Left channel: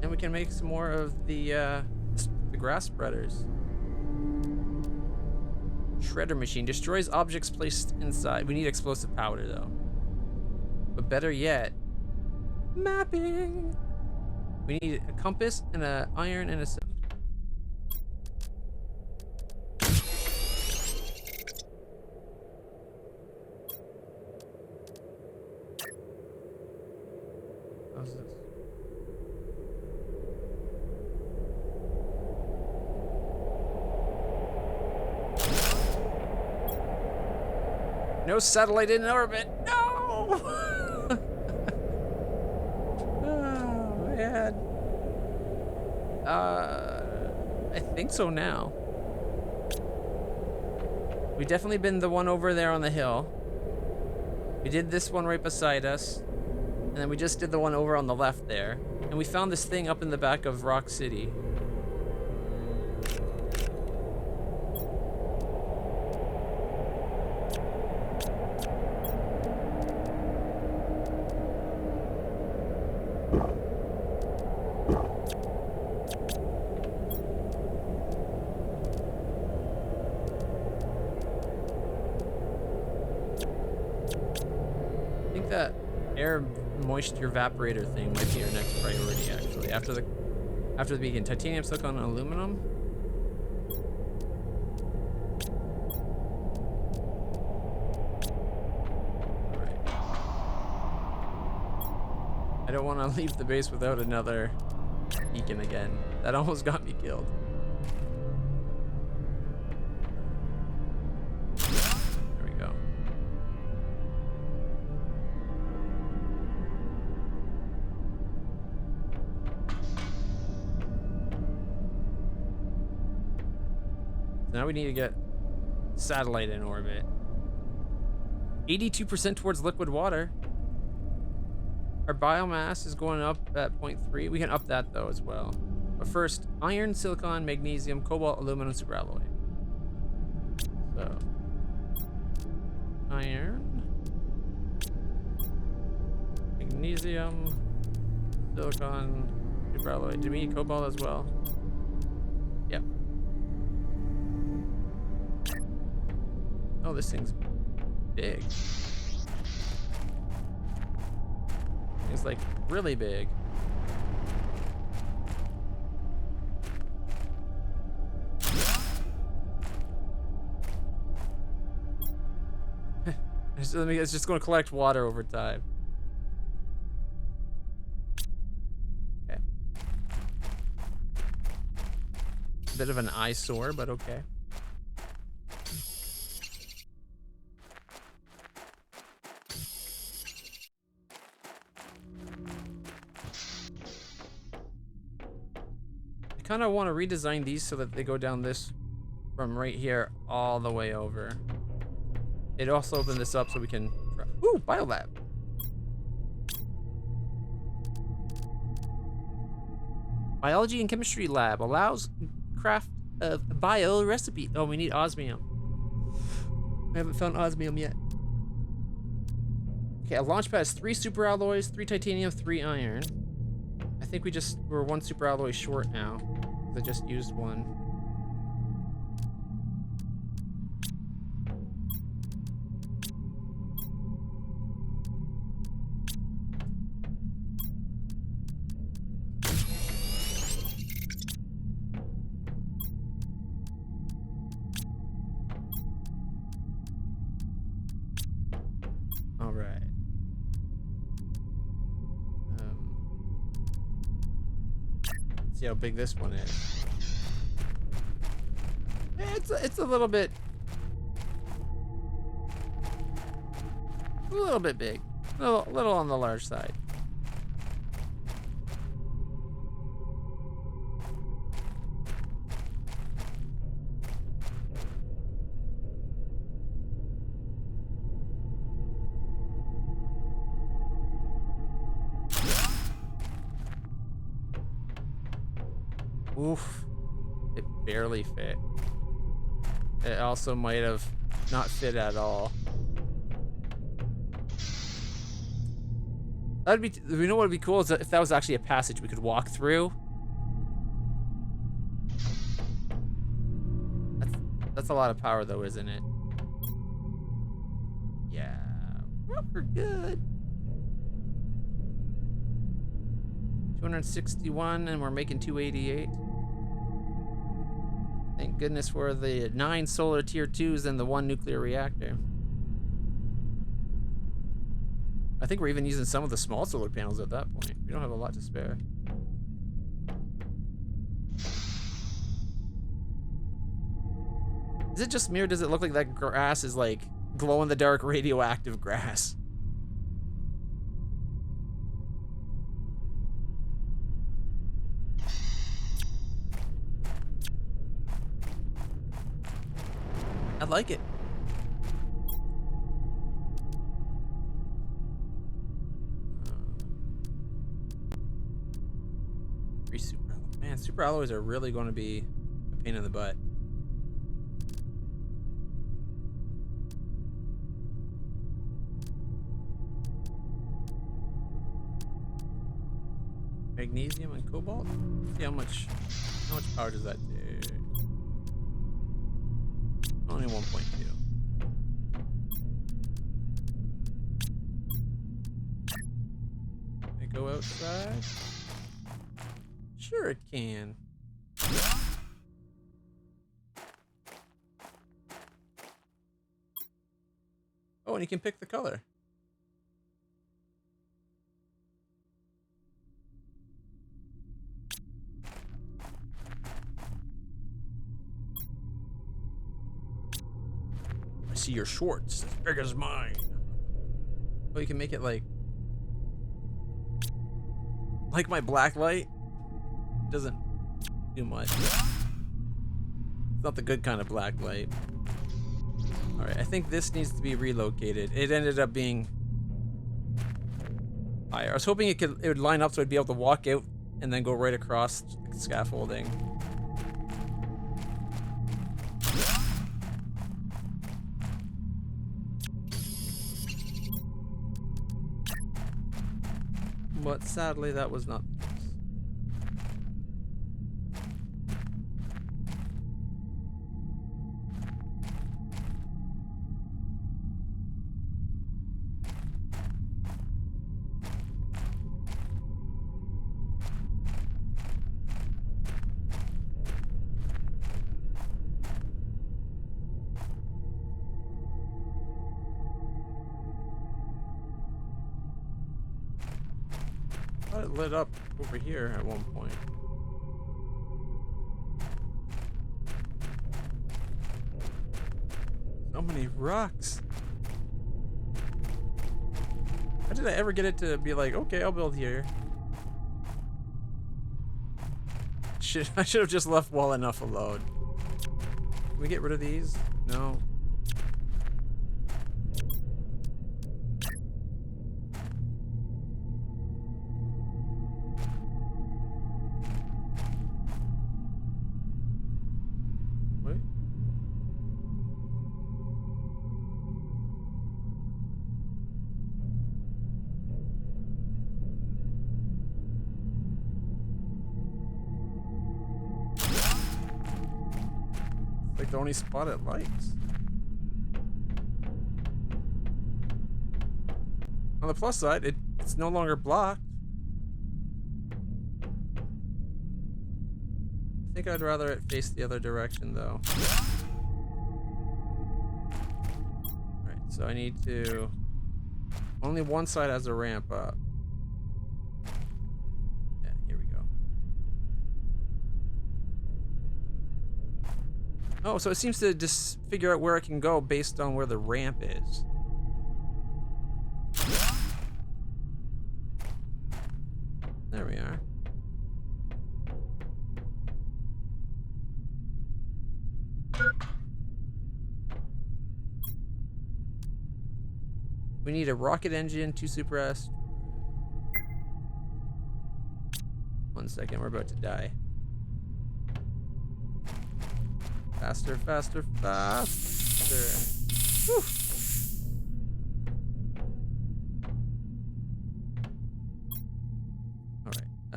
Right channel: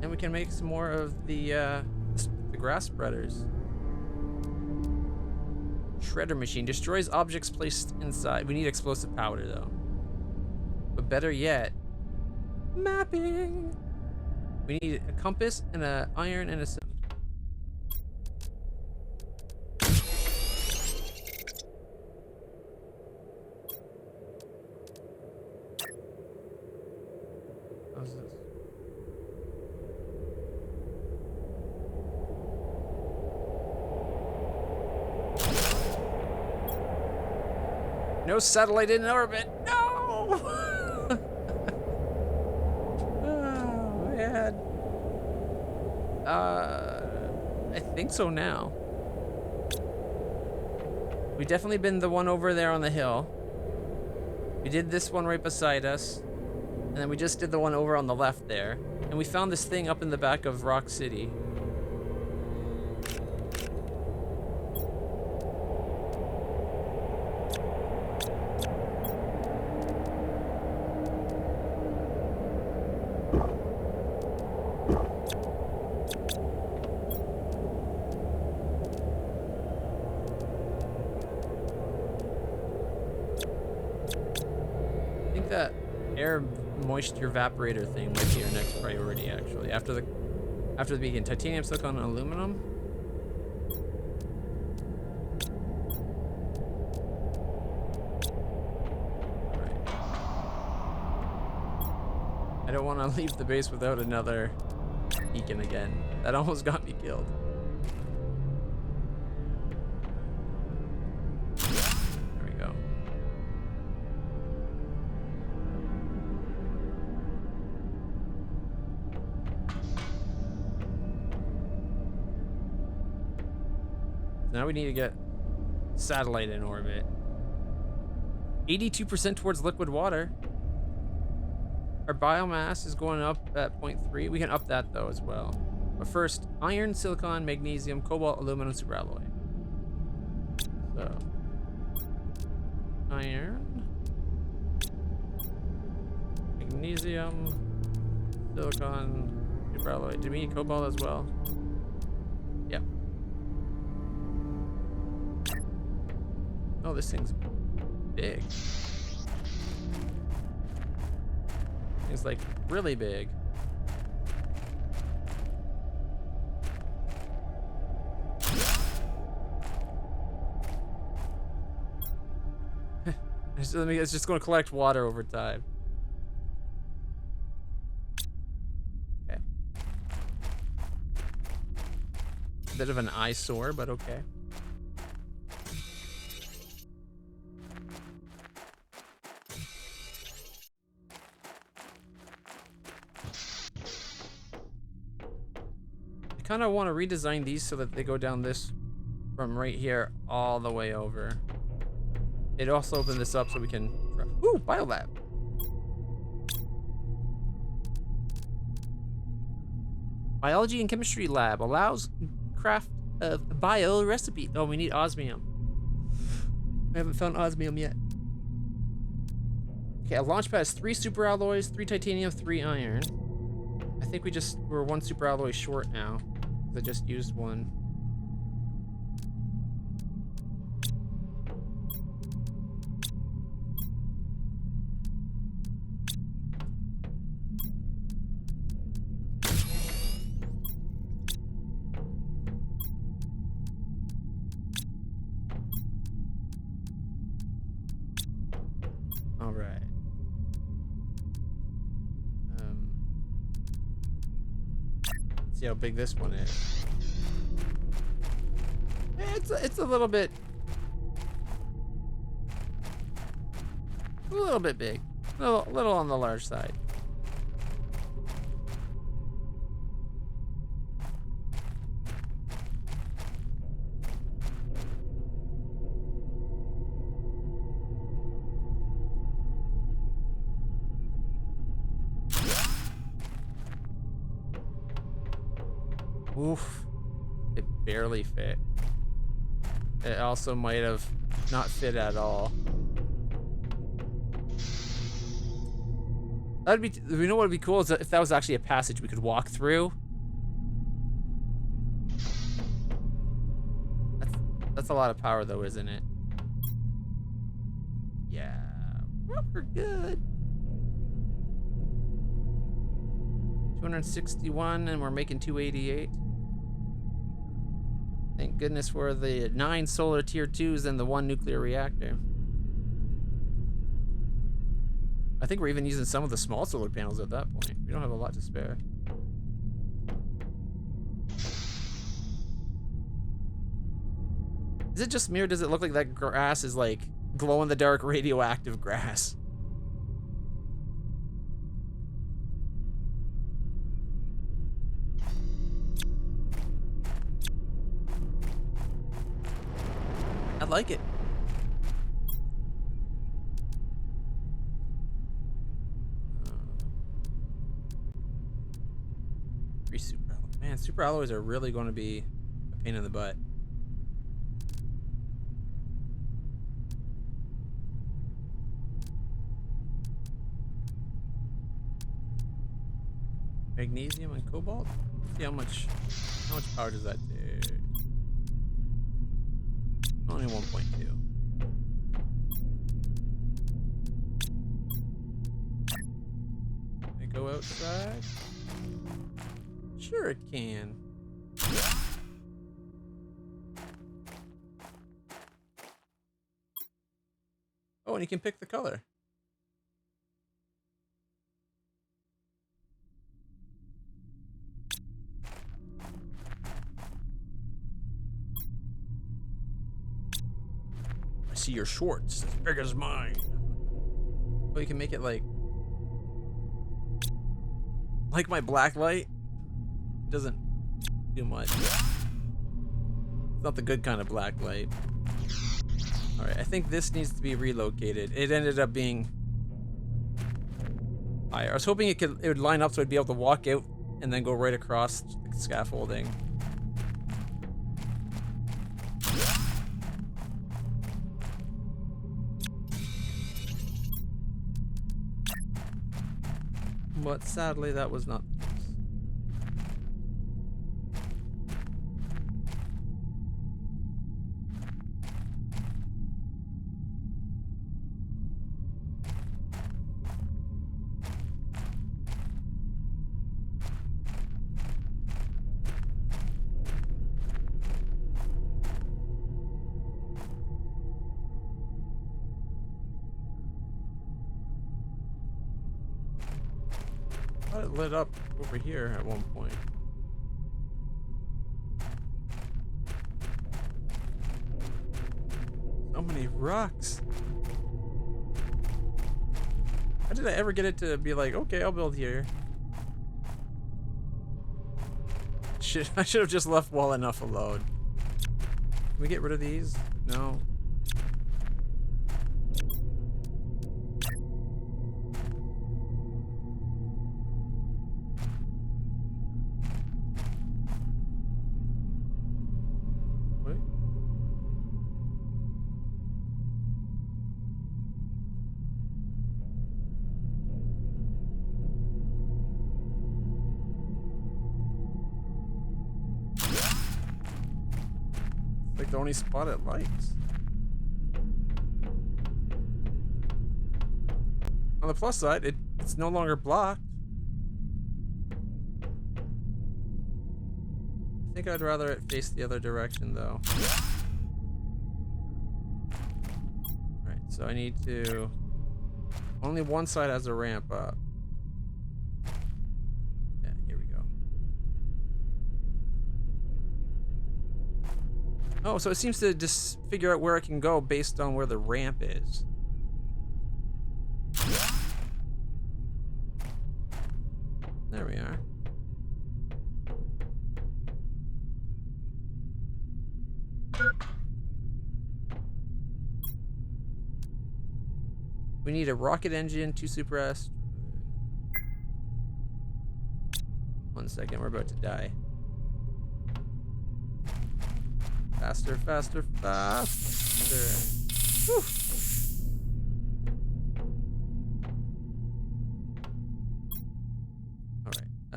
And we can make some more of the grass spreaders. Shredder machine destroys objects placed inside. We need explosive powder though. But better yet, mapping. We need a compass and an iron and a stone. How's this? No satellite in orbit. No. Oh man. I think so now. We've definitely been the one over there on the hill. We did this one right beside us. And then we just did the one over on the left there. And we found this thing up in the back of Rock City. I think that air moisture evaporator thing might be our next priority actually. After the beacon. Titanium, silicon, aluminum. Alright. I don't want to leave the base without another beacon again. That almost got me killed. There we go. Now we need to get satellite in orbit. 82% towards liquid water. Our biomass is going up at 0.3. We can up that though as well. But first, iron, silicon, magnesium, cobalt, aluminum, superalloy. So, iron, magnesium, silicon, superalloy. Do we need cobalt as well? Yep. Oh, this thing's big. It's like really big. It's just going to collect water over time. Okay. A bit of an eyesore, but okay. I kind of want to redesign these so that they go down this from right here all the way over. It also opened this up so we can... Ooh, biolab. Biology and chemistry lab allows craft of bio recipe. Oh, we need osmium. I haven't found osmium yet. Okay, a launch pad has 3 superalloys, 3 titanium, 3 iron. I think we're 1 superalloy short now. I just used one. All right. See how big this one is. It's a little bit big. A little on the large side. Oof. It barely fit. It also might have not fit at all. That'd be. You know what would be cool is if that was actually a passage we could walk through. That's a lot of power, though, isn't it? Yeah, we're good. 261, and we're making 288. Thank goodness for the 9 solar tier 2s and the 1 nuclear reactor. I think we're even using some of the small solar panels at that point. We don't have a lot to spare. Is it just me, or does it look like that grass is like glow-in-the-dark radioactive grass? I like it. Free super alloy. Man, super alloys are really going to be a pain in the butt. Magnesium and cobalt. See how much power does that do? Only 1.2. Can I go outside? Sure it can. Oh, and you can pick the color. I see your shorts as big as mine. Oh, you can make it like my black light. Doesn't do much. It's not the good kind of black light. Alright, I think this needs to be relocated. It ended up being higher. I was hoping it would line up so I'd be able to walk out and then go right across the scaffolding. But sadly, that was not the case. I thought it lit up over here at one point. So many rocks. How did I ever get it to be like, okay, I'll build here? I should have just left well enough alone. Can we get rid of these? No. Wait. Like the only spot it likes. On the plus side, it's no longer blocked. I think I'd rather it face the other direction though. Alright, so I need to... Only one side has a ramp up. Yeah, here we go. Oh, so it seems to just figure out where it can go based on where the ramp is. There we are. We need a rocket engine, 2 super S. 1 second, we're about to die. Faster, faster, faster. Whew.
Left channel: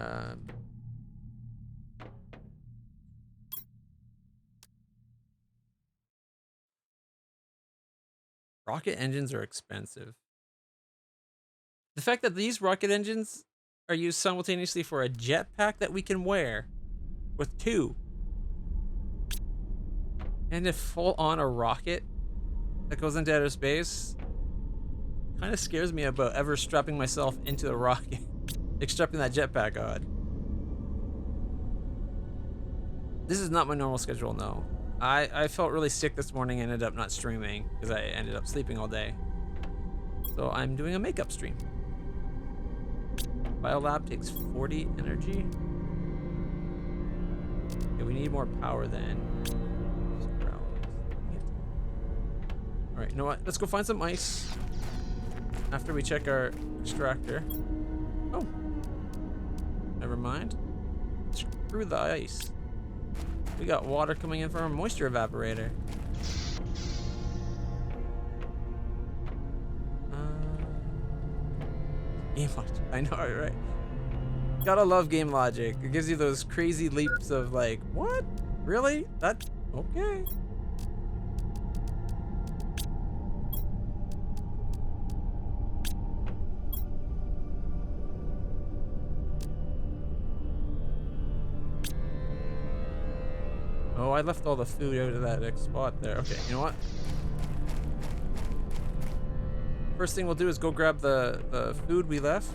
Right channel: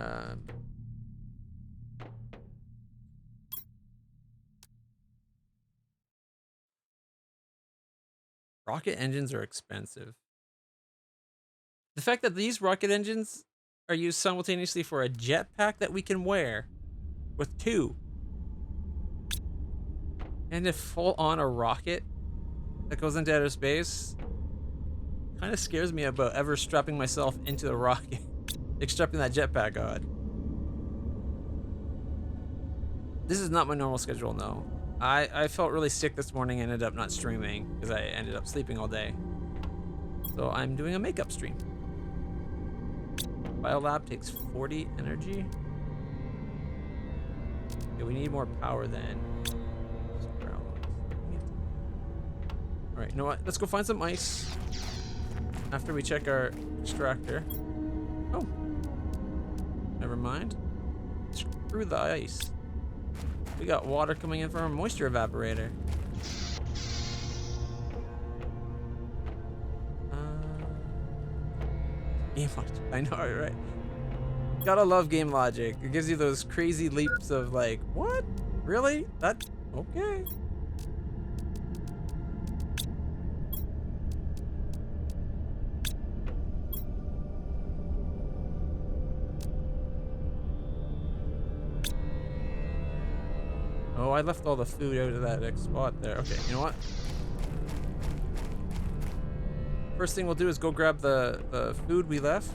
Uh, rocket engines are expensive. The fact that these rocket engines are used simultaneously for a jetpack that we can wear with two, and to full on a rocket that goes into outer space kind of scares me about ever strapping myself into the rocket, like strapping that jetpack on. This is not my normal schedule, no. I felt really sick this morning and ended up not streaming because I ended up sleeping all day. So I'm doing a makeup stream. Biolab takes 40 energy. Okay, we need more power then. Alright, you know what? Let's go find some ice after we check our extractor. Oh. Never mind. Screw the ice. We got water coming in from our moisture evaporator. Game logic. I know, right? Gotta love game logic. It gives you those crazy leaps of like, what? Really? That? Okay. Oh, I left all the food out of that spot there. Okay, you know what? First thing we'll do is go grab the food we left,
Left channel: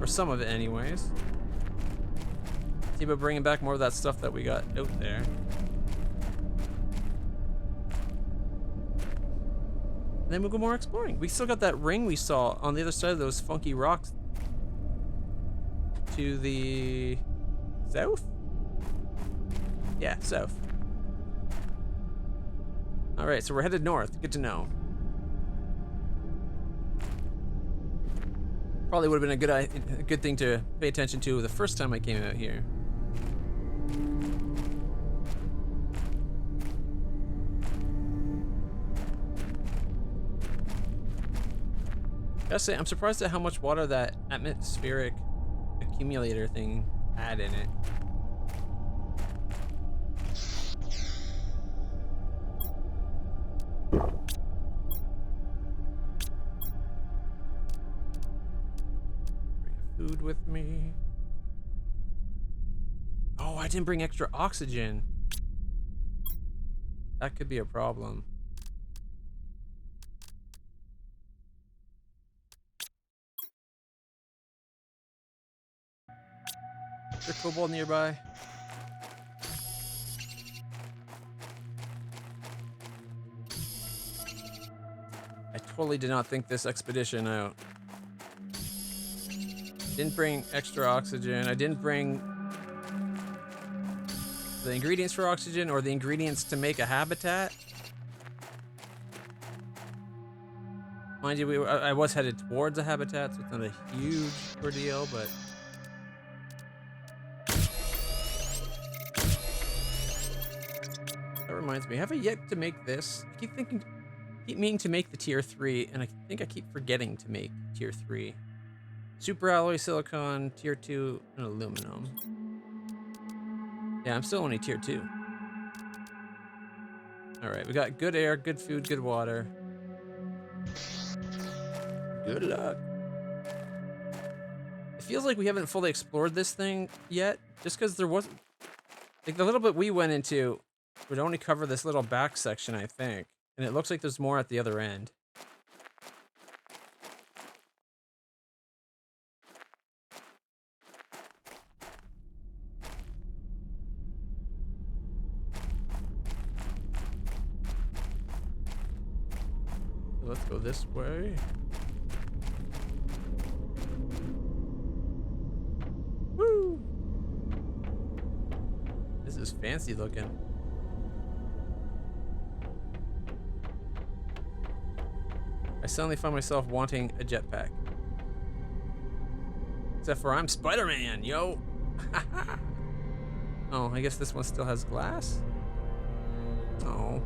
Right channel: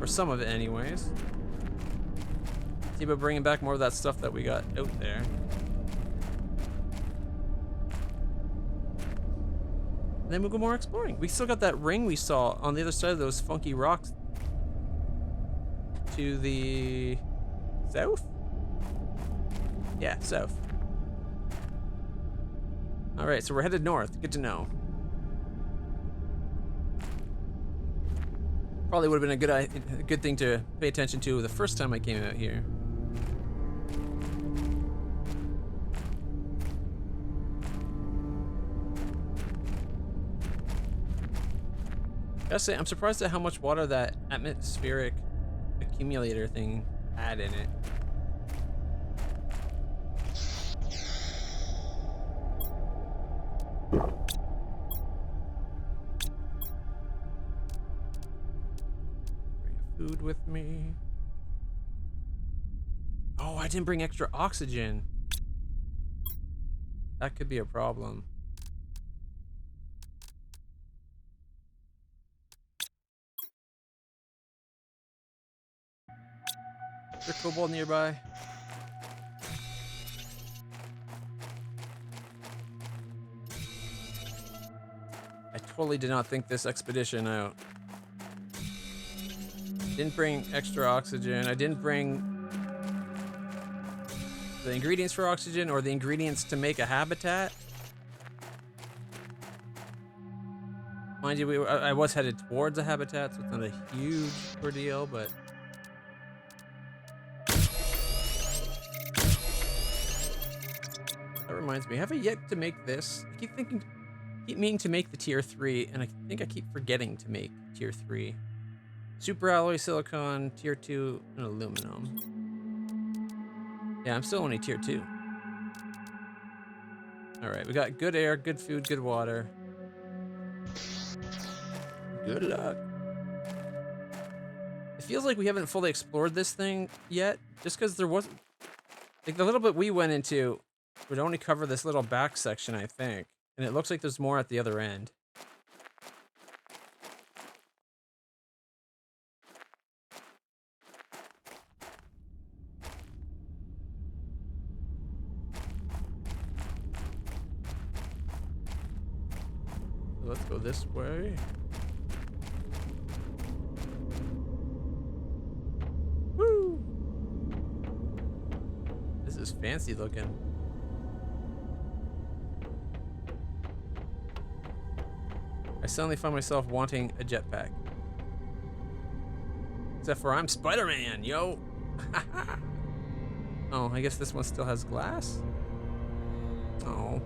or some of it anyways. See about bringing back more of that stuff that we got out there. And then we'll go more exploring. We still got that ring we saw on the other side of those funky rocks to the south? Yeah, south. All right, so we're headed north. Good to know. Probably would have been a good thing to pay attention to the first time I came out here. Gotta say, I'm surprised at how much water that atmospheric accumulator thing had in it. Food with me. Oh, I didn't bring extra oxygen. That could be a problem. Is there cobalt nearby? I totally did not think this expedition out. Didn't bring extra oxygen. I didn't bring the ingredients for oxygen or the ingredients to make a habitat. Mind you, I was headed towards a habitat, so it's not a huge ordeal, but... That reminds me, have I yet to make this? I keep meaning to make the tier 3, and I think I keep forgetting to make tier 3. Super alloy silicon, tier 2, and aluminum. Yeah, I'm still only tier 2. Alright, we got good air, good food, good water. Good luck. It feels like we haven't fully explored this thing yet, just because there wasn't... Like, the little bit we went into would only cover this little back section, I think. And it looks like there's more at the other end. So let's go this way. Woo! This is fancy looking. I suddenly find myself wanting a jetpack. Except for I'm Spider-Man, yo! Oh, I guess this one still has glass? Oh.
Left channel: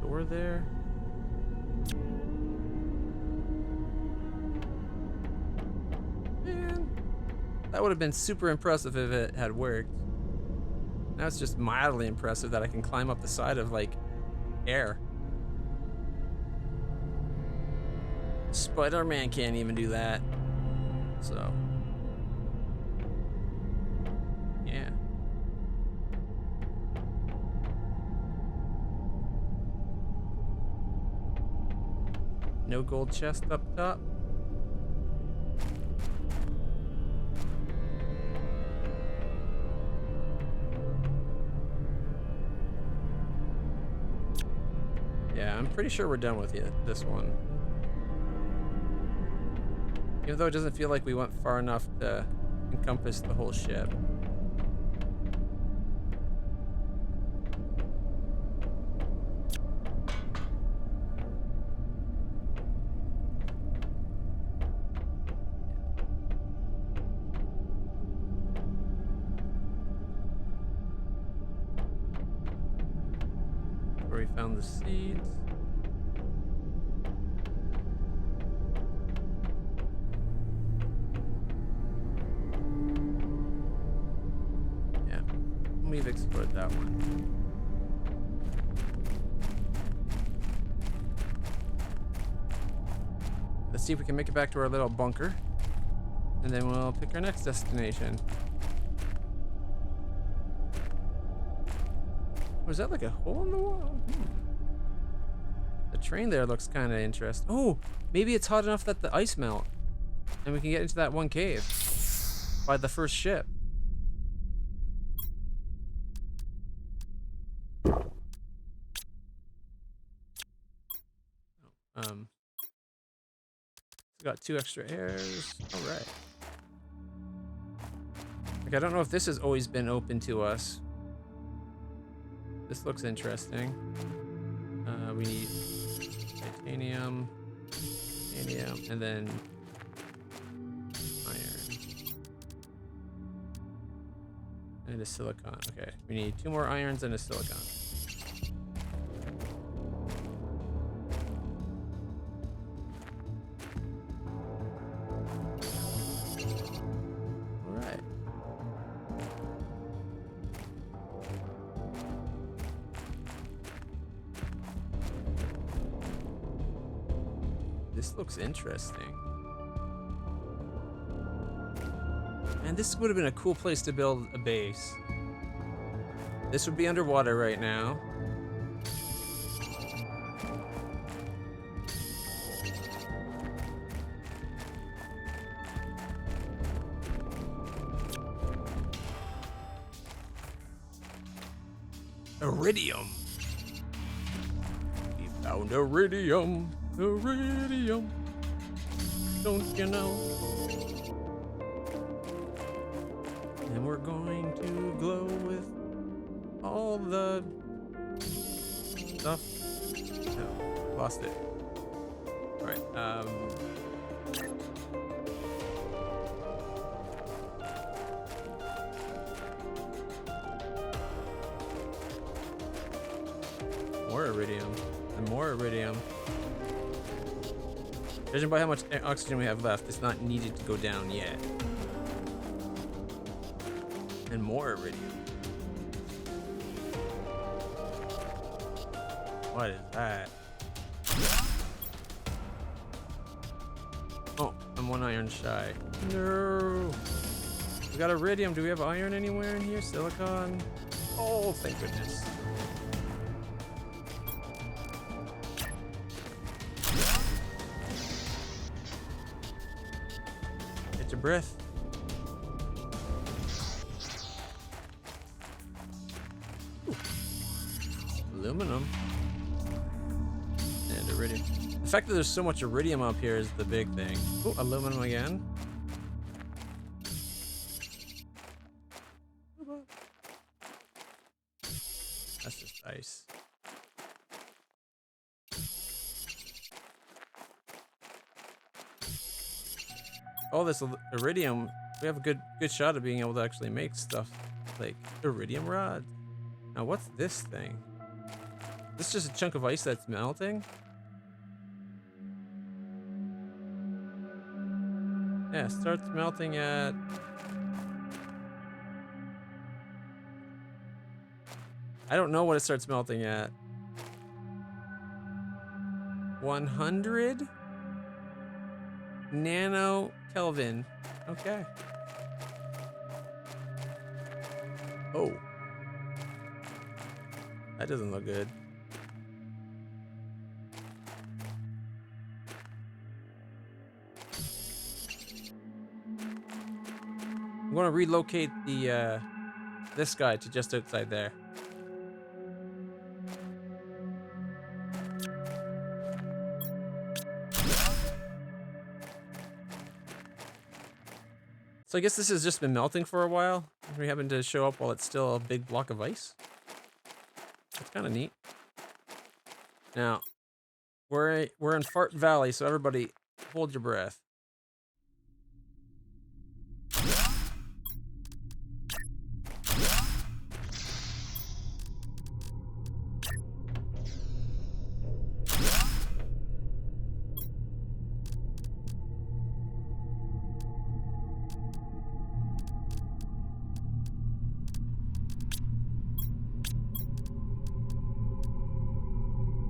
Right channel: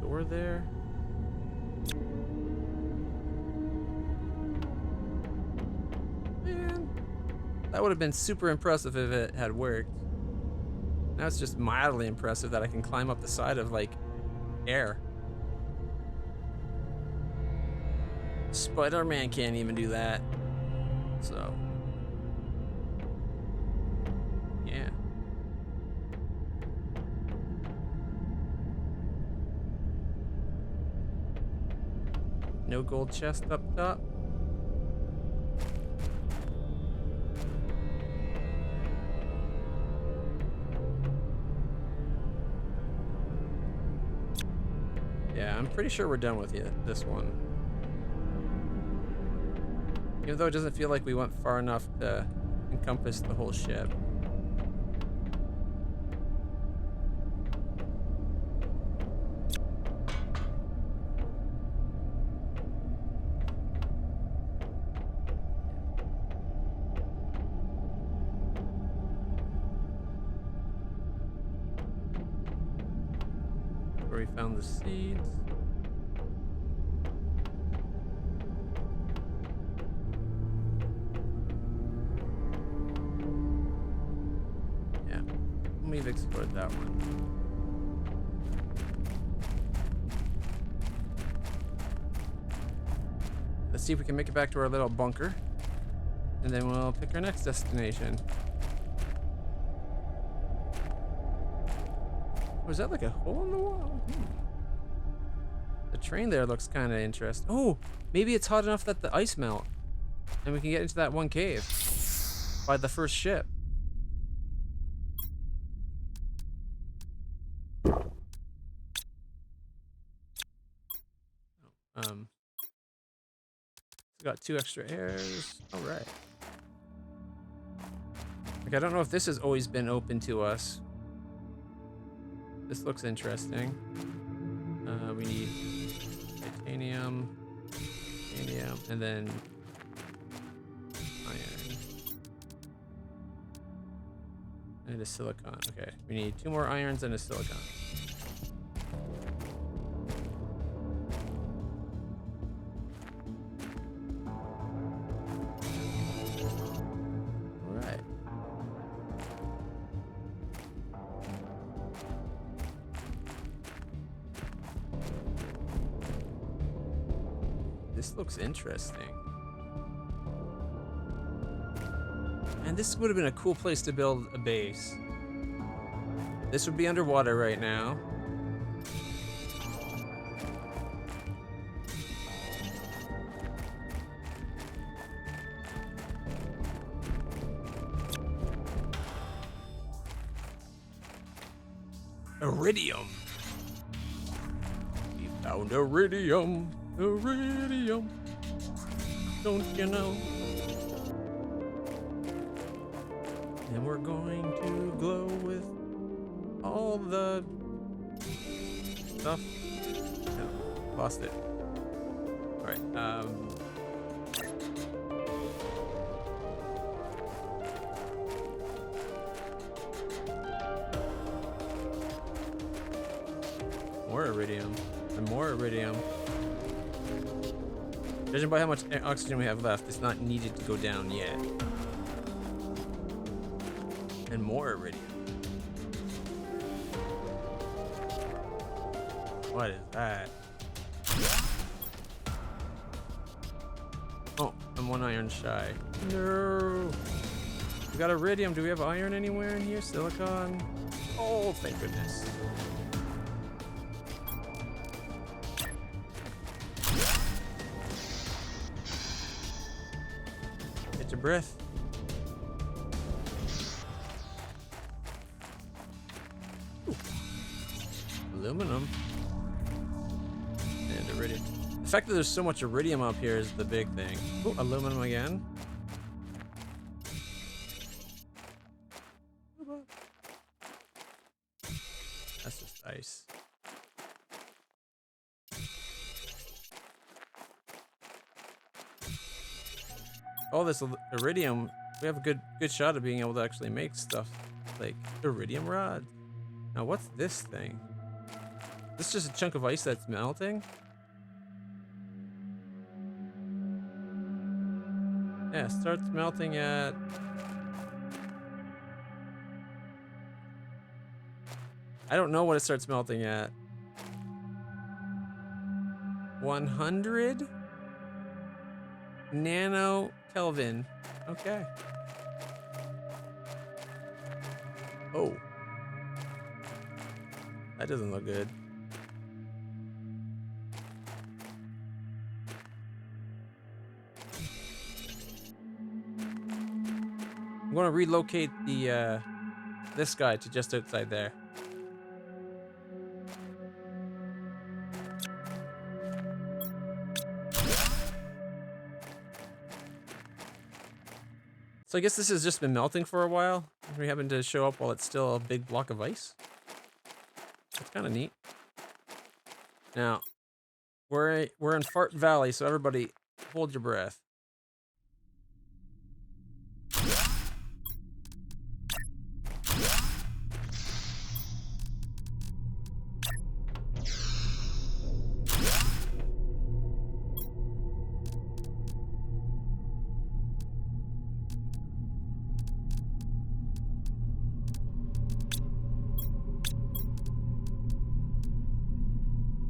Door there. That would have been super impressive if it had worked. Now it's just mildly impressive that I can climb up the side of, like, air. Spider-Man can't even do that. So, yeah. No gold chest up top. Yeah, I'm pretty sure we're done with this one. Even though it doesn't feel like we went far enough to encompass the whole ship. Where we found the seeds. Yeah, we've explored that one. Let's see if we can make it back to our little bunker, and then we'll pick our next destination. Was that like a hole in the wall? The train there looks kind of interesting. Oh, maybe it's hot enough that the ice melt, and we can get into that one cave by the first ship. Got 2 extra airs. All right. Like, I don't know if this has always been open to us. This looks interesting. We need titanium, and then iron. And a silicon. Okay, we need 2 more irons and a silicon. All right. This looks interesting. And this would have been a cool place to build a base. This would be underwater right now. Iridium. We found iridium. Iridium. Don't you know? And we're going to glow with all the stuff. No, lost it. All right. More iridium and more iridium. Judging by how much oxygen we have left, it's not needed to go down yet. And more iridium. What is that? Oh, I'm 1 iron shy. No. We got iridium. Do we have iron anywhere in here? Silicon? Oh, thank goodness. Get your breath. Ooh. Aluminum. And iridium. The fact that there's so much iridium up here is the big thing. Oh, aluminum again. That's just ice. All this iridium, we have a good shot of being able to actually make stuff like iridium rods. Now, what's this thing? This is just a chunk of ice that's melting? Yeah, it starts melting at I don't know what it starts melting at. 100 nano Kelvin. Okay. Oh. That doesn't look good. I'm going to relocate the this guy to just outside there. So I guess this has just been melting for a while. We happen to show up while it's still a big block of ice. That's kind of neat. Now, we're in Fart Valley, so everybody hold your breath.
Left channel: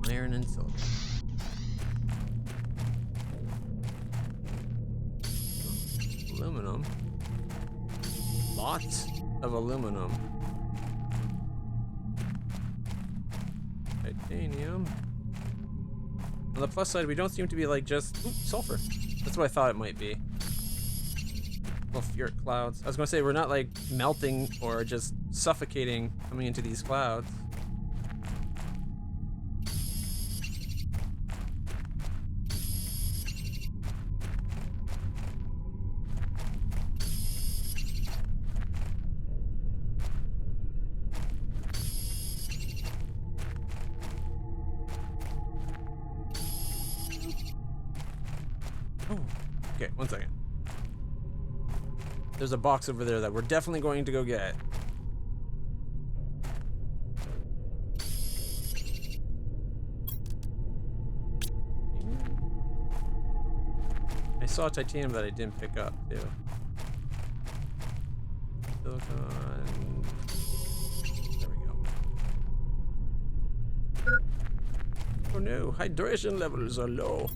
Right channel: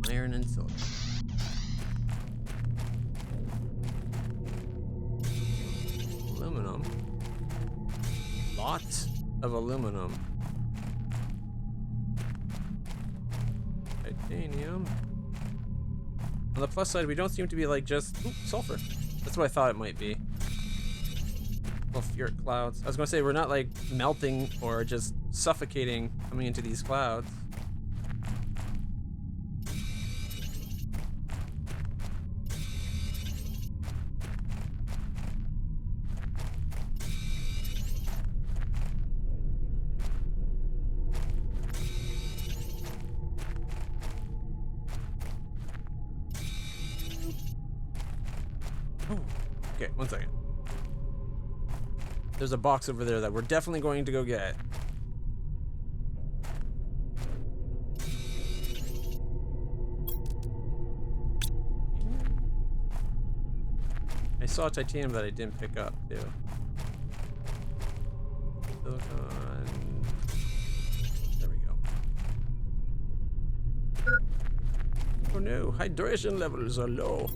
Iron and silicon. Aluminum. Lots of aluminum. Titanium. On the plus side, we don't seem to be like just sulfur. That's what I thought it might be. Sulfuric clouds. I was gonna say we're not like melting or just suffocating coming into these clouds. Oh, okay, one second. There's a box over there that we're definitely going to go get. I saw titanium that I didn't pick up too. Silicon. There we go. Oh no, hydration levels are low.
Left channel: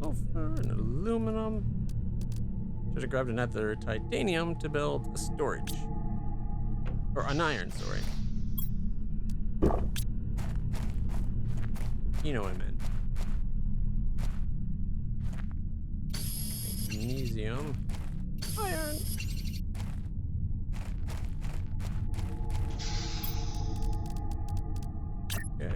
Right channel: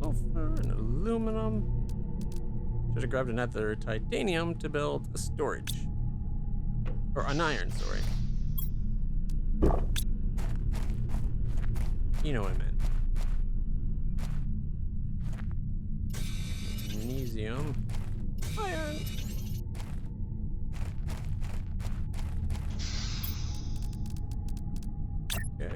Sulfur and aluminum. Should have grabbed another titanium to build a storage. Or an iron, sorry. You know what I meant. Magnesium. Iron. Okay.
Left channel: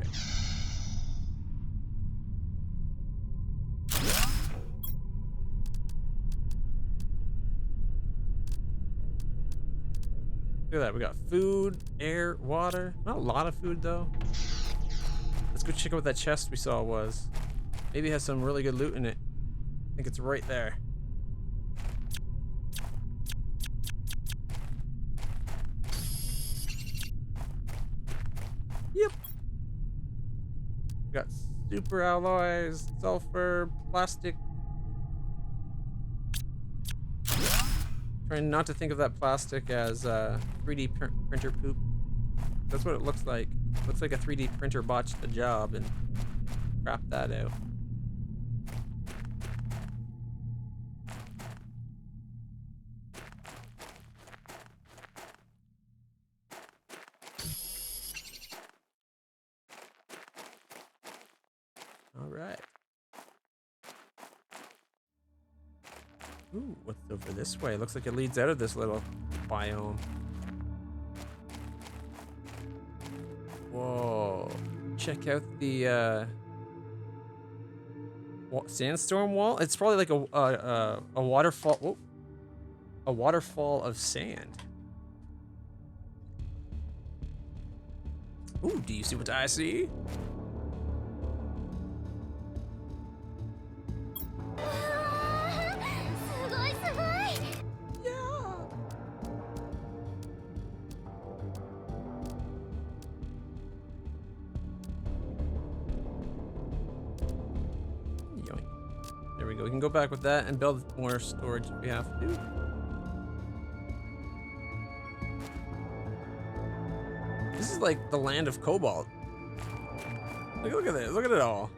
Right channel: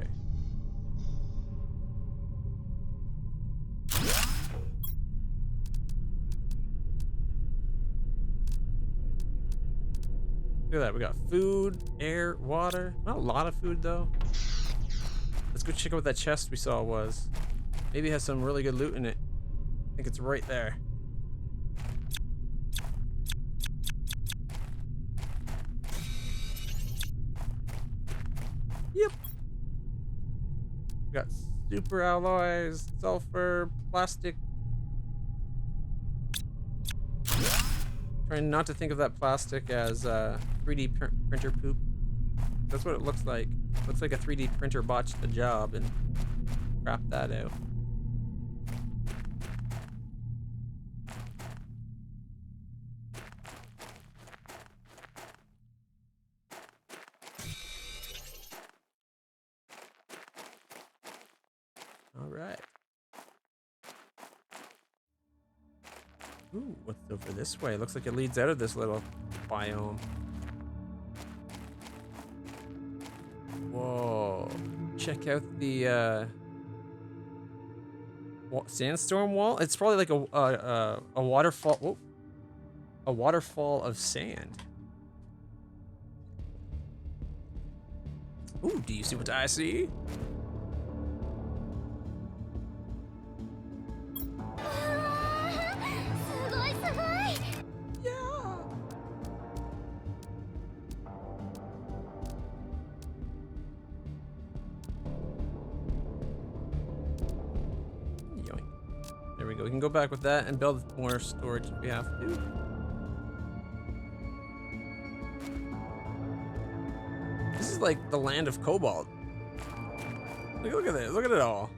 Look at that, we got food, air, water. Not a lot of food though. Let's go check out what that chest we saw was. Maybe it has some really good loot in it. I think it's right there. Yep. We got super alloys, sulfur, plastic. Trying not to think of that plastic as 3D printer poop. That's what it looks like. Looks like a 3D printer botched the job and crapped that out. All right. Ooh, what's over this way? Looks like it leads out of this little biome. Whoa. Check out the sandstorm wall. It's probably like a waterfall. Whoa. A waterfall of sand. Ooh, do you see what I see? we go. We can go back with that and build more storage if we have to. This is like the land of cobalt. Look at this. Look at it all.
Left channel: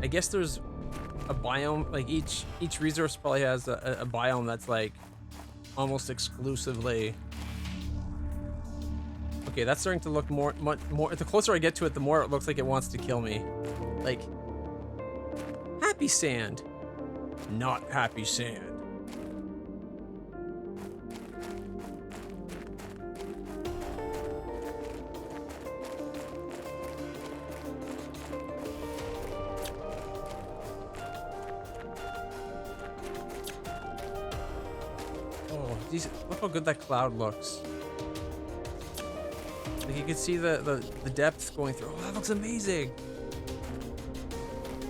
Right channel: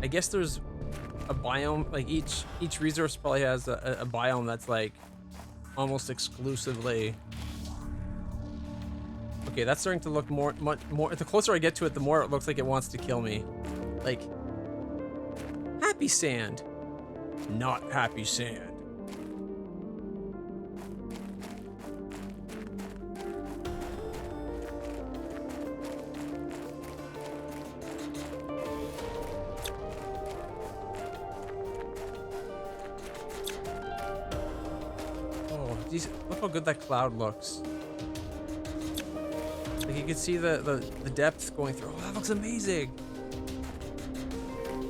I guess there's a biome, like each resource probably has a biome that's like almost exclusively. Okay, that's starting to look much more. The closer I get to it, the more it looks like it wants to kill me. Like, happy sand, not happy sand. Oh, geez, look how good that cloud looks. Like you can see the depth going through. Oh, that looks amazing.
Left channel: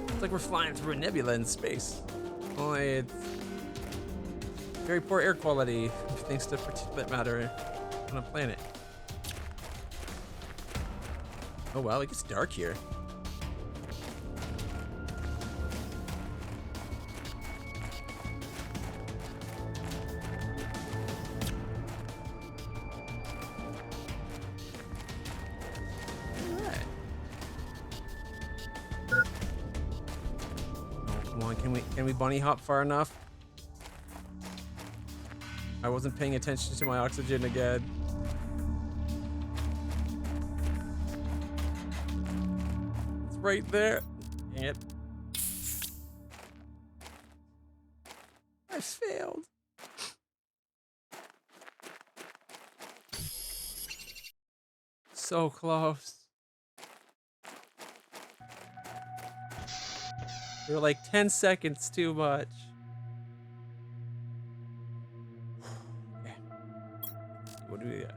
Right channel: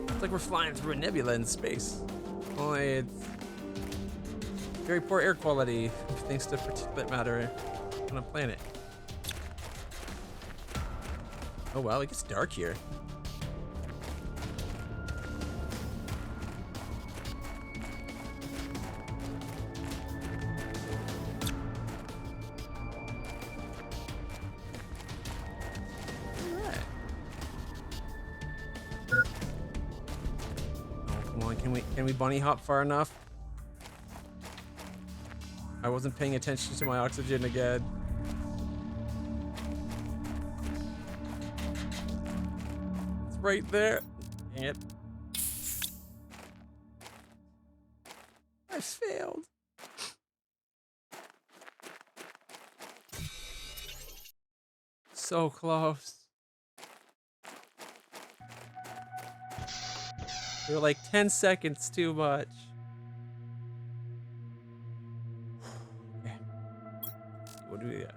It's like we're flying through a nebula in space. Only it's very poor air quality thanks to particulate matter on a planet. Oh wow, it gets dark here. Can we bunny hop far enough? I wasn't paying attention to my oxygen again. It's right there. Dang it. I failed. So close. We were like 10 seconds too much. Okay. What do we got?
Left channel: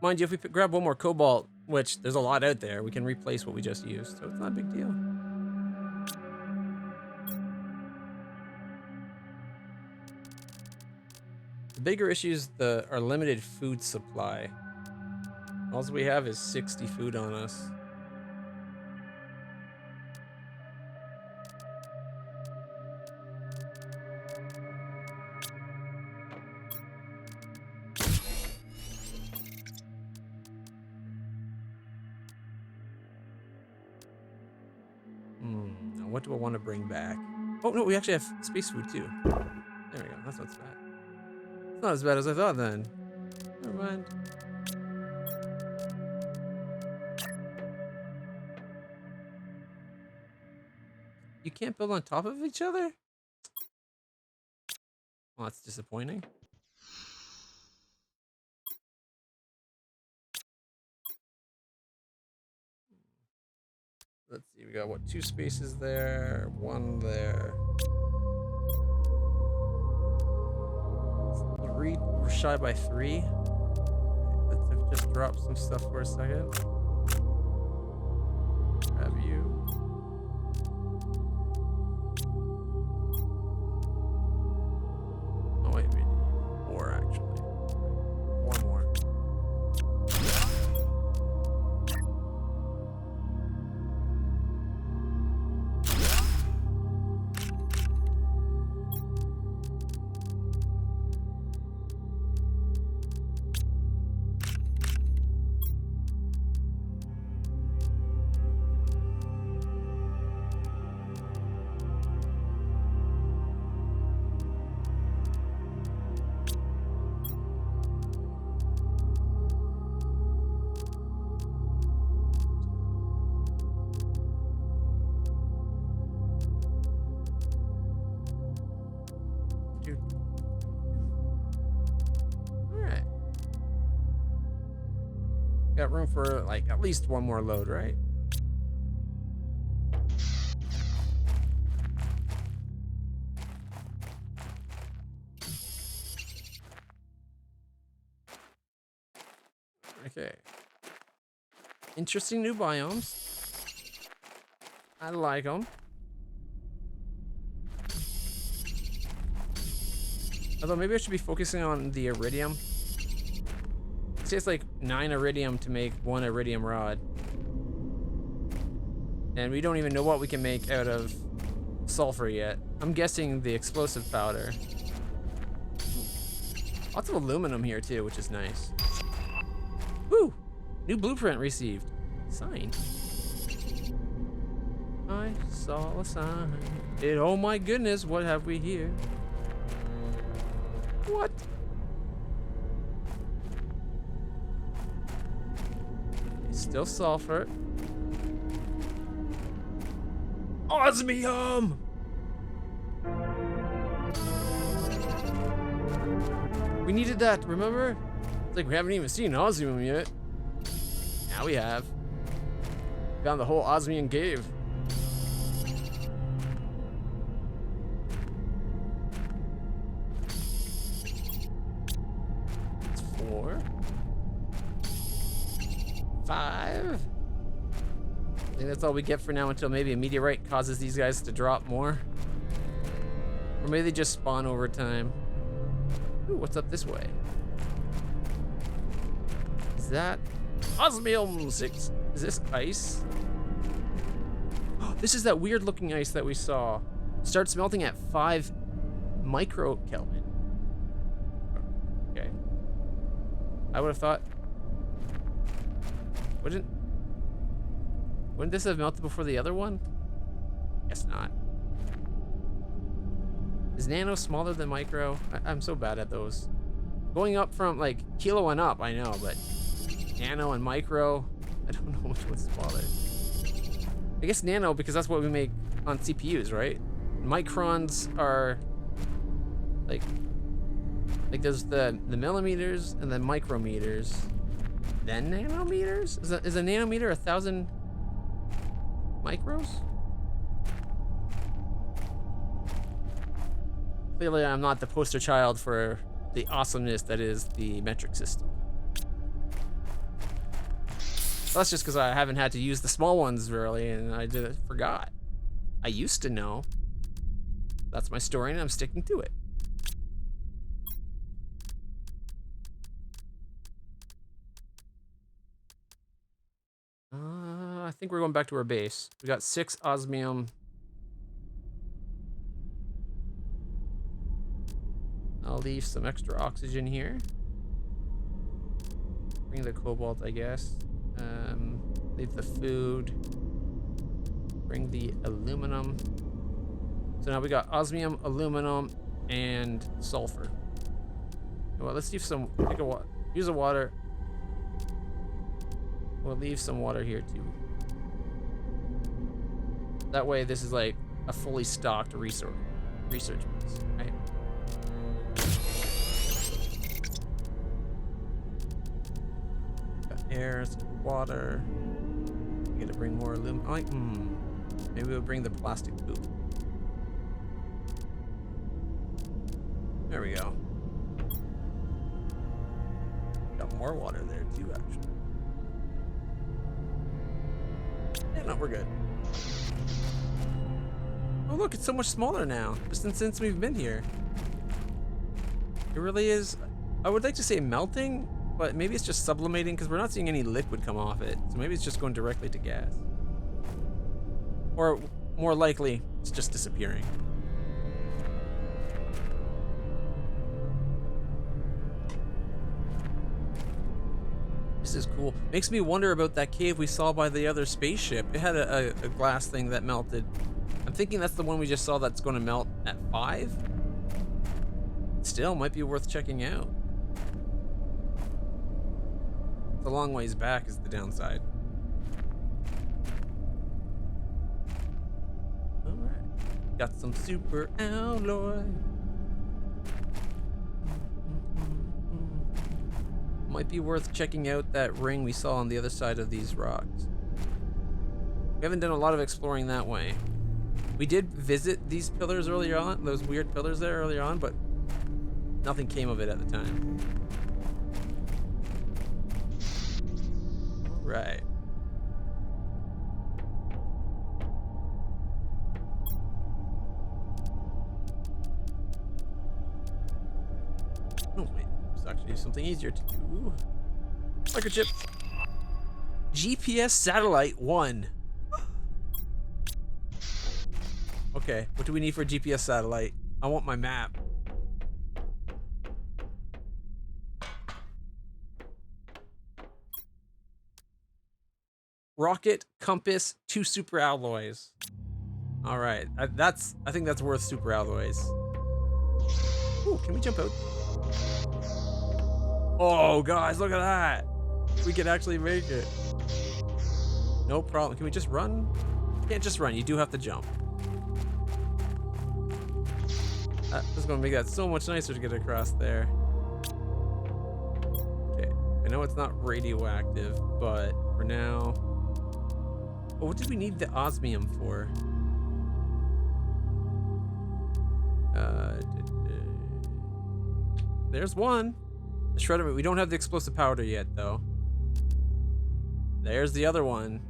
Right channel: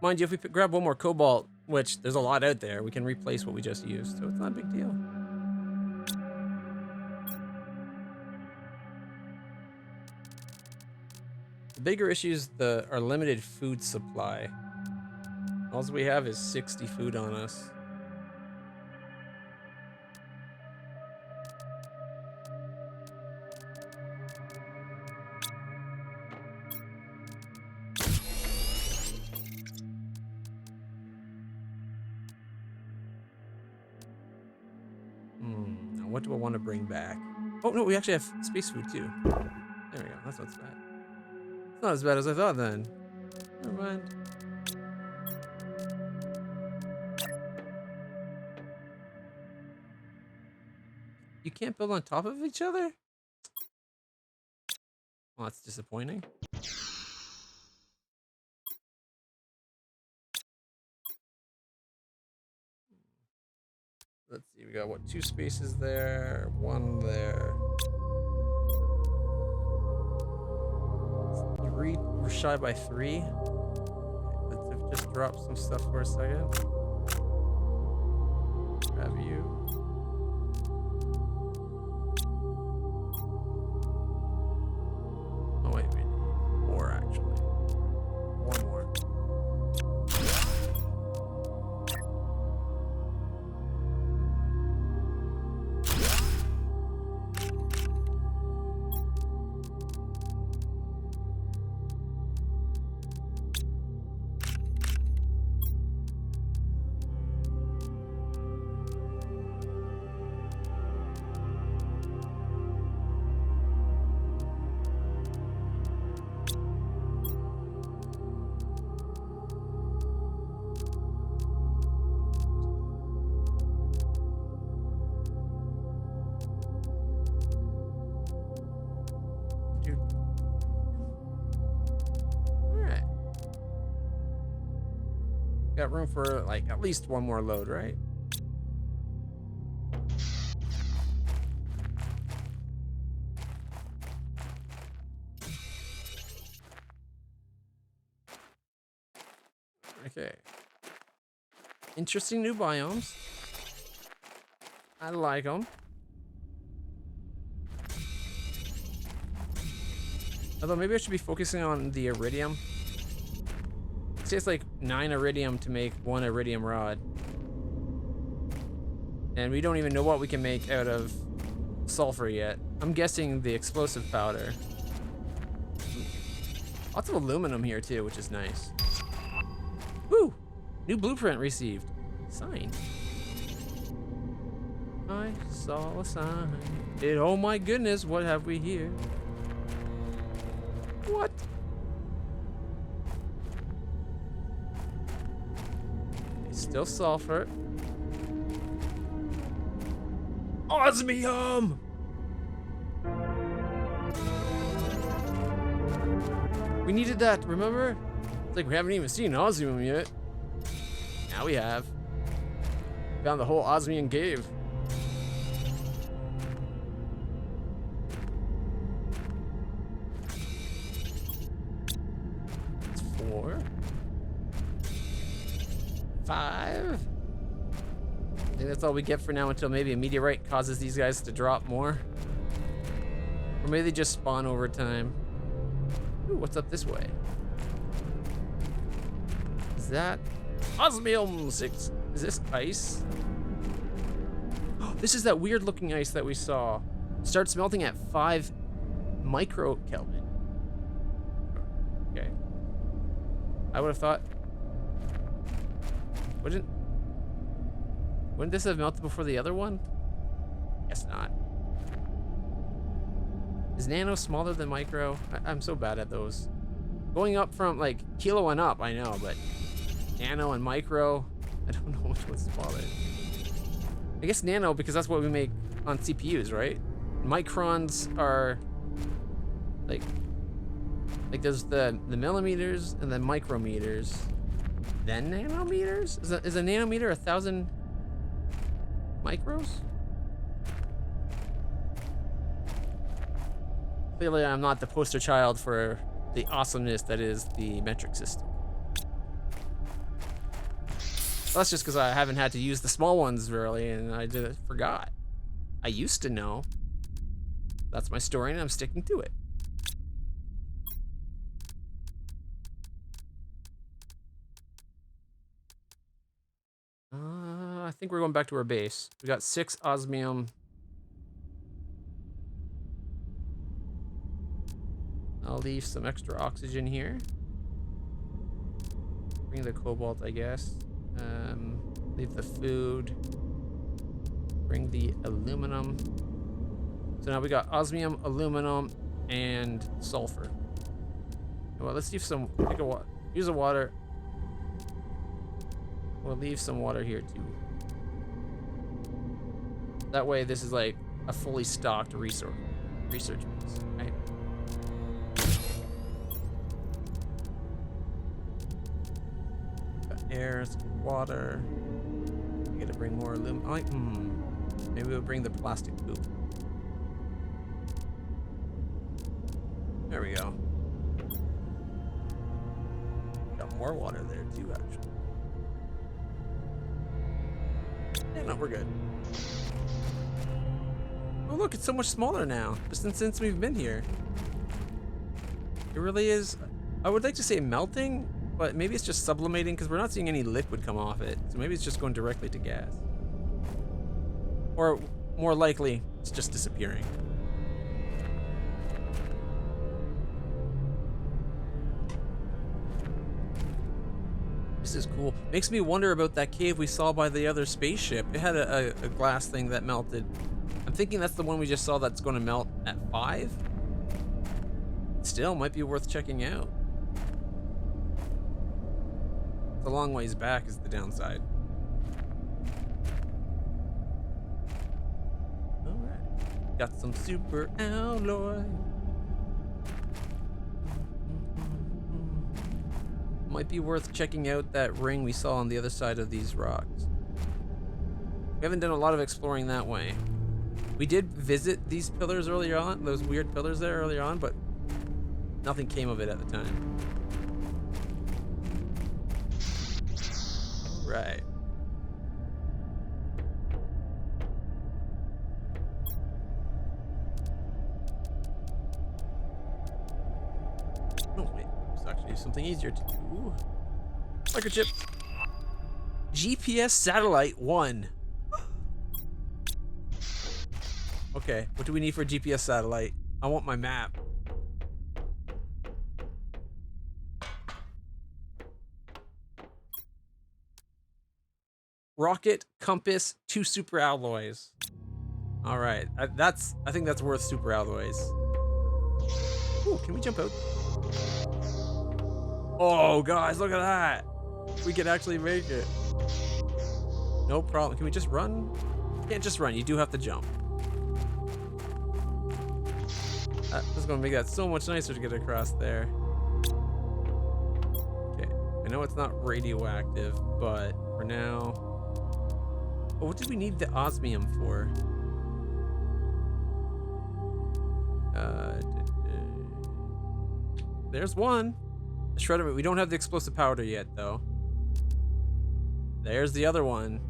Mind you, if we grab one more cobalt, which there's a lot out there, we can replace what we just used, so it's not a big deal. The bigger issue is our limited food supply. All we have is 60 food on us. What do I want to bring back? Oh no, we actually have space food too. There we go. That's not as bad. It's not as bad as I thought then. Never mind. You can't build on top of each other? Well, that's disappointing. Let's see, we got what, 2 spaces there, 1 there. 3, we're shy by 3. Let's just drop some stuff for a second. Grab you. Oh wait, we need 4 actually. Right. 1 more. Alright. Got room for like at least 1 more load, right? Okay. Interesting new biomes. I like them. Although maybe I should be focusing on the iridium. See, it's like 9 iridium to make 1 iridium rod. And we don't even know what we can make out of sulfur yet. I'm guessing the explosive powder. Lots of aluminum here too, which is nice. Woo! New blueprint received. Sign. I saw a sign. Oh my goodness, what have we here? What? It's still sulfur. Osmium! We needed that, remember? It's like we haven't even seen osmium yet. Now we have. Found the whole osmium cave. It's 4. 5. I think that's all we get for now until maybe a meteorite causes these guys to drop more. Or maybe they just spawn over time. Ooh, what's up this way? Is that osmium 6? Is this ice? Oh, this is that weird looking ice that we saw. Starts melting at 5 microkelvin. Okay. I would have thought. Wouldn't this have melted before the other one? Guess not. Is nano smaller than micro? I'm so bad at those. Going up from like kilo and up, I know, but nano and micro, I don't know which one's smaller. I guess nano because that's what we make on CPUs, right? Microns are like there's the millimeters and then micrometers, then nanometers. Is a nanometer 1,000 micros? Clearly, I'm not the poster child for the awesomeness that is the metric system. Well, that's just because I haven't had to use the small ones really, and I forgot. I used to know. That's my story, and I'm sticking to it. I think we're going back to our base. We got 6 osmium. I'll leave some extra oxygen here. Bring the cobalt, I guess. Leave the food. Bring the aluminum. So now we got osmium, aluminum, and sulfur. Well, let's leave some. Use the water. We'll leave some water here too. That way, this is like a fully stocked research base, right? Got air, some water. We gotta bring more aluminum. Maybe we'll bring the plastic poop. There we go. Got more water there too, actually. Yeah, no, we're good. Oh look, it's so much smaller now, just since we've been here. It really is. I would like to say melting, but maybe it's just sublimating because we're not seeing any liquid come off it. So maybe it's just going directly to gas. Or more likely, it's just disappearing. This is cool. Makes me wonder about that cave we saw by the other spaceship. It had a glass thing that melted. I'm thinking that's the one we just saw that's going to melt at 5. Still, might be worth checking out. It's a long ways back is the downside. Alright. Got some super alloy. Might be worth checking out that ring we saw on the other side of these rocks. We haven't done a lot of exploring that way. We did visit these pillars earlier on, those weird pillars there earlier on, but nothing came of it at the time. All right. Oh wait, there's actually something easier to do. Microchip. GPS satellite 1. Okay, what do we need for a GPS satellite? I want my map. Rocket, compass, 2 super alloys. All right, I think that's worth super alloys. Ooh, can we jump out? Oh, guys, look at that. We can actually make it. No problem. Can we just run? You can't just run. You do have to jump. That's going to make that so much nicer to get across there. Okay. I know it's not radioactive, but for now... Oh, what did we need the osmium for? There's one. The shredder. We don't have the explosive powder yet, though. There's the other one.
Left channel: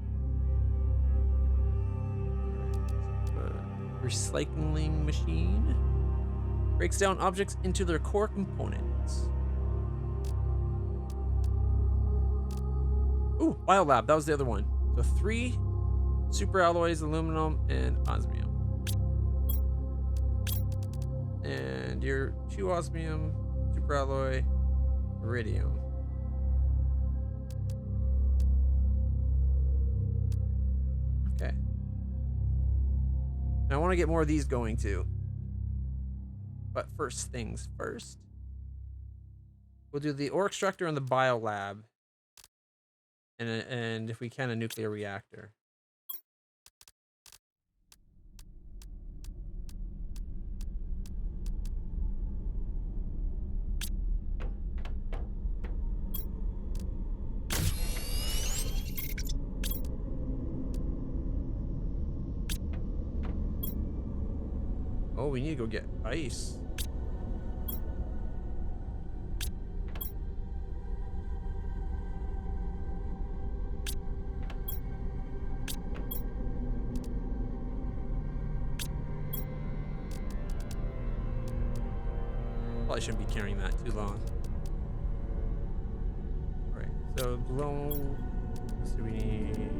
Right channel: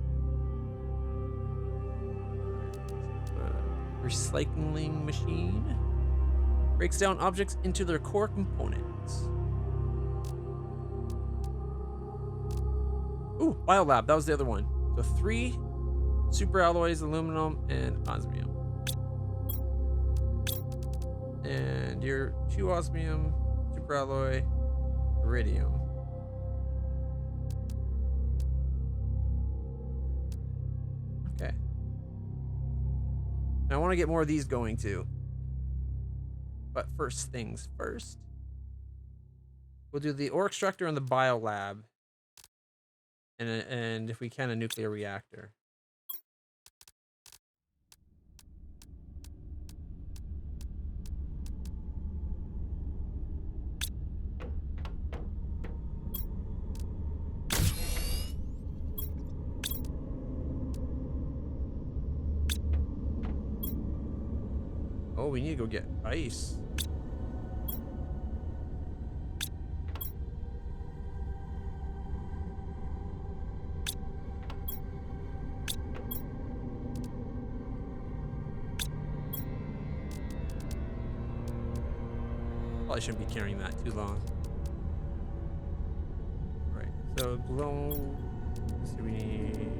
Recycling machine. Breaks down objects into their core components. Ooh, Biolab. That was the other one. So 3 super alloys, aluminum, and osmium. And your 2 osmium, super alloy, iridium. Okay. Now I want to get more of these going too. But first things first. We'll do the ore extractor and the biolab. And if we can, a nuclear reactor. Oh, we need to go get ice. Probably shouldn't be carrying that too long. Right, so glow. Let's see, we need.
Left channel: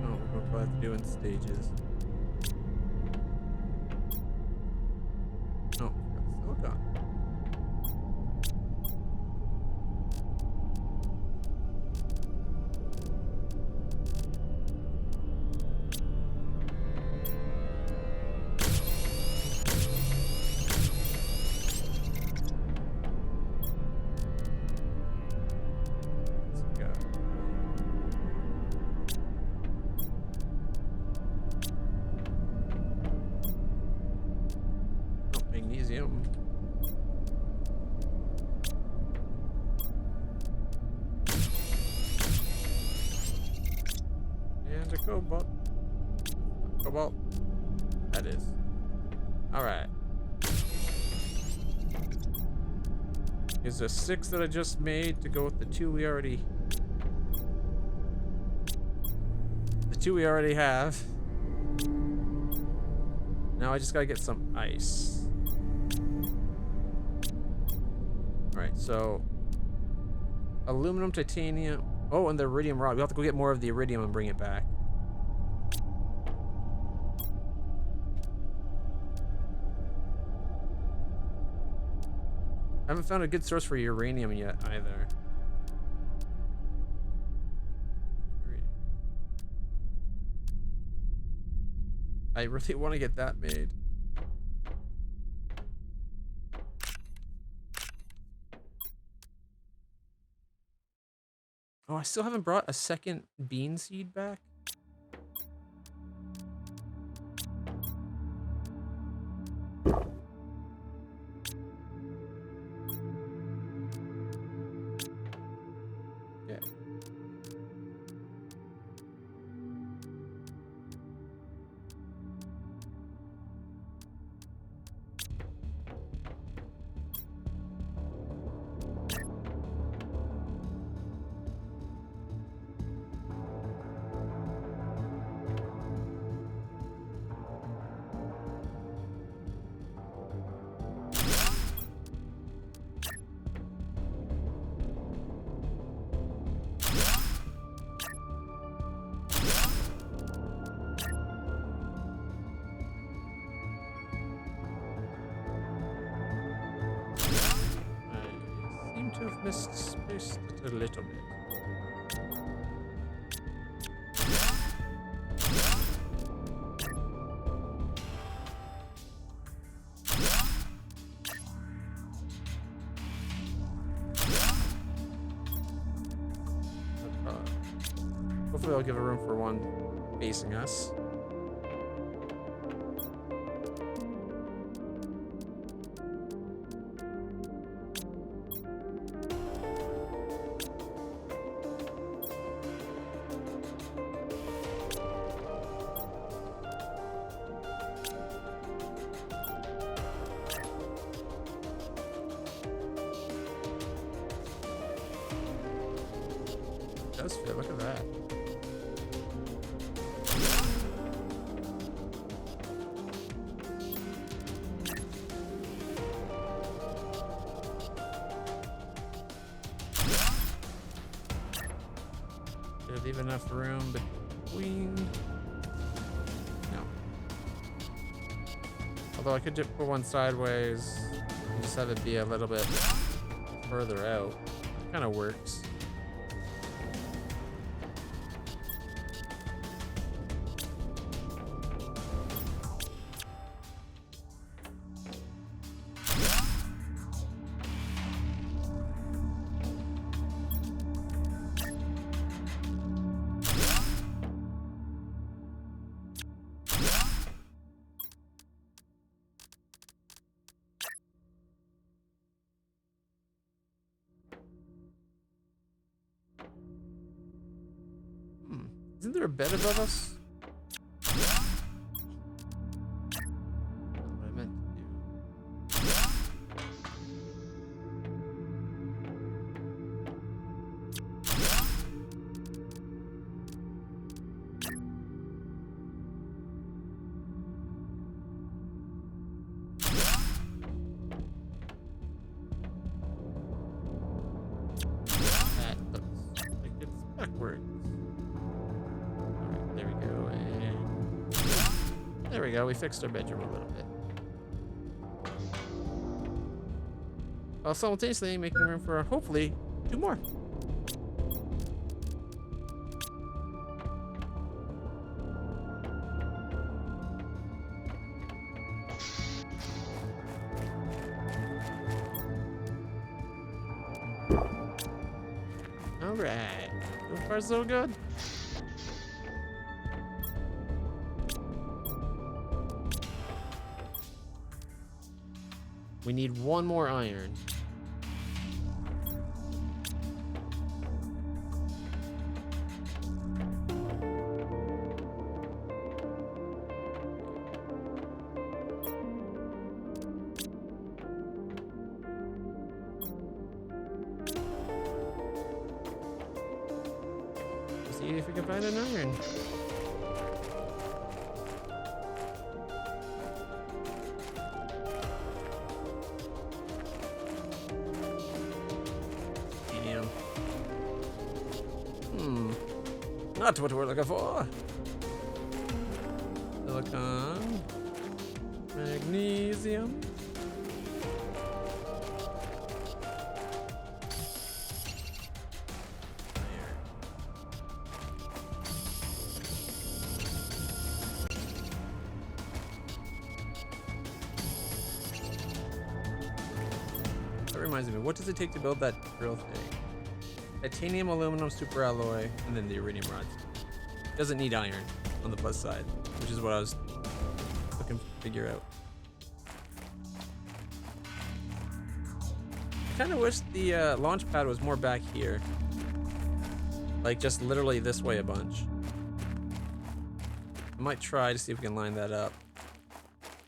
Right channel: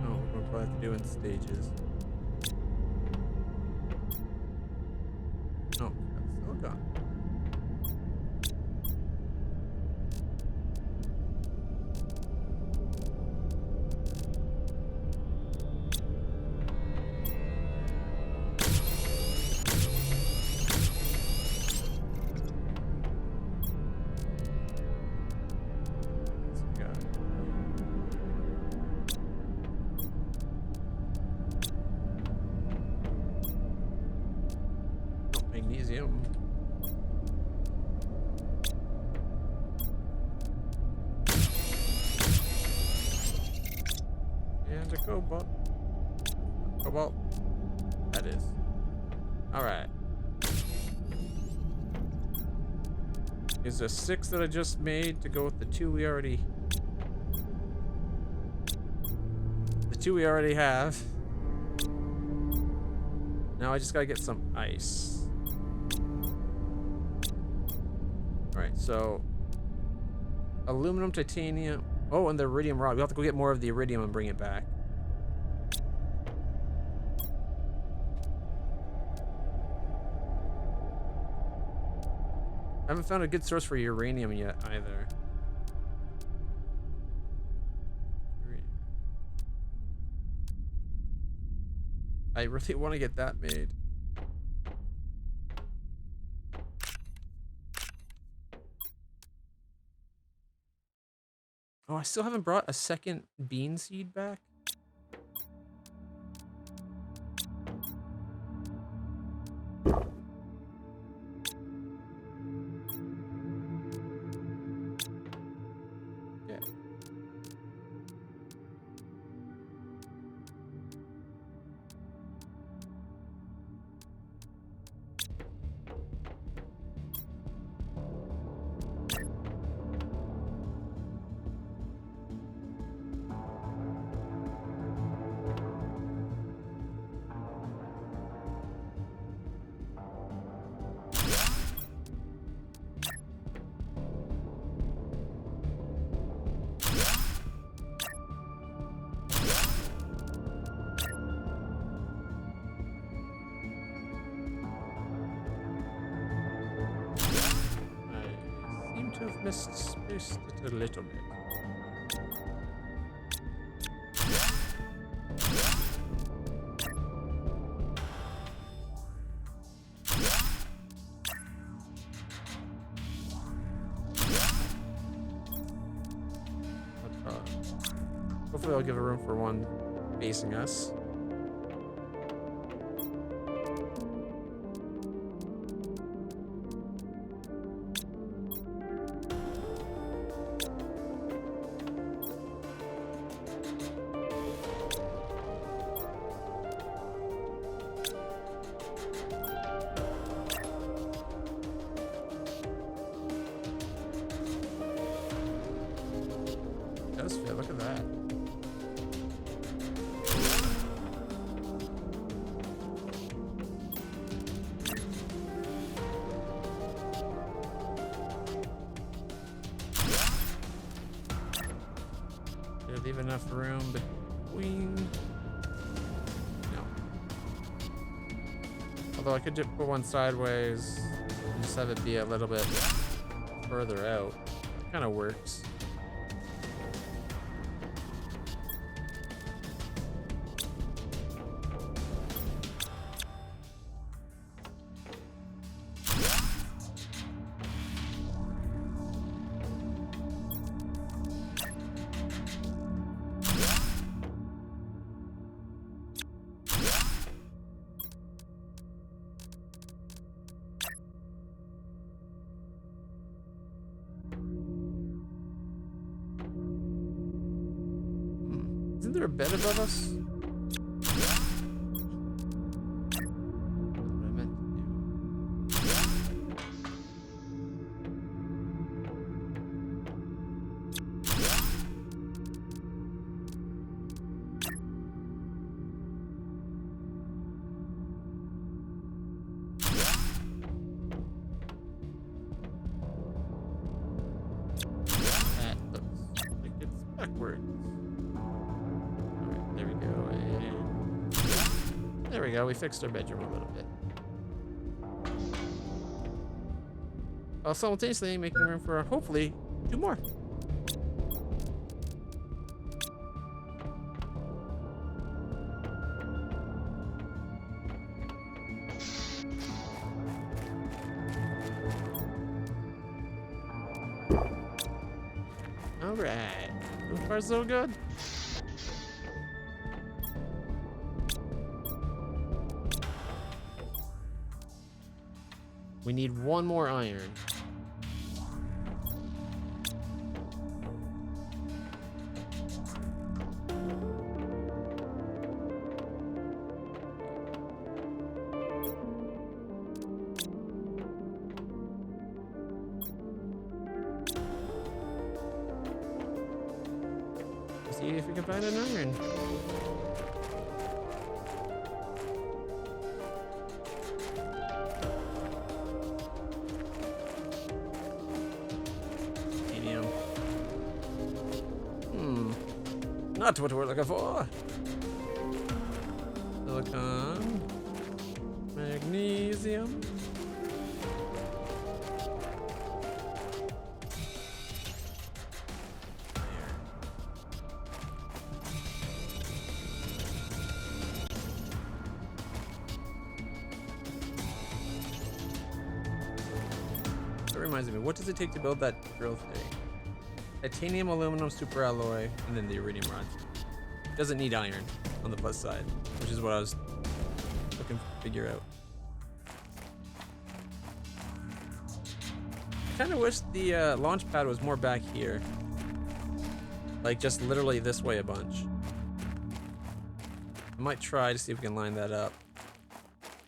Oh, we're going to probably have to do it in stages. Oh, silicon. Magnesium. And a cobalt. Cobalt. That is. Alright. Is the 6 that I just made to go with the 2 we already... The 2 we already have. Now I just gotta get some ice. Alright, so aluminum, titanium. Oh, and the iridium rod. We'll have to go get more of the iridium and bring it back. I haven't found a good source for uranium yet either. I really want to get that made. Oh, I still haven't brought a second bean seed back. Yeah. to have missed space a little bit. Hopefully I'll give a room for one facing us. It does fit, look at that. Do I leave enough room between? No. Although I could just put one sideways and just have it be a little bit further out. It kind of works. Isn't there a bed above us? That's what I meant to do. That looks like it's backwards. There we go, and there we go. We fixed our bedroom a little bit. While simultaneously making room for hopefully 2 more. All right, so far so good. We need 1 more iron. Let's see if we can find an iron. Not what we're looking for. Silicon, magnesium. That reminds me, what does it take to build that drill thing? Titanium, aluminum, super alloy, and then the iridium rods. Doesn't need iron on the plus side, which is what I was looking to figure out. I kind of wish the launch pad was more back here. Like just literally this way a bunch. I might try to see if we can line that up.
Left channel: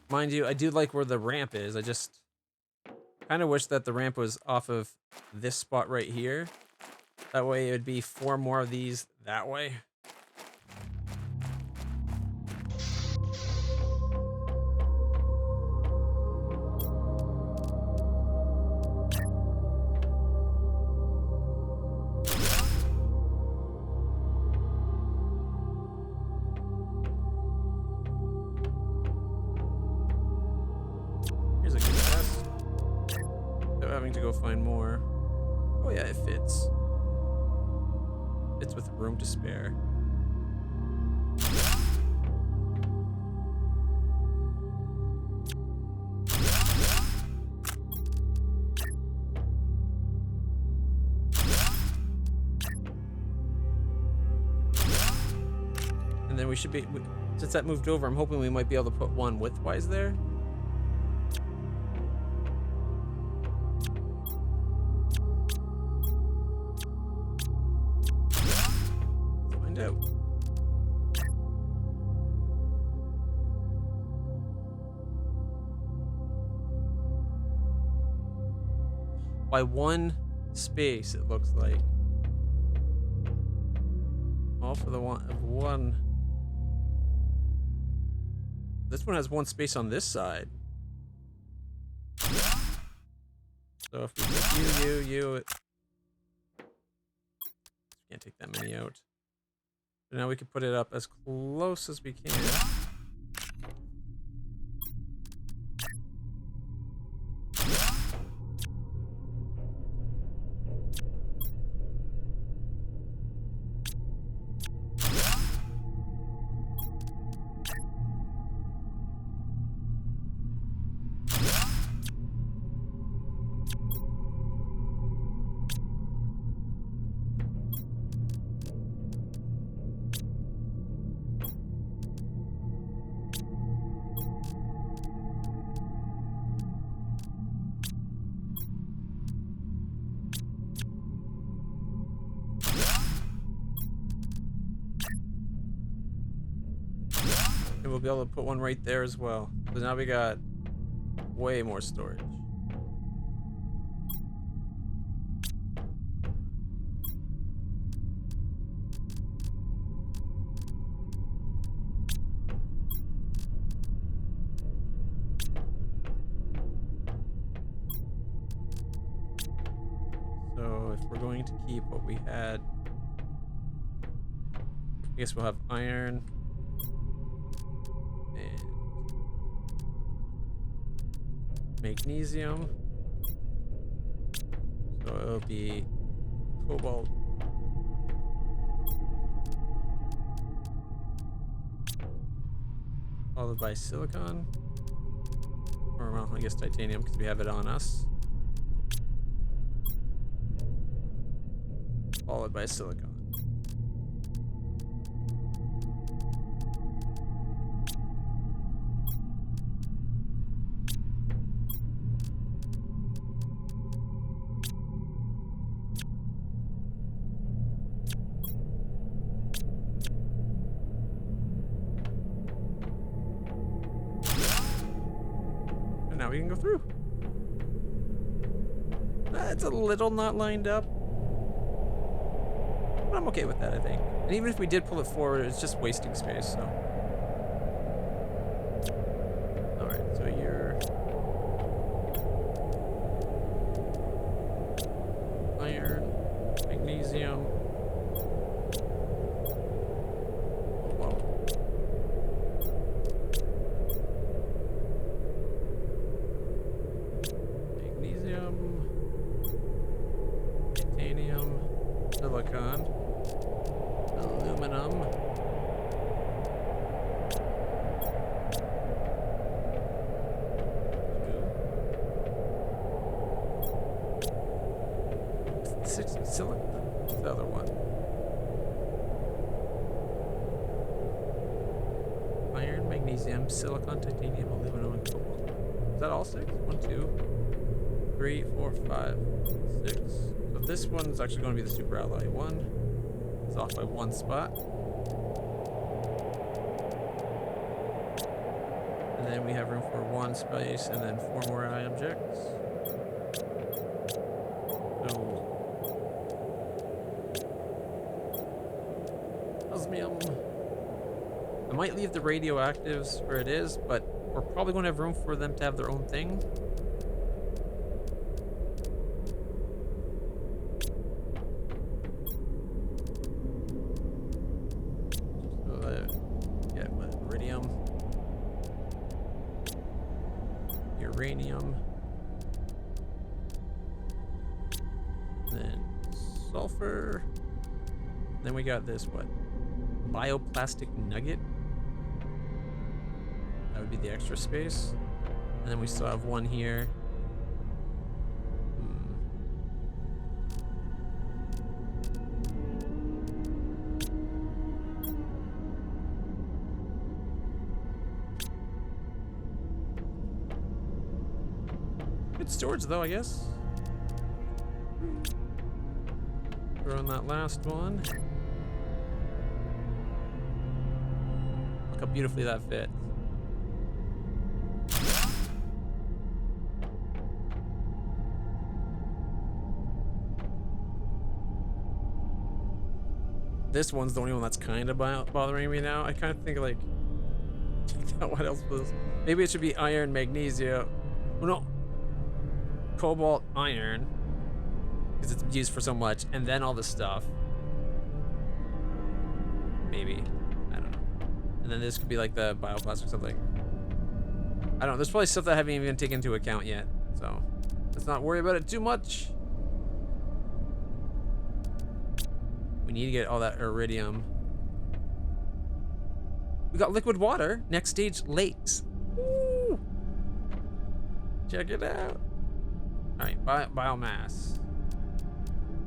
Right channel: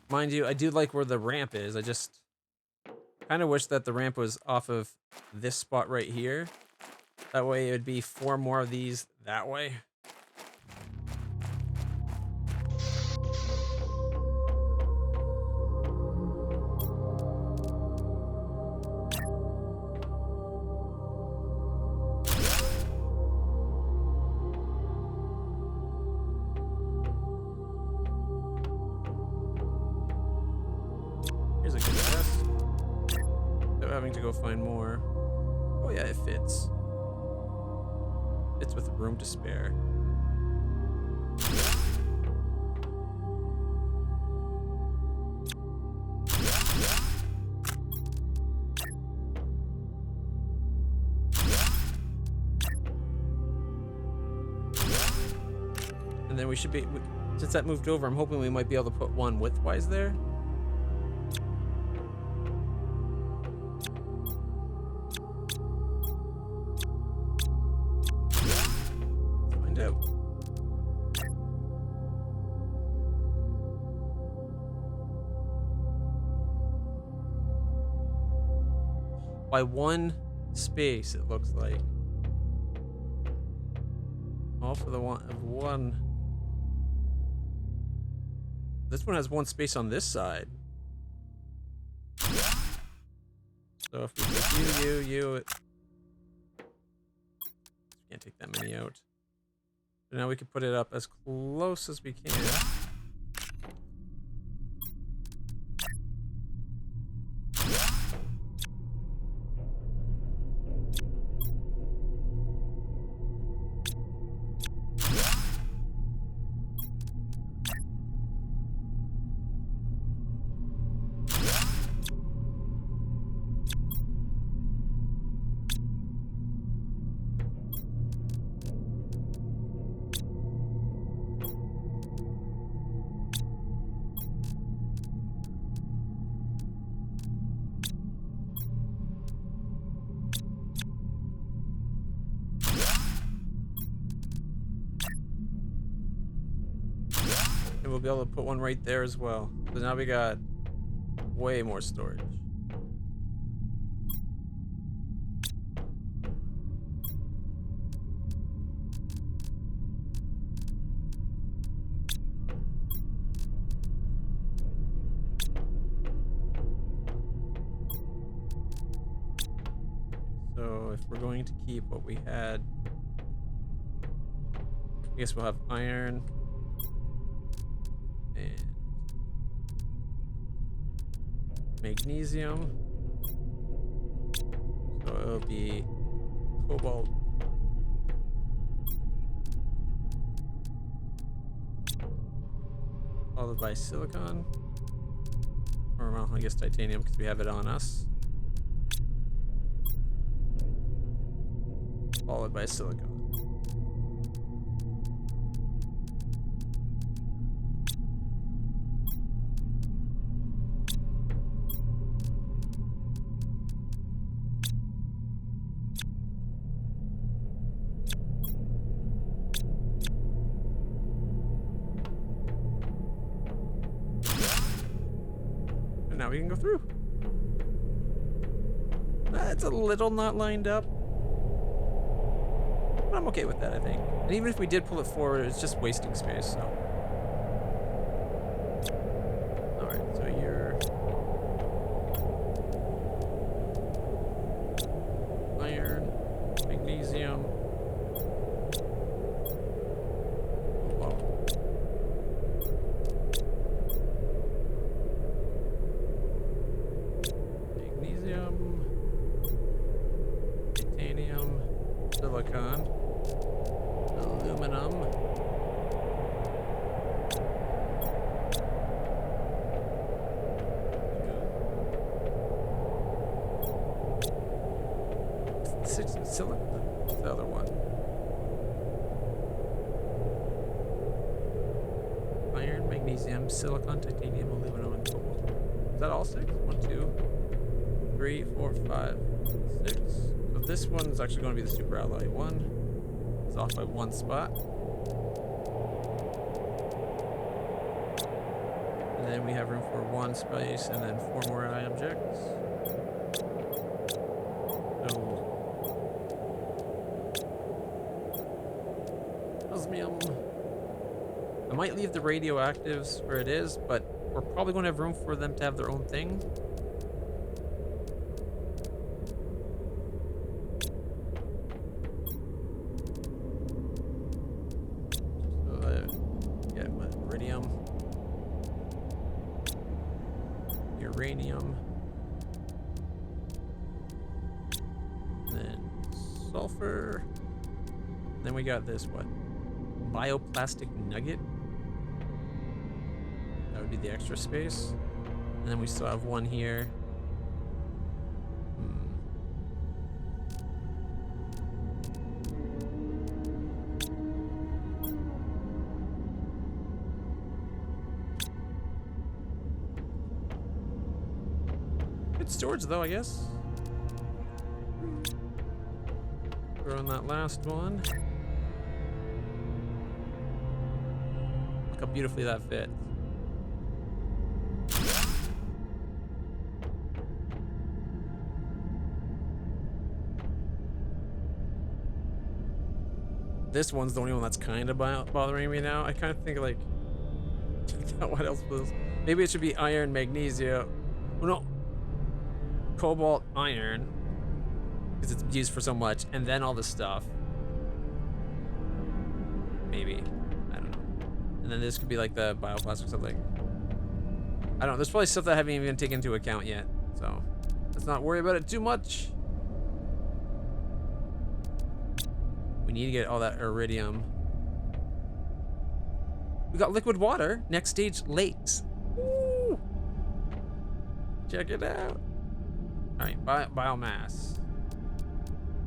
Mind you, I do like where the ramp is. I just kind of wish that the ramp was off of this spot right here. That way it would be 4 more of these that way. Here's a good chest. Without having to go find more. Oh yeah, it fits. Fits with room to spare. And then we should be, since that moved over, I'm hoping we might be able to put one widthwise there. Let's find out. By one space, it looks like. All for the one of one. This one has one space on this side. So if we take you, can't take that many out. So now we can put it up as close as we can. And we'll be able to put one right there as well. So now we got way more storage. So if we're going to keep what we had, I guess we'll have iron and magnesium. So it'll be cobalt, followed by silicon, or well, I guess titanium because we have it on us, followed by silicon. Now we can go through. It's a little not lined up, but I'm okay with that, I think. And even if we did pull it forward, it's just wasting space, so. Alright, so you're iron, magnesium. Oh, wow. Magnesium, titanium, silicon, aluminum, six silicon. What's the other one? Iron, magnesium, silicon, titanium, aluminum, and cobalt. Is that all six? 1, 2, 3, 4, 5, 6. So this one is actually going to be the super alloy one. It's off by one spot. And then we have room for one space and then 4 more objects. So osmium. I might leave the radioactives where it is, but we're probably going to have room for them to have their own thing. Iridium, uranium, then sulfur. Then we got this, what? Bioplastic nugget. That would be the extra space. And then we still have one here. Good storage though, I guess. Throw in that last one. Look how beautifully that fits. This one's the only one that's kind of bothering me now. I kind of think like, what else was? Maybe it should be iron, magnesium. Well, no, cobalt, iron, because it's used for so much, and then all this stuff. Maybe, I don't know. And then this could be like the bioplastic something. I don't know. There's probably stuff that I haven't even taken into account yet, so let's not worry about it too much. We need to get all that iridium. We got liquid water. Next stage, lakes. Woo! Check it out. All right, biomass.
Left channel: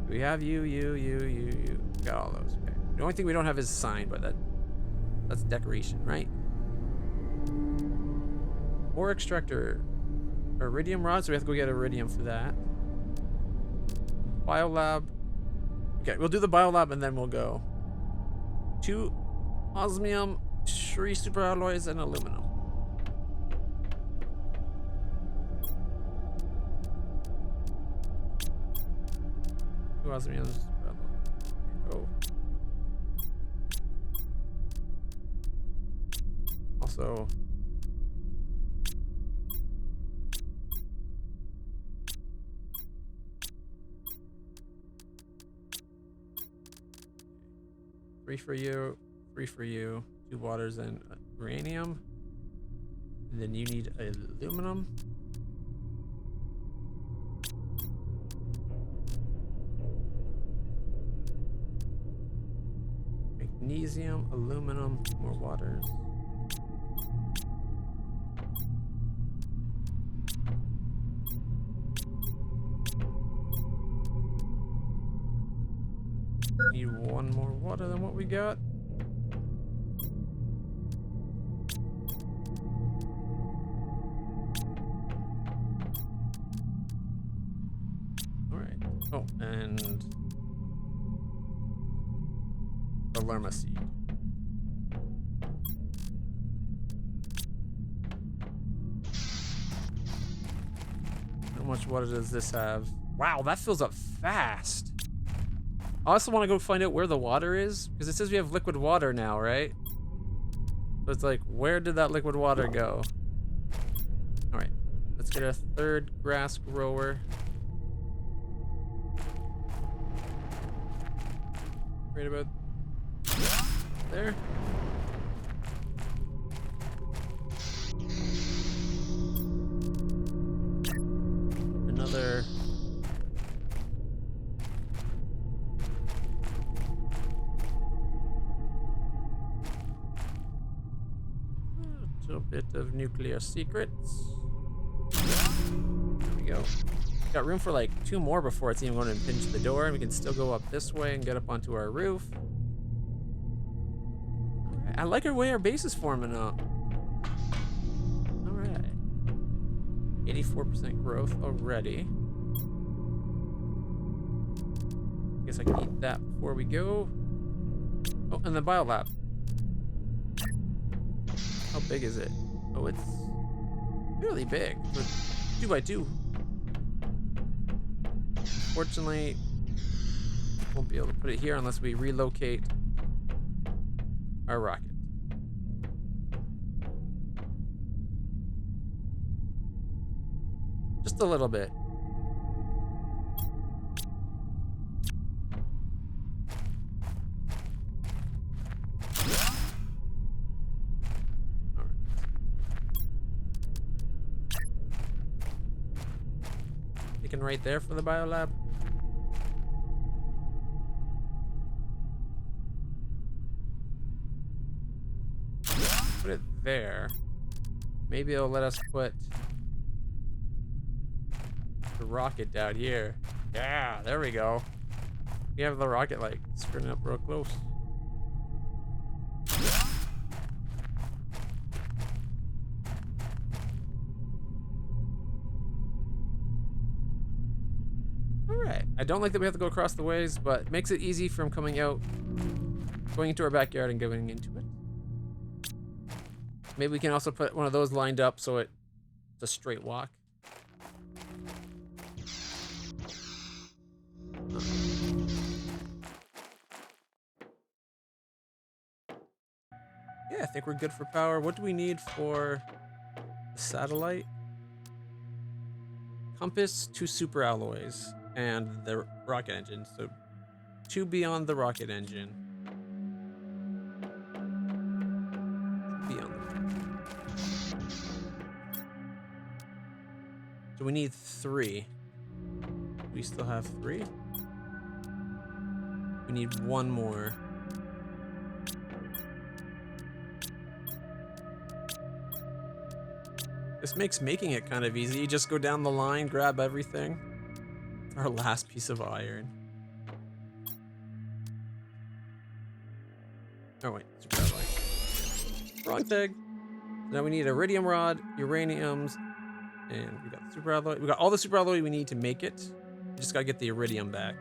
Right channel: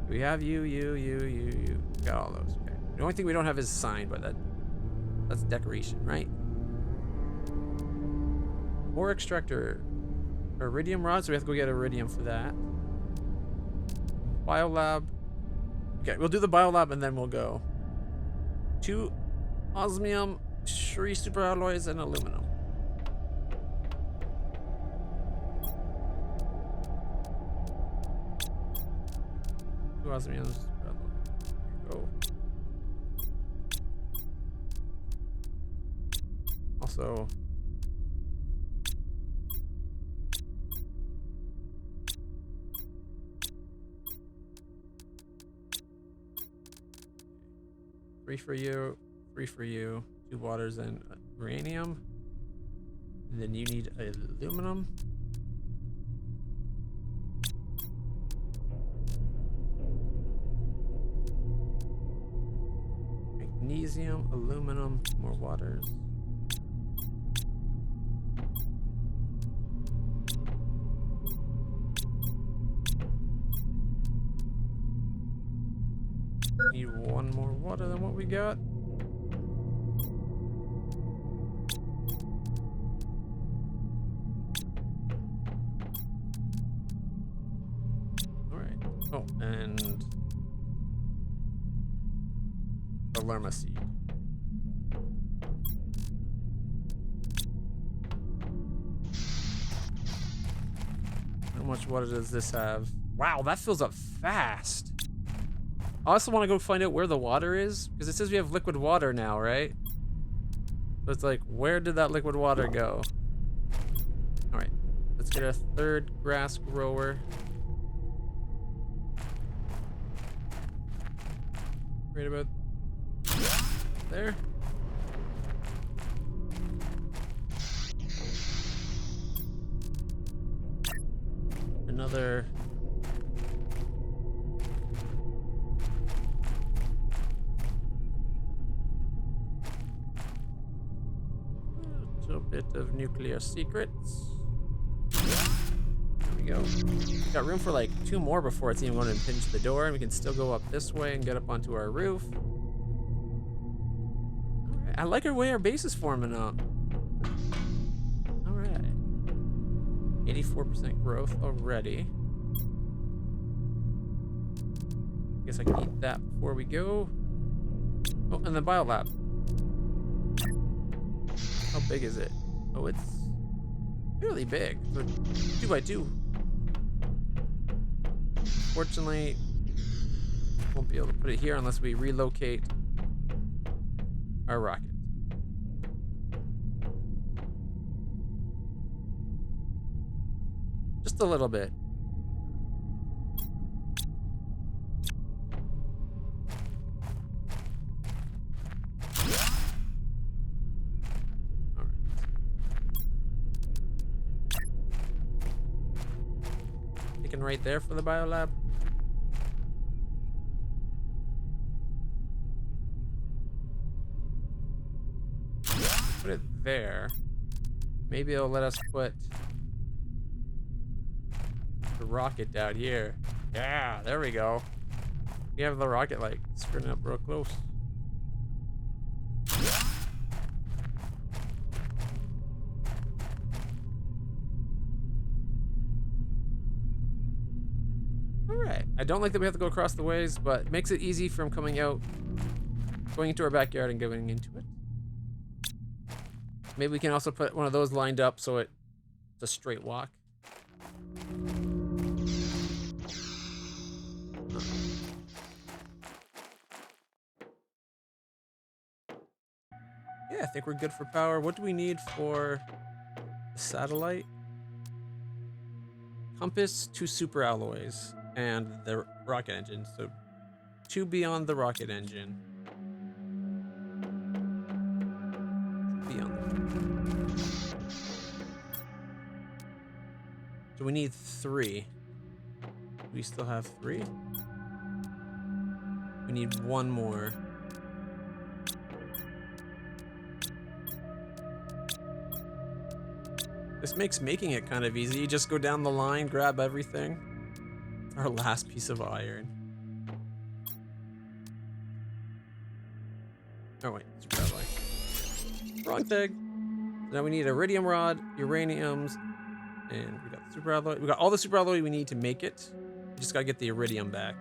We have you. Got all those. Okay. The only thing we don't have is sign, but that's decoration, right? Ore extractor. Iridium rod, so we have to go get iridium for that. Biolab. Okay, we'll do the biolab and then we'll go. 2 osmium, 3 superalloys, and aluminum. Two osmiums, superalloy. Go. Also. Three for you, 3 for you, 2 waters and uranium. And then you need aluminum. Magnesium, aluminum, more waters. Need 1 more water than what we got. All right. Oh, and the lerma seed. How much water does this have? Wow, that fills up fast. I also want to go find out where the water is, because it says we have liquid water now, right? So it's like, where did that liquid water go? All right, let's get a 3rd grass grower. Right about there. Another. A bit of nuclear secrets. There we go. Got room for like 2 more before it's even going to impinge the door, and we can still go up this way and get up onto our roof. All right. I like our way our base is forming up. All right. 84% growth already. Guess I can eat that before we go. Oh, and the biolab. How big is it? Oh, it's really big. 2x2. Fortunately, won't be able to put it here unless we relocate our rocket. Just a little bit. Right there for the biolab. put it there. Maybe it'll let us put the rocket down here. Yeah, there we go. We have the rocket like spinning up real close. Alright. I don't like that we have to go across the ways, but it makes it easy from coming out, going into our backyard and going into it. Maybe we can also put one of those lined up so it's a straight walk. Yeah, I think we're good for power. What do we need for the satellite? Compass, 2 super alloys, and the rocket engine. So 2 beyond the rocket engine. Beyond the So we need 3. We still have 3. We need 1 more. This makes making it kind of easy. You just go down the line, grab everything. Our last piece of iron. Oh wait, super alloy. Wrong thing. So now we need iridium rod, uraniums, and we got the super alloy. We got all the super alloy we need to make it. We just gotta get the iridium back.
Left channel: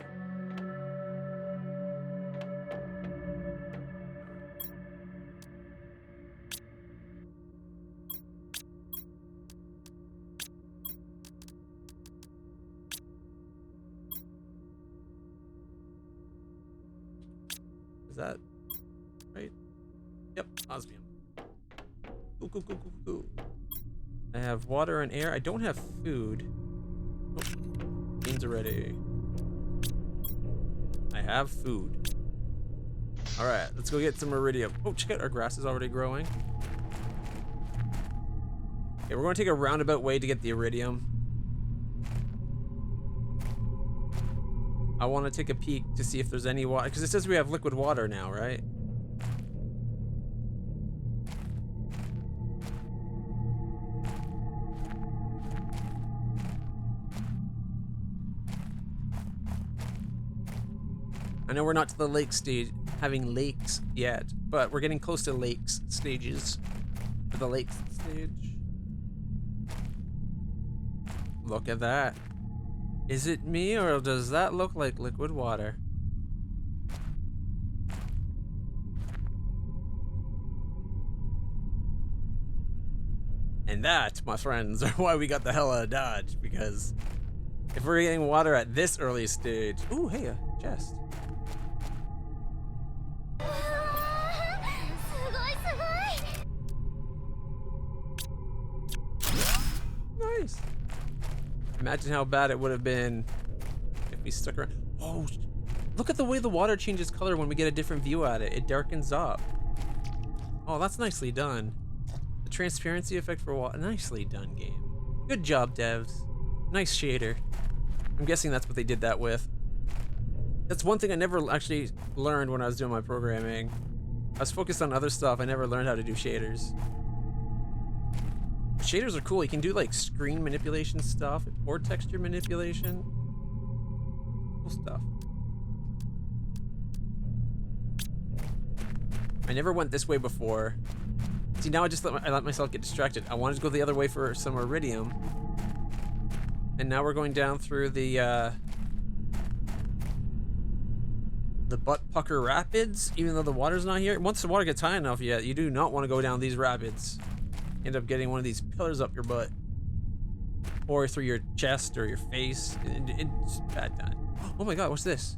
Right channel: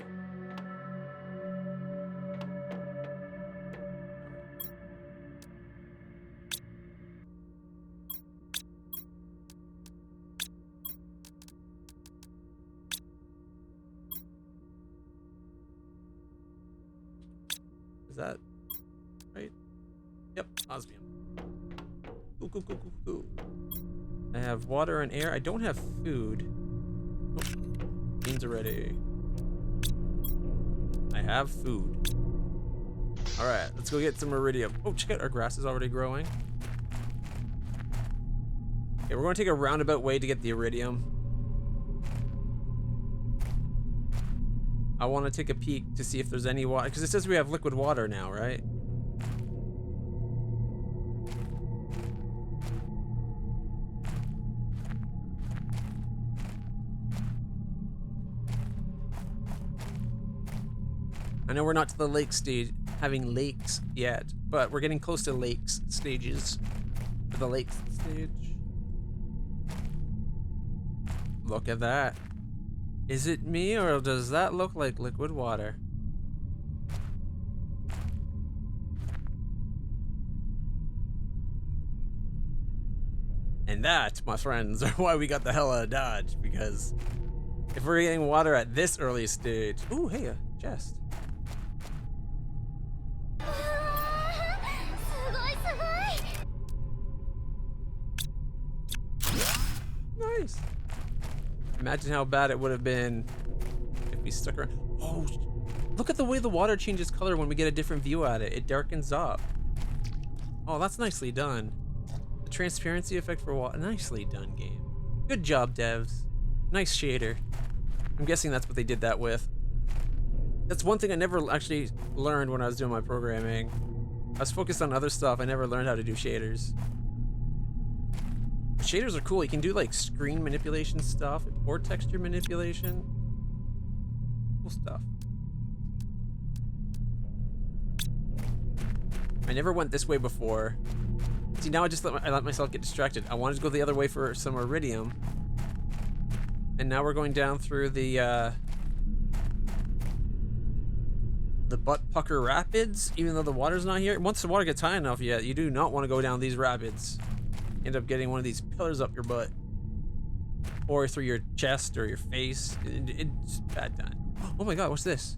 Is that right? Yep, osmium. Cool. I have water and air. I don't have food. Oh, beans are ready. I have food. All right, let's go get some iridium. Oh, check out, our grass is already growing. Okay, we're going to take a roundabout way to get the iridium. I want to take a peek to see if there's any water, because it says we have liquid water now, right? I know we're not to the lake stage, having lakes yet, but we're getting close to lakes stages. For the lakes stage. Look at that. Is it me, or does that look like liquid water? And that, my friends, are why we got the hell out of Dodge, because if we're getting water at this early stage... Ooh, hey, a chest. Nice. Imagine how bad it would have been if we stuck around. Oh, look at the way the water changes color when we get a different view at it. It darkens up. Oh, that's nicely done. The transparency effect for water. Nicely done, game. Good job, devs. Nice shader. I'm guessing that's what they did that with. That's one thing I never actually learned when I was doing my programming. I was focused on other stuff. I never learned how to do shaders. Shaders are cool. You can do like screen manipulation stuff or texture manipulation. Cool stuff. I never went this way before. See, now I let myself get distracted. I wanted to go the other way for some iridium. And now we're going down through the Butt Pucker Rapids, even though the water's not here. Once the water gets high enough, yeah, you do not want to go down these rapids. End up getting one of these pillars up your butt, or through your chest or your face. It's bad time. Oh my god, what's this?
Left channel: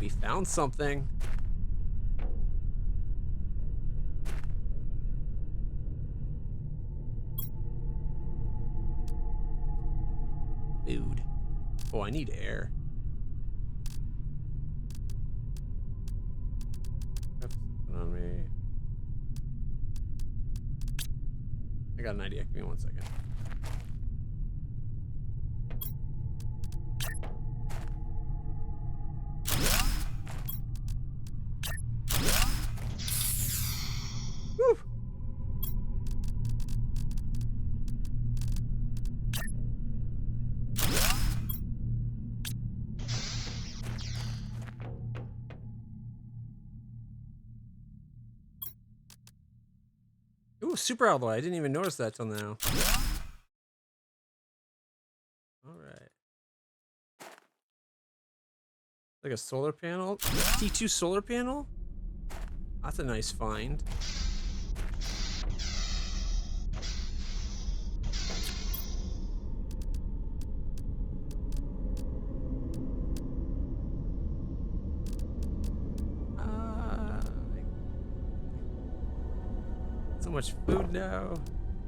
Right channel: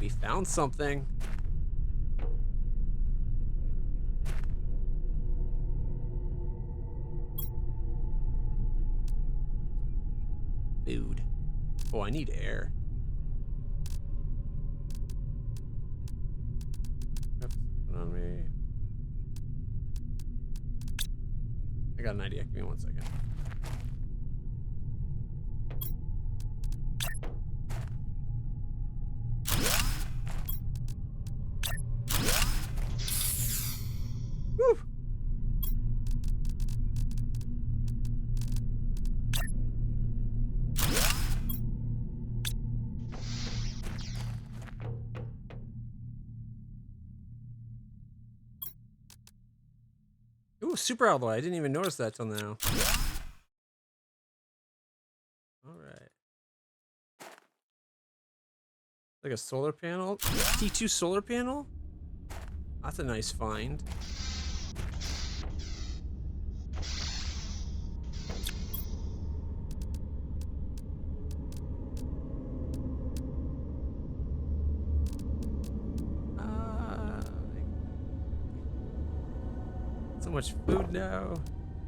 We found something. Food. Oh, I need air. On me. I got an idea. Give me 1 second. Ooh, super alloy. I didn't even notice that till now. All right. Like a solar panel. T2 solar panel? That's a nice find. So much food now.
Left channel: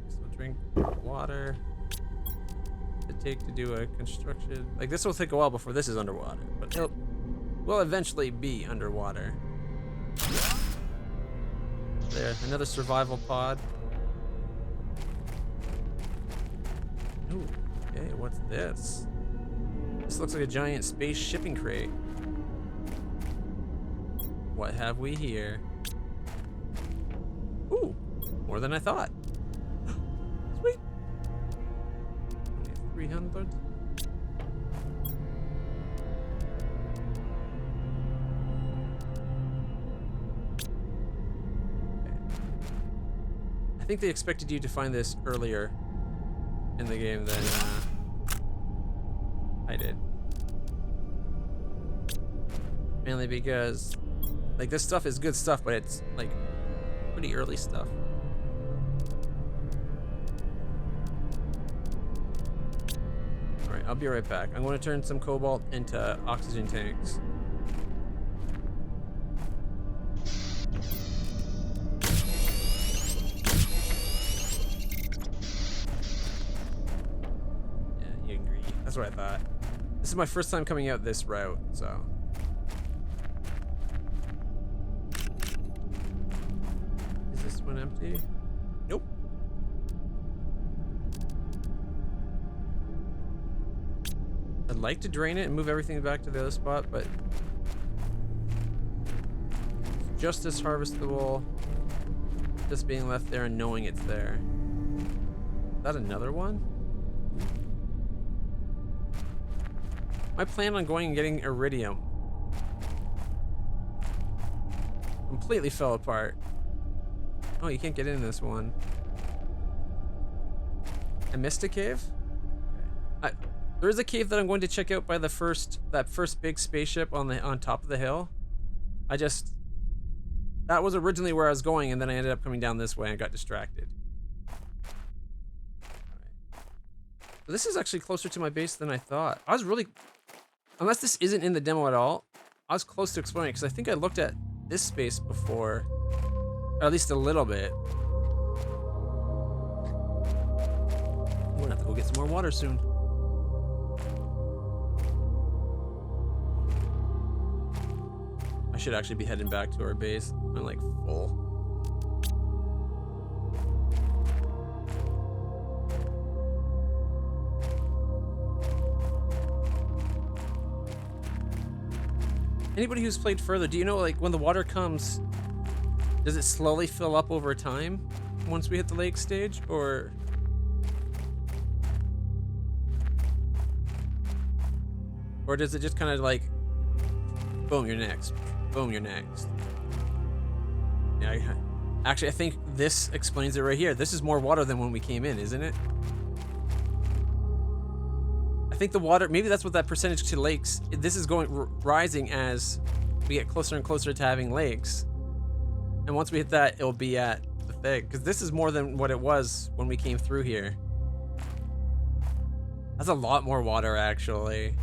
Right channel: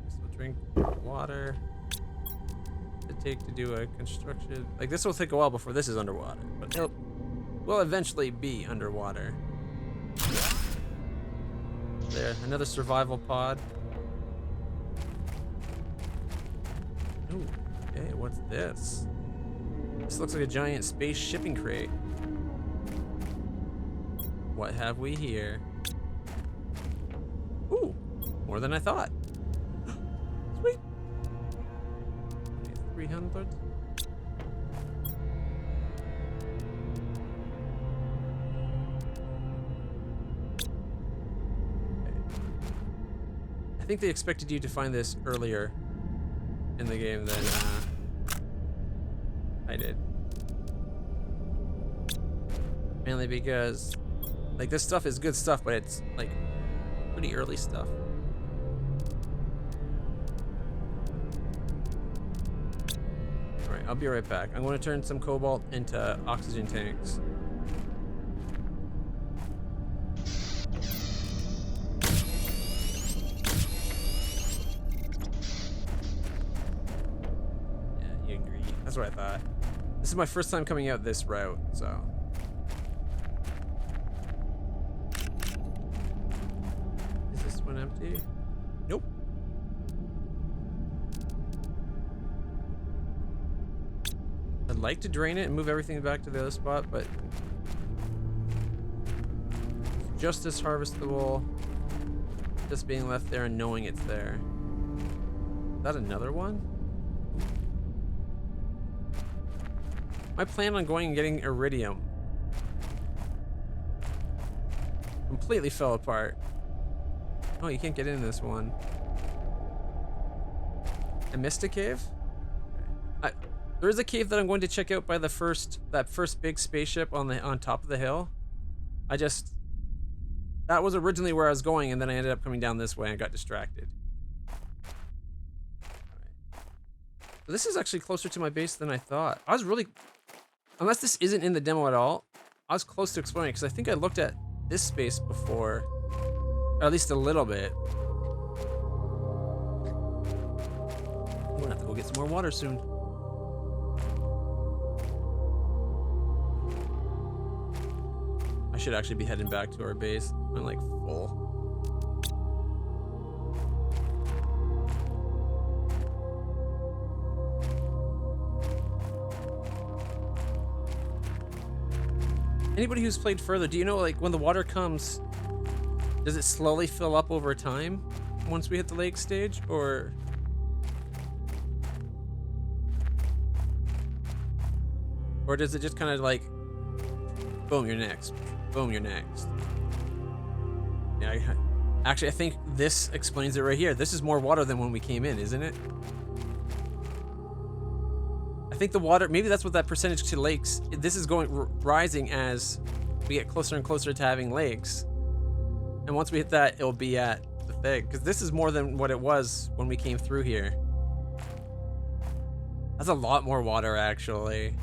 Guess we'll drink water. To take to do a construction. Like, this will take a while before this is underwater, but it will eventually be underwater. There, another survival pod. Ooh, okay, what's this? This looks like a giant space shipping crate. What have we here? Ooh, more than I thought. Sweet. 300. I think they expected you to find this earlier in the game than I did. Mainly because, like, this stuff is good stuff, but it's, like, pretty early stuff. Alright, I'll be right back. I'm going to turn some cobalt into oxygen tanks. That's what I thought. This is my first time coming out this route, so. Is this one empty? Nope. I'd like to drain it and move everything back to the other spot, but just as harvestable, just being left there and knowing it's there. Is that another one? My plan on going and getting iridium completely fell apart. Oh, you can't get in this one. I missed a cave? Okay. There is a cave that I'm going to check out by that first big spaceship on top of the hill. That was originally where I was going, and then I ended up coming down this way and got distracted. Alright. So this is actually closer to my base than I thought. I was really... Unless this isn't in the demo at all, I was close to exploring it because I think I looked at this space before, or at least a little bit. I'm gonna have to go get some more water soon. I should actually be heading back to our base. I'm like full. Anybody who's played further, do you know, like, when the water comes, does it slowly fill up over time once we hit the lake stage, or does it just kind of like, boom, you're next, boom, you're next? Yeah, actually, I think this explains it right here. This is more water than when we came in, isn't it? I think the water, maybe that's what that percentage to lakes, this is going rising as we get closer and closer to having lakes. And once we hit that, it'll be at the thing. Because this is more than what it was when we came through here. That's a lot more water, actually.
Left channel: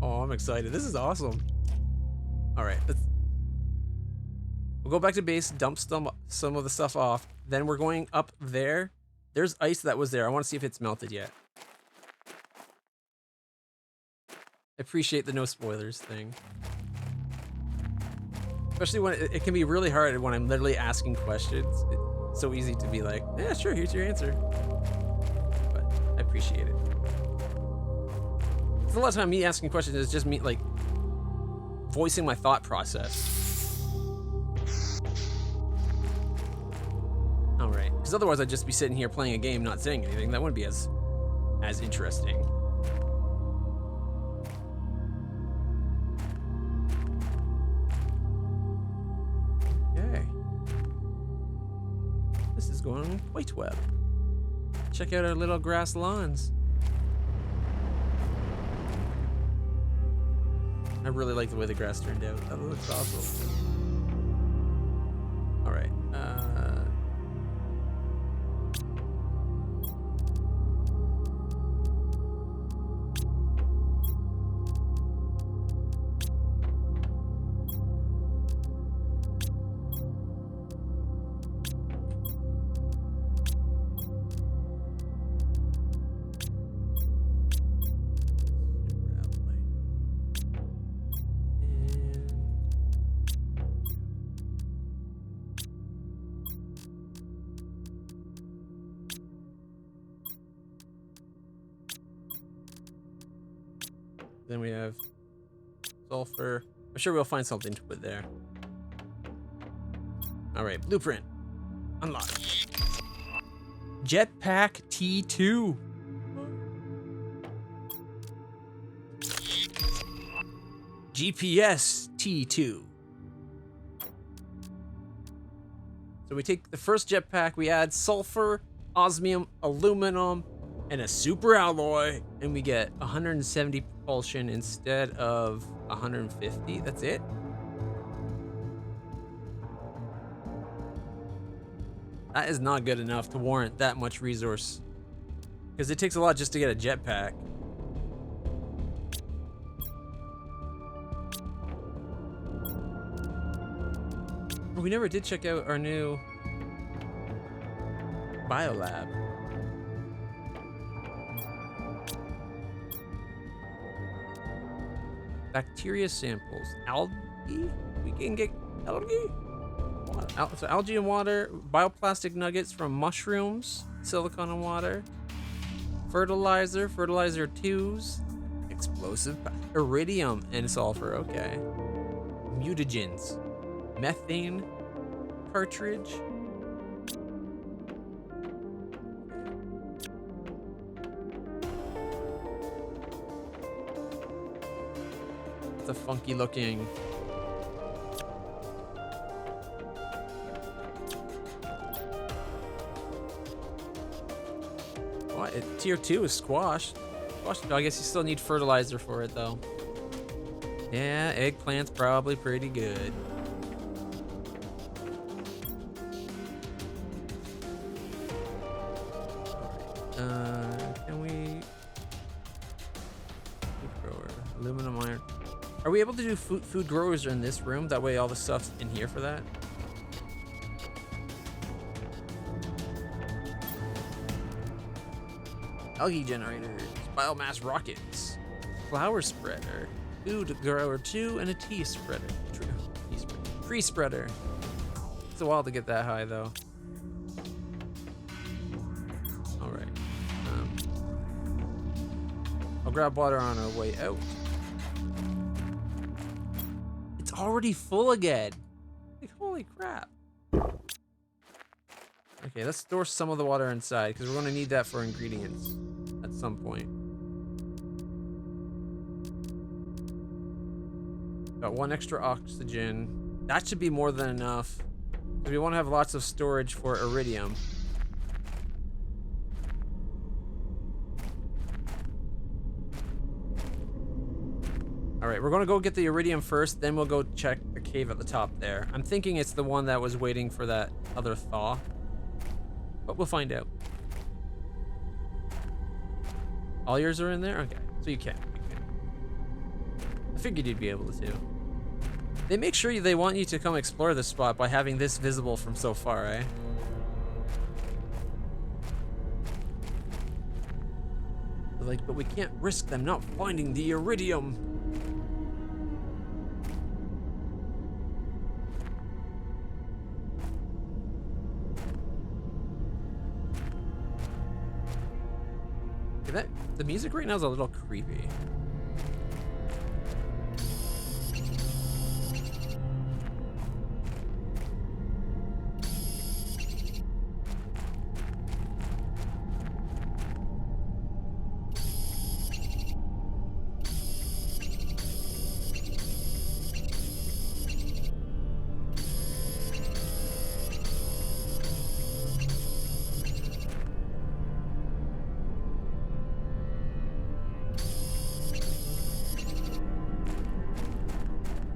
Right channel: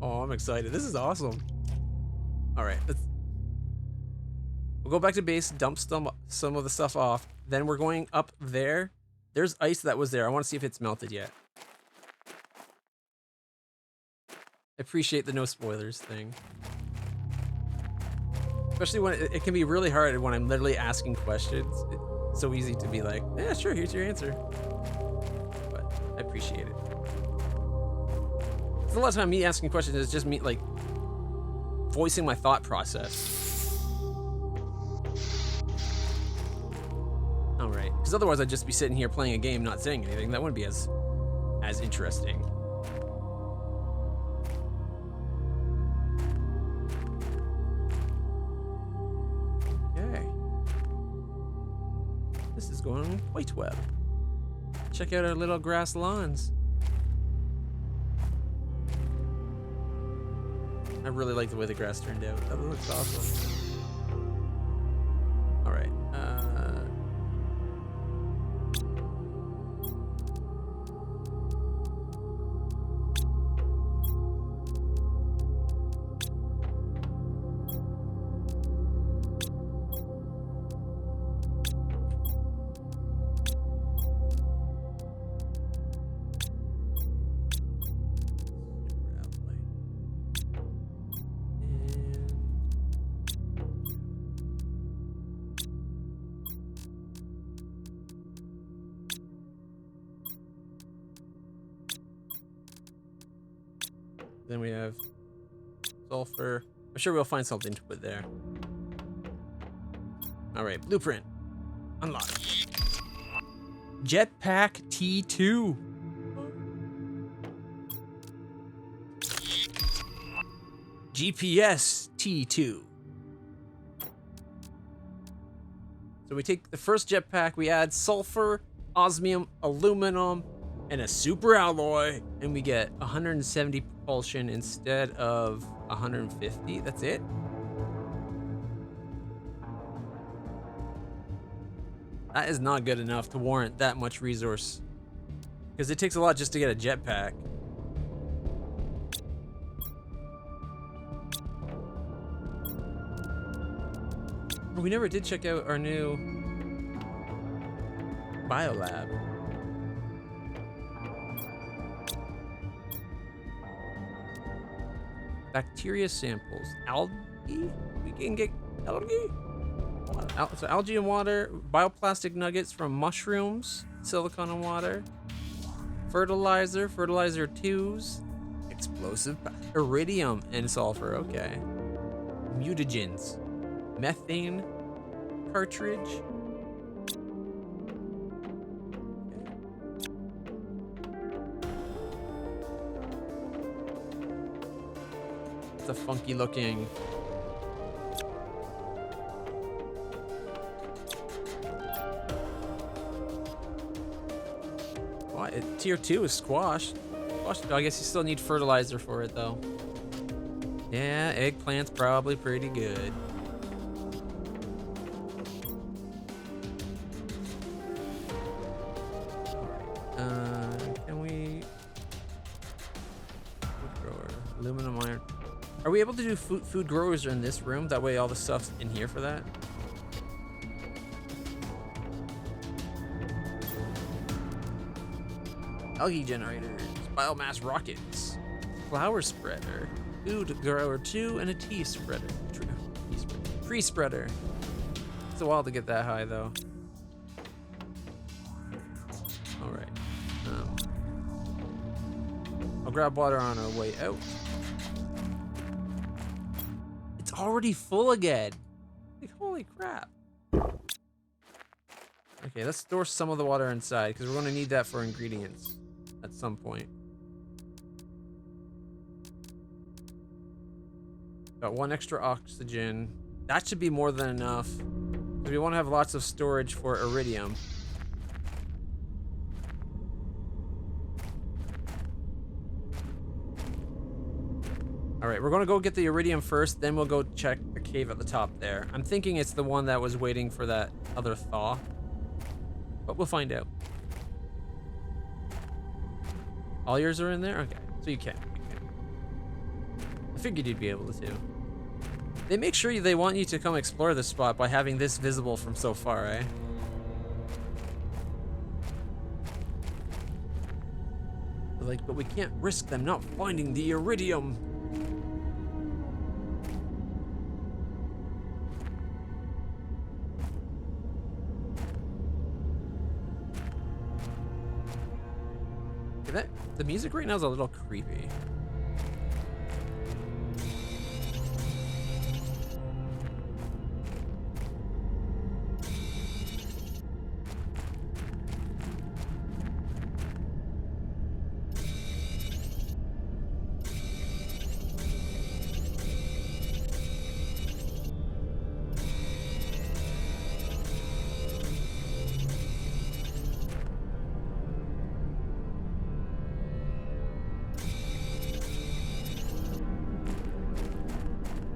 Oh, I'm excited. This is awesome. All right, we'll go back to base, dump some of the stuff off. Then we're going up there. There's ice that was there. I want to see if it's melted yet. I appreciate the no spoilers thing. Especially when it can be really hard when I'm literally asking questions. It's so easy to be like, yeah, sure, here's your answer. But I appreciate it. A lot of time me asking questions is just me like voicing my thought process. All right, because otherwise I'd just be sitting here playing a game, not saying anything. That wouldn't be as interesting. Okay. This is going quite well. Check out our little grass lawns. I really like the way the grass turned out. That looks awesome. All right. Then we have sulfur. I'm sure we'll find something to put there. All right, blueprint. Unlock. Jetpack T2. GPS T2. So we take the first jetpack, we add sulfur, osmium, aluminum, and a super alloy, and we get 170 propulsion instead of 150. That's it. That is not good enough to warrant that much resource, because it takes a lot just to get a jetpack. We never did check out our new biolab. Bacteria samples. Algae? We can get algae? So algae and water. Bioplastic nuggets from mushrooms. Silicon and water. Fertilizer. Fertilizer 2s. Explosive. Iridium and sulfur. Okay. Mutagens. Methane. Cartridge. It's a funky looking. What? Tier 2 is squash. Squash. I guess you still need fertilizer for it though. Yeah, eggplant's probably pretty good. Alright. Can we food grower? Aluminum iron. Are we able to do food growers in this room? That way all the stuff's in here for that? Algae generators, biomass rockets, flower spreader, food grower 2, and a tea spreader. Tree spreader. It's a while to get that high though. All right. I'll grab water on our way out. It's already full again. Like, holy crap. Okay, let's store some of the water inside because we're going to need that for ingredients at some point. Got 1 extra oxygen. That should be more than enough. We want to have lots of storage for iridium. All right, we're going to go get the iridium first, then we'll go check the cave at the top there. I'm thinking it's the one that was waiting for that other thaw. But we'll find out. All yours are in there? Okay, so you can. I figured you'd be able to. They make sure they want you to come explore this spot by having this visible from so far, eh? They're like, but we can't risk them not finding the iridium. The music right now is a little creepy.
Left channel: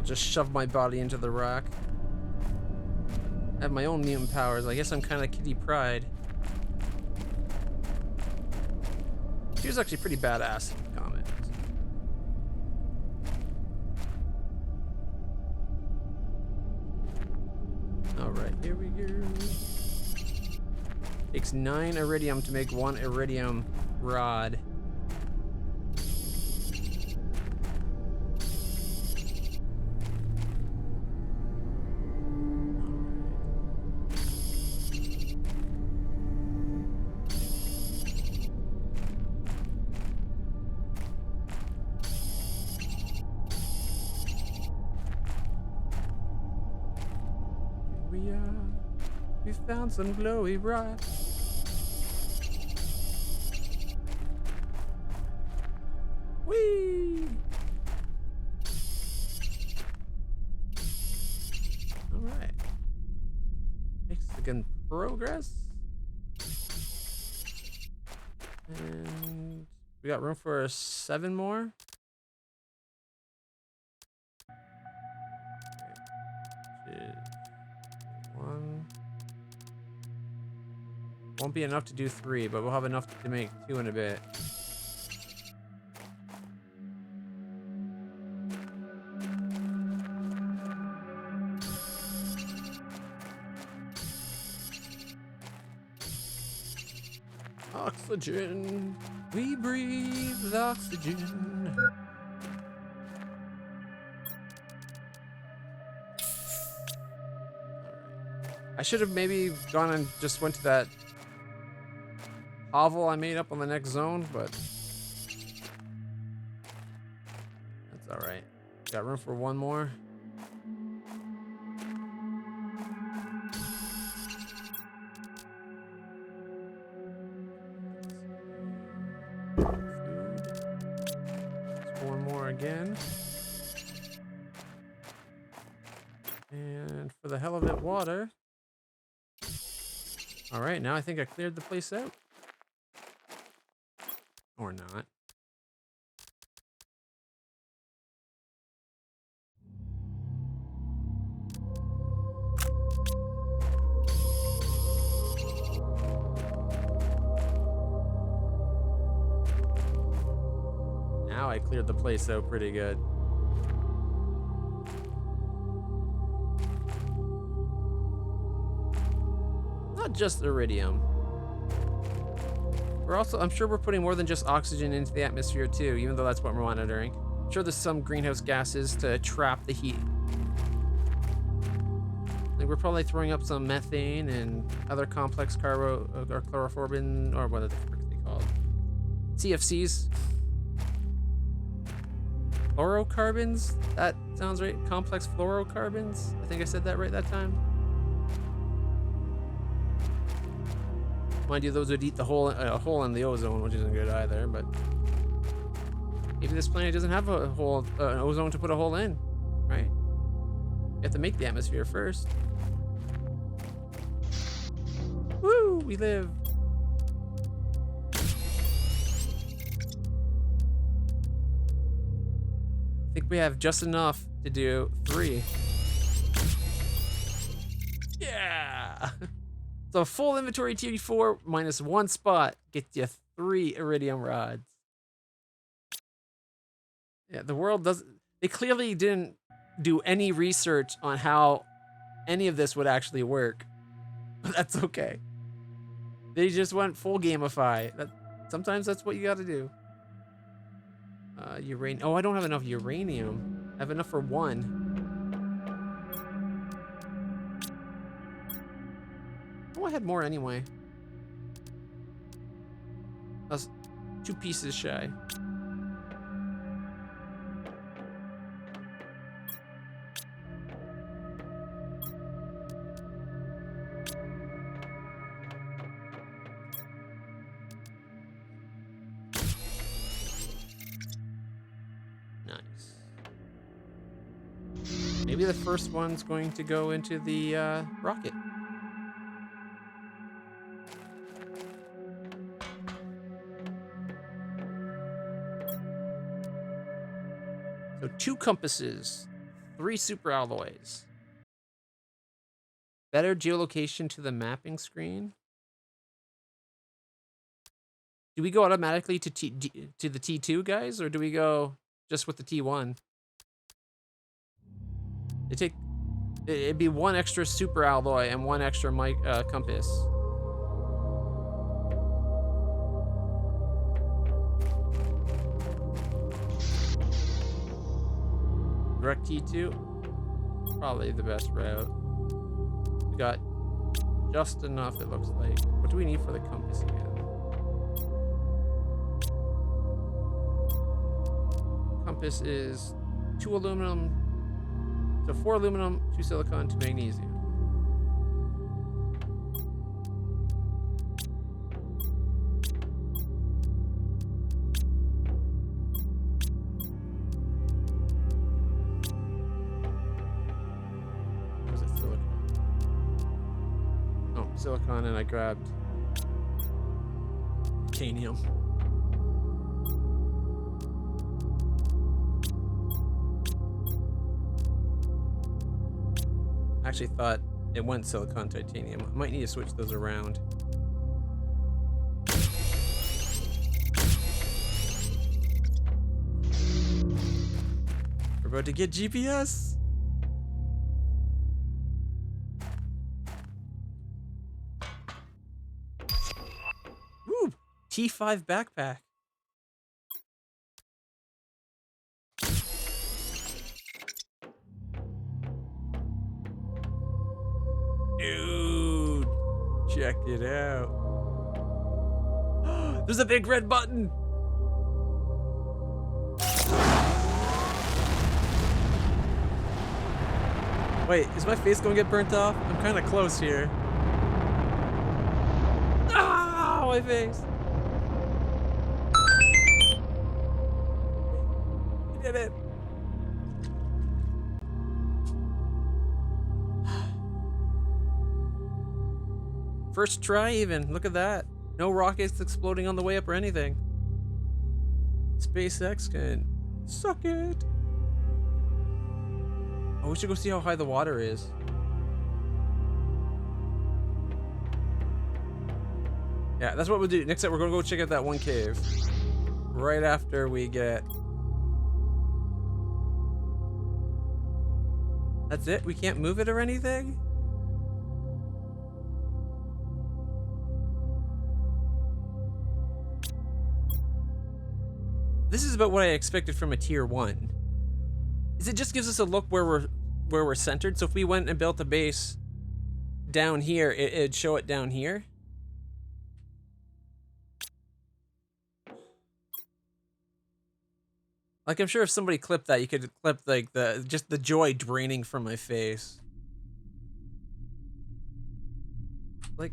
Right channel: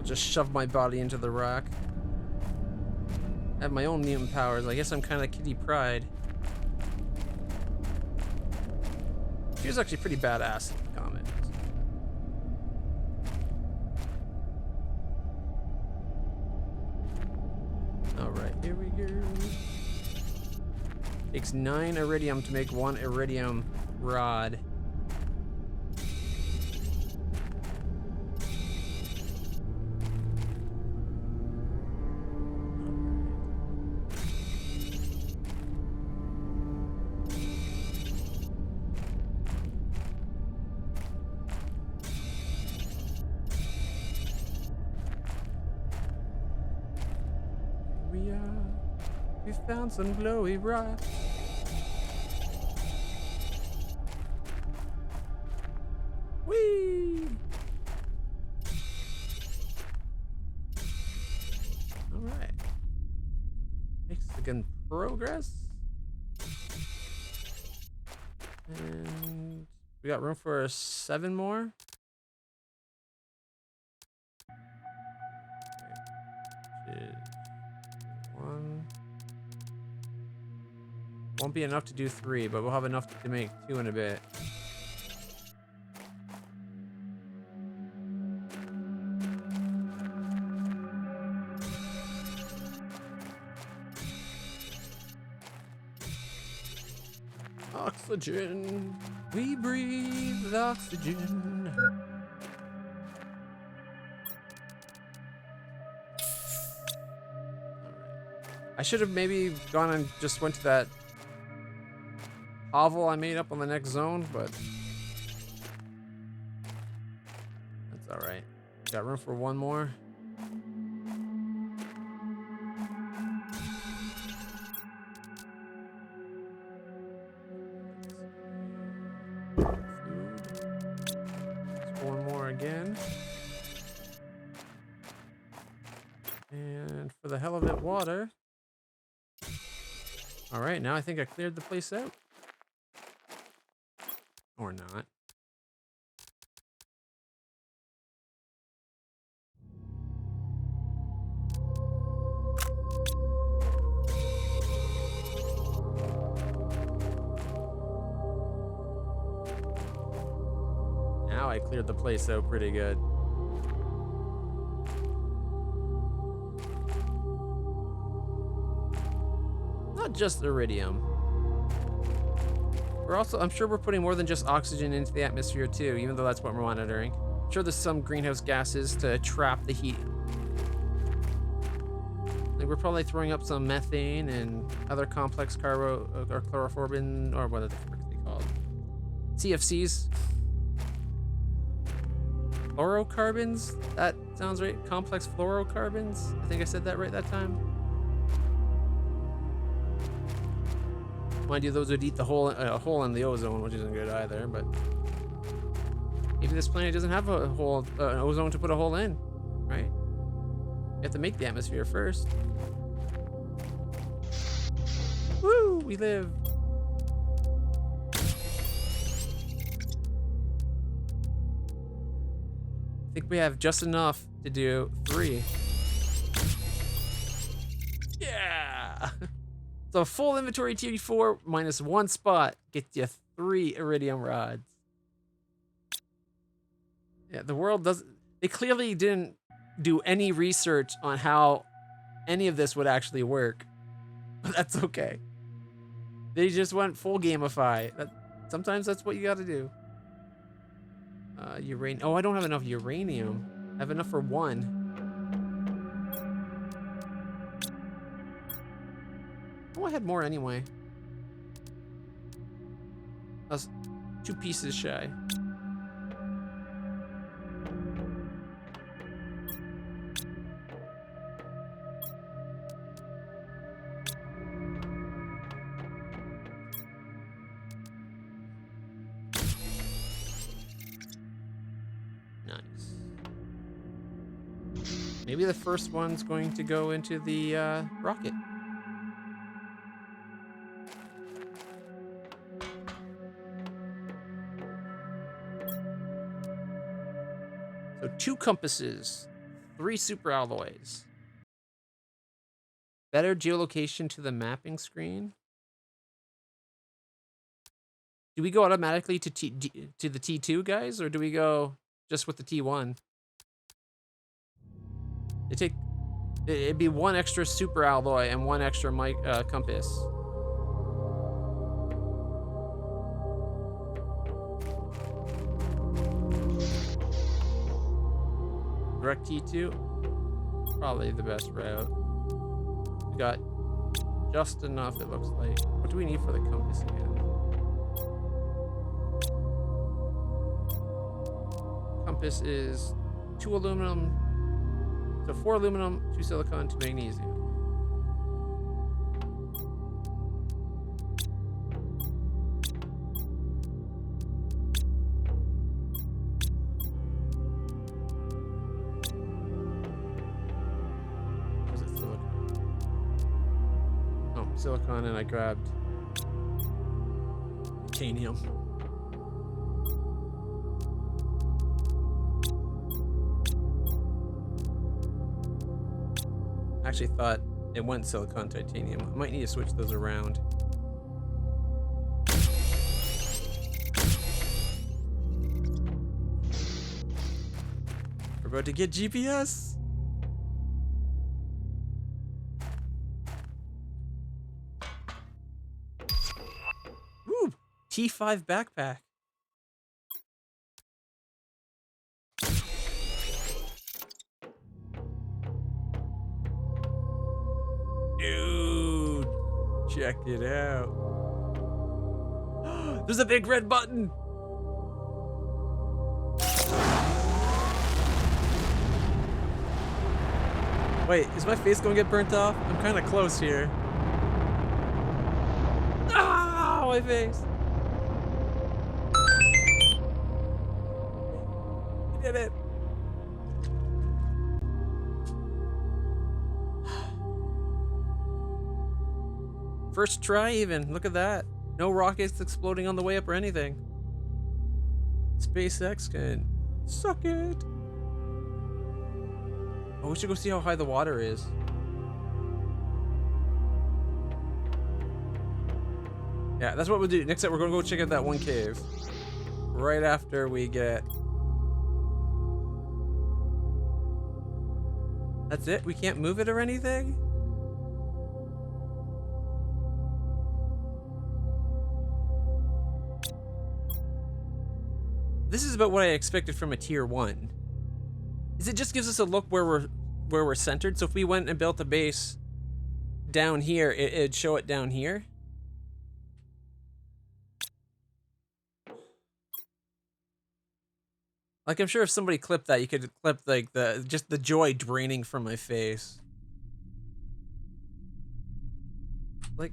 just shove my body into the rock. I have my own mutant powers. I guess I'm kind of Kitty Pryde. She was actually pretty badass in the comics. Alright, here we go. Takes 9 iridium to make 1 iridium rod. We found some glowy rocks. Whee! Alright. Mexican progress. And we got room for 7 more. Which is 1. Won't be enough to do 3, but we'll have enough to make 2 in a bit. Oxygen. We breathe oxygen. I should have maybe gone and just went to that hovel I made up on the next zone, but that's alright. Got room for 1 more. Food. Just 1 more again. And for the hell of it, water. Alright, now I think I cleared the place out. Or not. Now I cleared the place out pretty good. Not just iridium. We're also, I'm sure we're putting more than just oxygen into the atmosphere too, even though that's what we're monitoring. I'm sure there's some greenhouse gases to trap the heat. Like we're probably throwing up some methane and other complex or chlorofluorine, or what are they called? CFCs. Fluorocarbons? That sounds right. Complex fluorocarbons? I think I said that right that time. Mind you, those would eat the hole in the ozone, which isn't good either, but maybe this planet doesn't have a hole, an ozone to put a hole in, right? You have to make the atmosphere first. Woo! We live. I think we have just enough to do 3. Yeah! So full inventory tier 4 minus 1 spot gets you 3 iridium rods. Yeah, the world doesn't. They clearly didn't do any research on how any of this would actually work. But that's okay. They just went full gamify. Sometimes that's what you got to do. Uranium. Oh, I don't have enough uranium. I have enough for 1. Oh, I had more anyway. I was 2 pieces shy. Nice. Maybe the first one's going to go into the rocket. So 2 compasses, 3 super alloys. Better geolocation to the mapping screen. Do we go automatically to to the T2, guys, or do we go just with the T1? It'd be 1 extra super alloy and 1 extra compass. Direct T2, probably the best route. We got just enough, it looks like. What do we need for the compass again? Compass is 2 aluminum, so 4 aluminum, 2 silicon, 2 magnesium. Was it silicon? Oh, silicon, and I grabbed titanium. I actually thought it went silicon titanium. I might need to switch those around. We're about to get GPS. Woo! T5 backpack. Dude, check it out. There's a big red button. Wait, is my face gonna get burnt off? I'm kind of close here. Ah, my face. I did it. First try even, look at that. No rockets exploding on the way up or anything. SpaceX can suck it. Oh, we should go see how high the water is. Yeah, that's what we'll do. Next up, we're gonna go check out that one cave. Right after we get... That's it? We can't move it or anything? This is about what I expected from a tier 1. Is it just gives us a look where we're centered? So if we went and built a base down here, it'd show it down here. Like, I'm sure if somebody clipped that, you could clip like just the joy draining from my face. Like,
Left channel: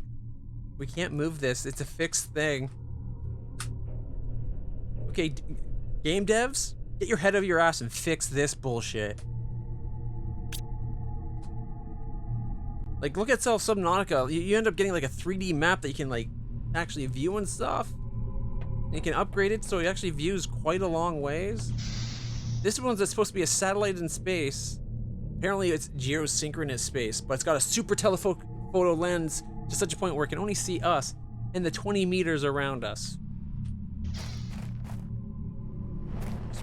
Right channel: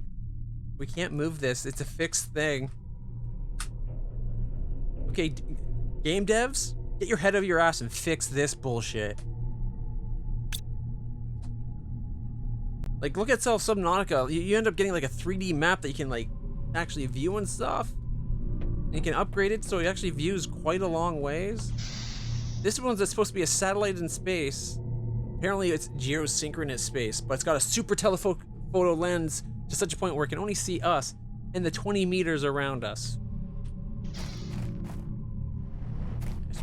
we can't move this. It's a fixed thing. Okay, game devs, get your head out of your ass and fix this bullshit. Like, look at Subnautica. You end up getting like a 3D map that you can like actually view and stuff. And you can upgrade it so it actually views quite a long ways. This one's supposed to be a satellite in space. Apparently it's geosynchronous space, but it's got a super telephoto lens to such a point where it can only see us and the 20 meters around us.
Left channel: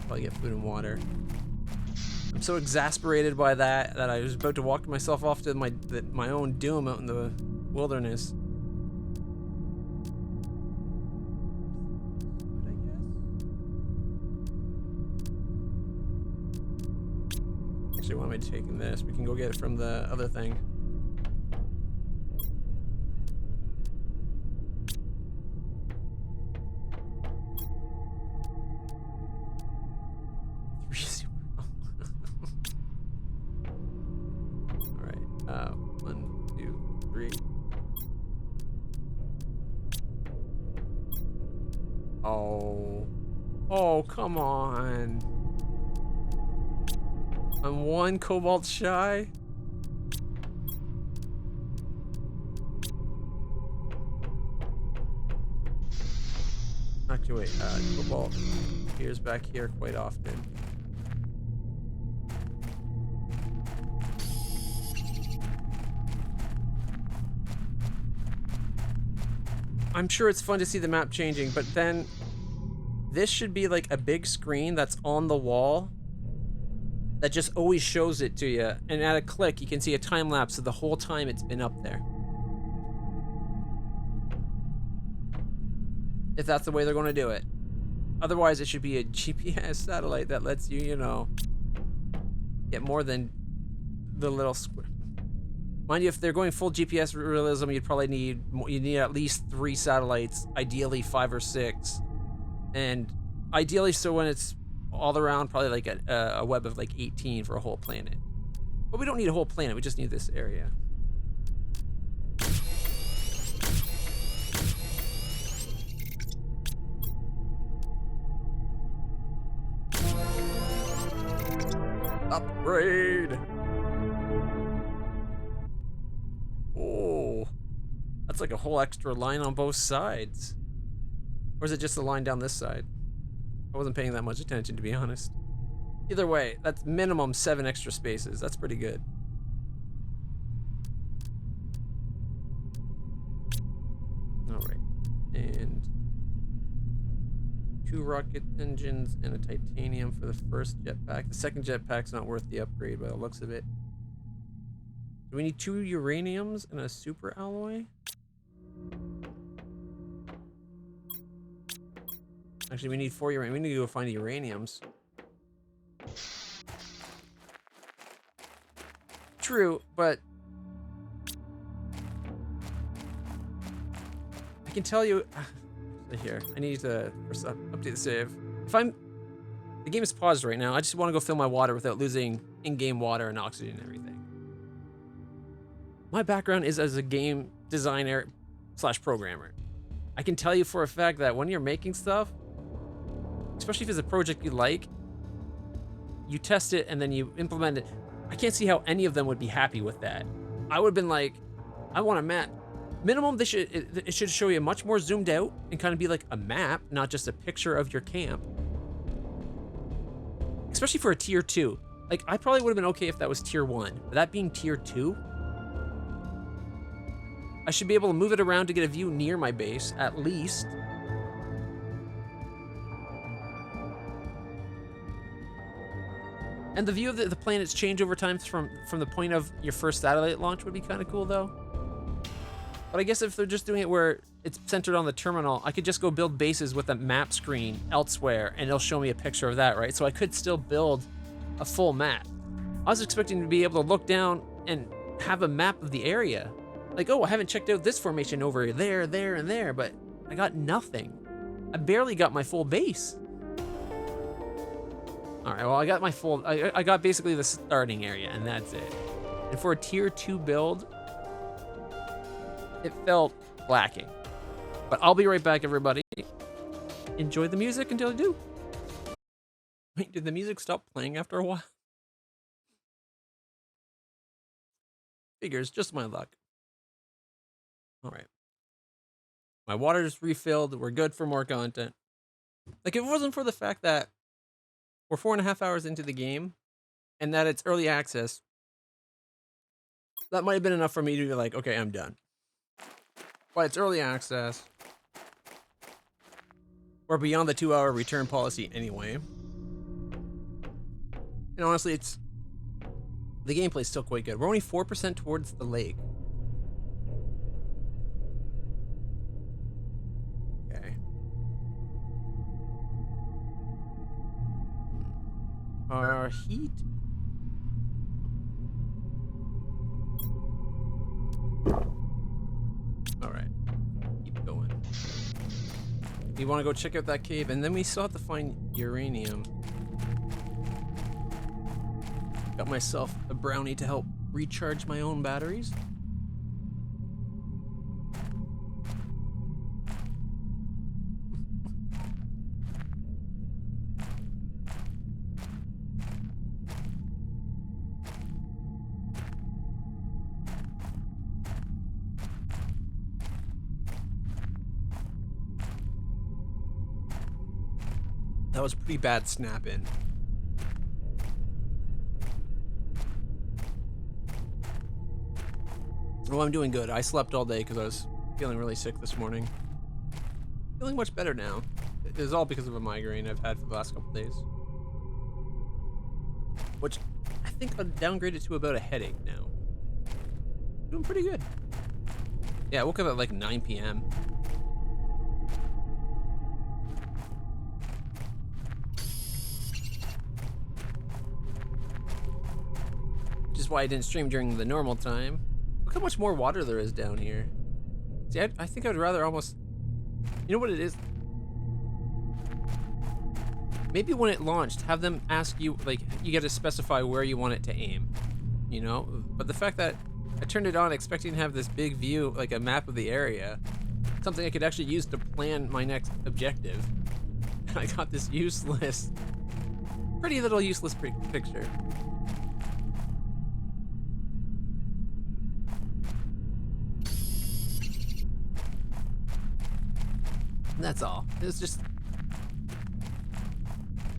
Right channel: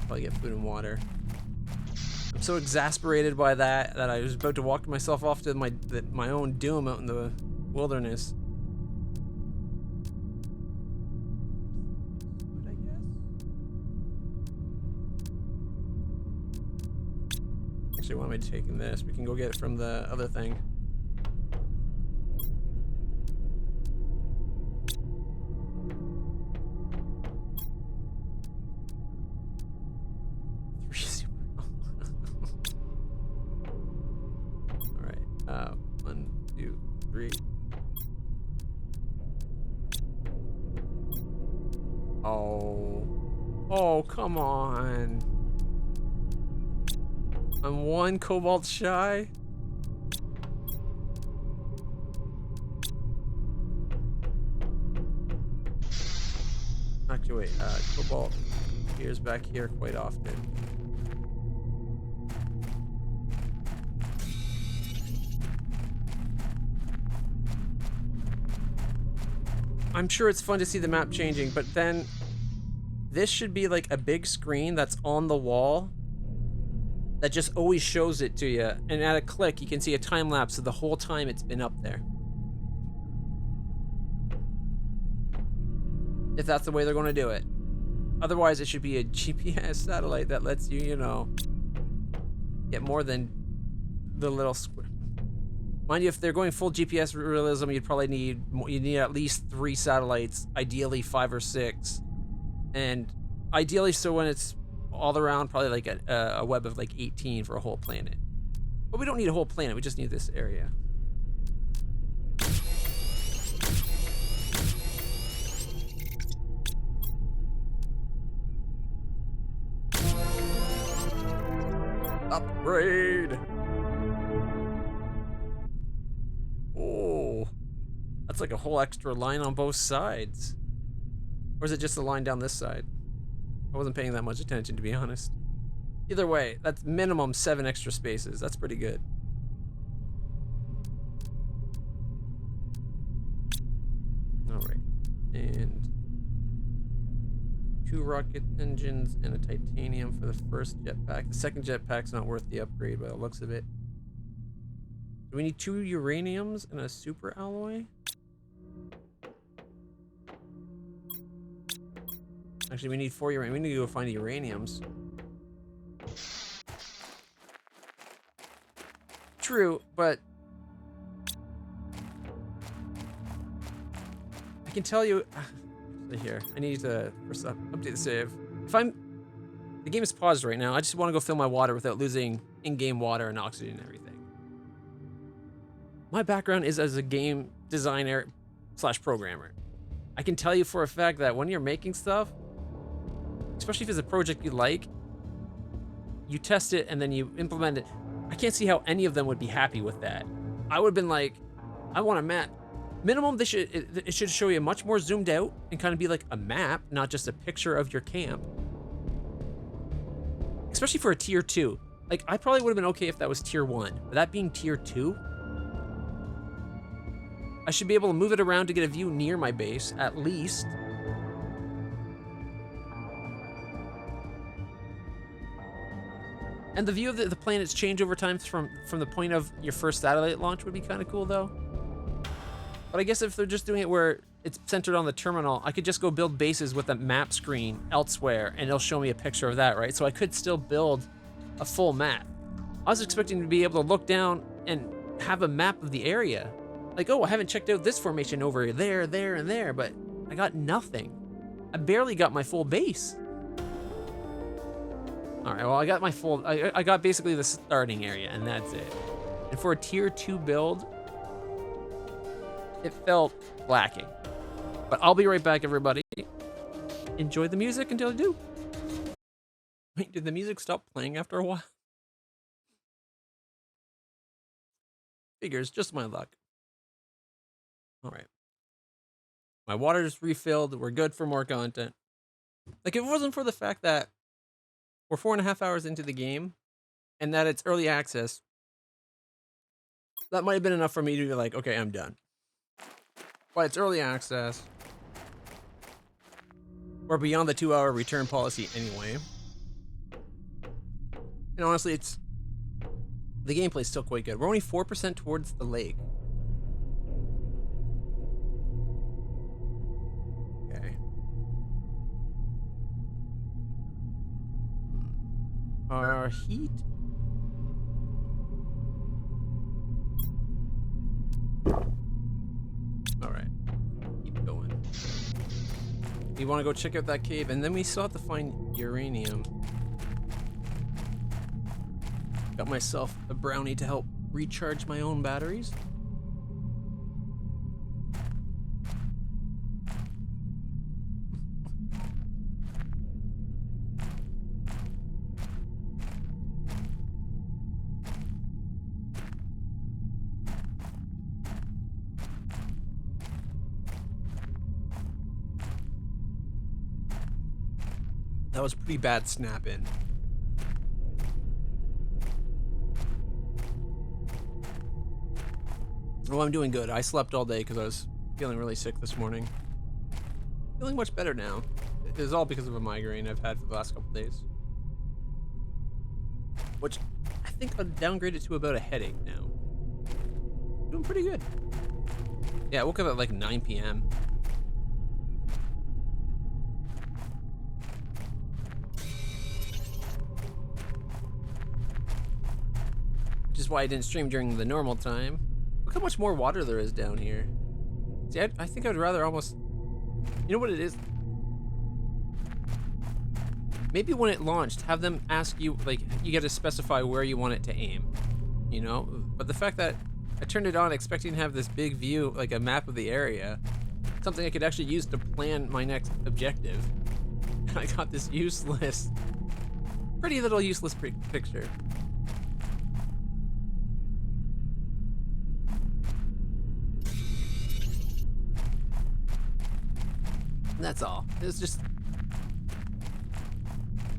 Probably get food and water. I'm so exasperated by that I was about to walk myself off to my own doom out in the wilderness. I guess. Actually, why am I taking this? We can go get it from the other thing. Alright, 1, 2, 3. Oh, come on. I'm 1 cobalt shy. Actually, wait, cobalt appears back here quite often. I'm sure it's fun to see the map changing, but then this should be like a big screen that's on the wall that just always shows it to you, and at a click you can see a time lapse of the whole time it's been up there. If that's the way they're going to do it. Otherwise, it should be a GPS satellite that lets you, you know, get more than the little square. Mind you, if they're going full GPS realism, you'd probably need at least 3 satellites, ideally 5 or 6, and ideally so when it's all around, probably like a web of like 18 for a whole planet. But we don't need a whole planet. We just need this area. Upgrade. Oh, that's like a whole extra line on both sides. Or is it just the line down this side? I wasn't paying that much attention, to be honest. Either way, that's minimum 7 extra spaces. That's pretty good. All right, and 2 rocket engines and a titanium for the first jetpack. The second jetpack's not worth the upgrade by the looks of it. Do we need 2 uraniums and a super alloy? Actually, we need 4 uranium. We need to go find the uraniums. True, but I can tell you. Here, I need to first update the save. The game is paused right now. I just want to go fill my water without losing in-game water and oxygen and everything. My background is as a game designer / programmer. I can tell you for a fact that when you're making stuff, especially if it's a project you like, you test it and then you implement it. I can't see how any of them would be happy with that. I would have been like, I want a map. Minimum, it should show you much more zoomed out and kind of be like a map, not just a picture of your camp. Especially for a tier 2. Like, I probably would have been okay if that was tier 1, but that being tier 2, I should be able to move it around to get a view near my base, at least. And the view of the planets change over time from the point of your first satellite launch would be kind of cool, though. But I guess if they're just doing it where it's centered on the terminal, I could just go build bases with a map screen elsewhere, and it'll show me a picture of that, right? So I could still build a full map. I was expecting to be able to look down and have a map of the area. Like, oh, I haven't checked out this formation over there, there, and there, but I got nothing. I barely got my full base. All right, well, I got my full, I got basically the starting area, and that's it. And for a tier 2 build, it felt lacking. But I'll be right back, everybody. Enjoy the music until I do. Wait, did the music stop playing after a while? Figures, just my luck. All right. My water's refilled. We're good for more content. Like, if it wasn't for the fact that we're 4.5 hours into the game and that it's early access, that might have been enough for me to be like, okay, I'm done. But it's early access. We're beyond the 2-hour return policy anyway. And honestly, the gameplay's still quite good. We're only 4% towards the lake. Okay. Our heat. All right, keep going. We want to go check out that cave, and then we still have to find uranium. Got myself a brownie to help recharge my own batteries. That was pretty bad snap-in. Well, I'm doing good. I slept all day because I was feeling really sick this morning. feeling much better now. It is all because of a migraine I've had for the last couple days. Which I think I've downgraded to about a headache now. Doing pretty good. Yeah, I woke up at like 9 p.m. Which is why I didn't stream during the normal time. Look how much more water there is down here. See, I think I'd rather almost... You know what it is? Maybe when it launched, have them ask you, like, you gotta specify where you want it to aim. You know? But the fact that I turned it on expecting to have this big view, like a map of the area, something I could actually use to plan my next objective. And I got this useless, pretty little useless picture. That's all. It's just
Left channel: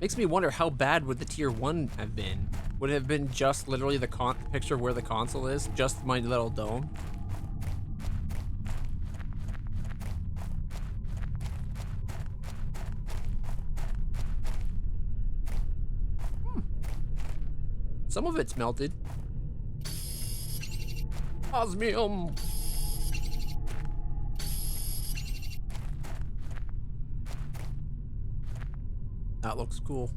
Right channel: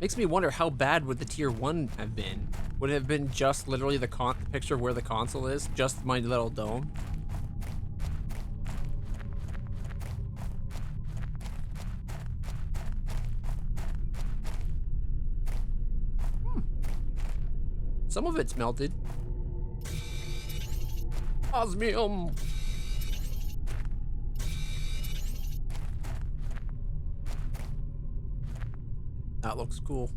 makes me wonder how bad would the tier 1 have been? Would it have been just literally the picture of where the console is? Just my little dome? Some of it's melted. Osmium! That looks cool.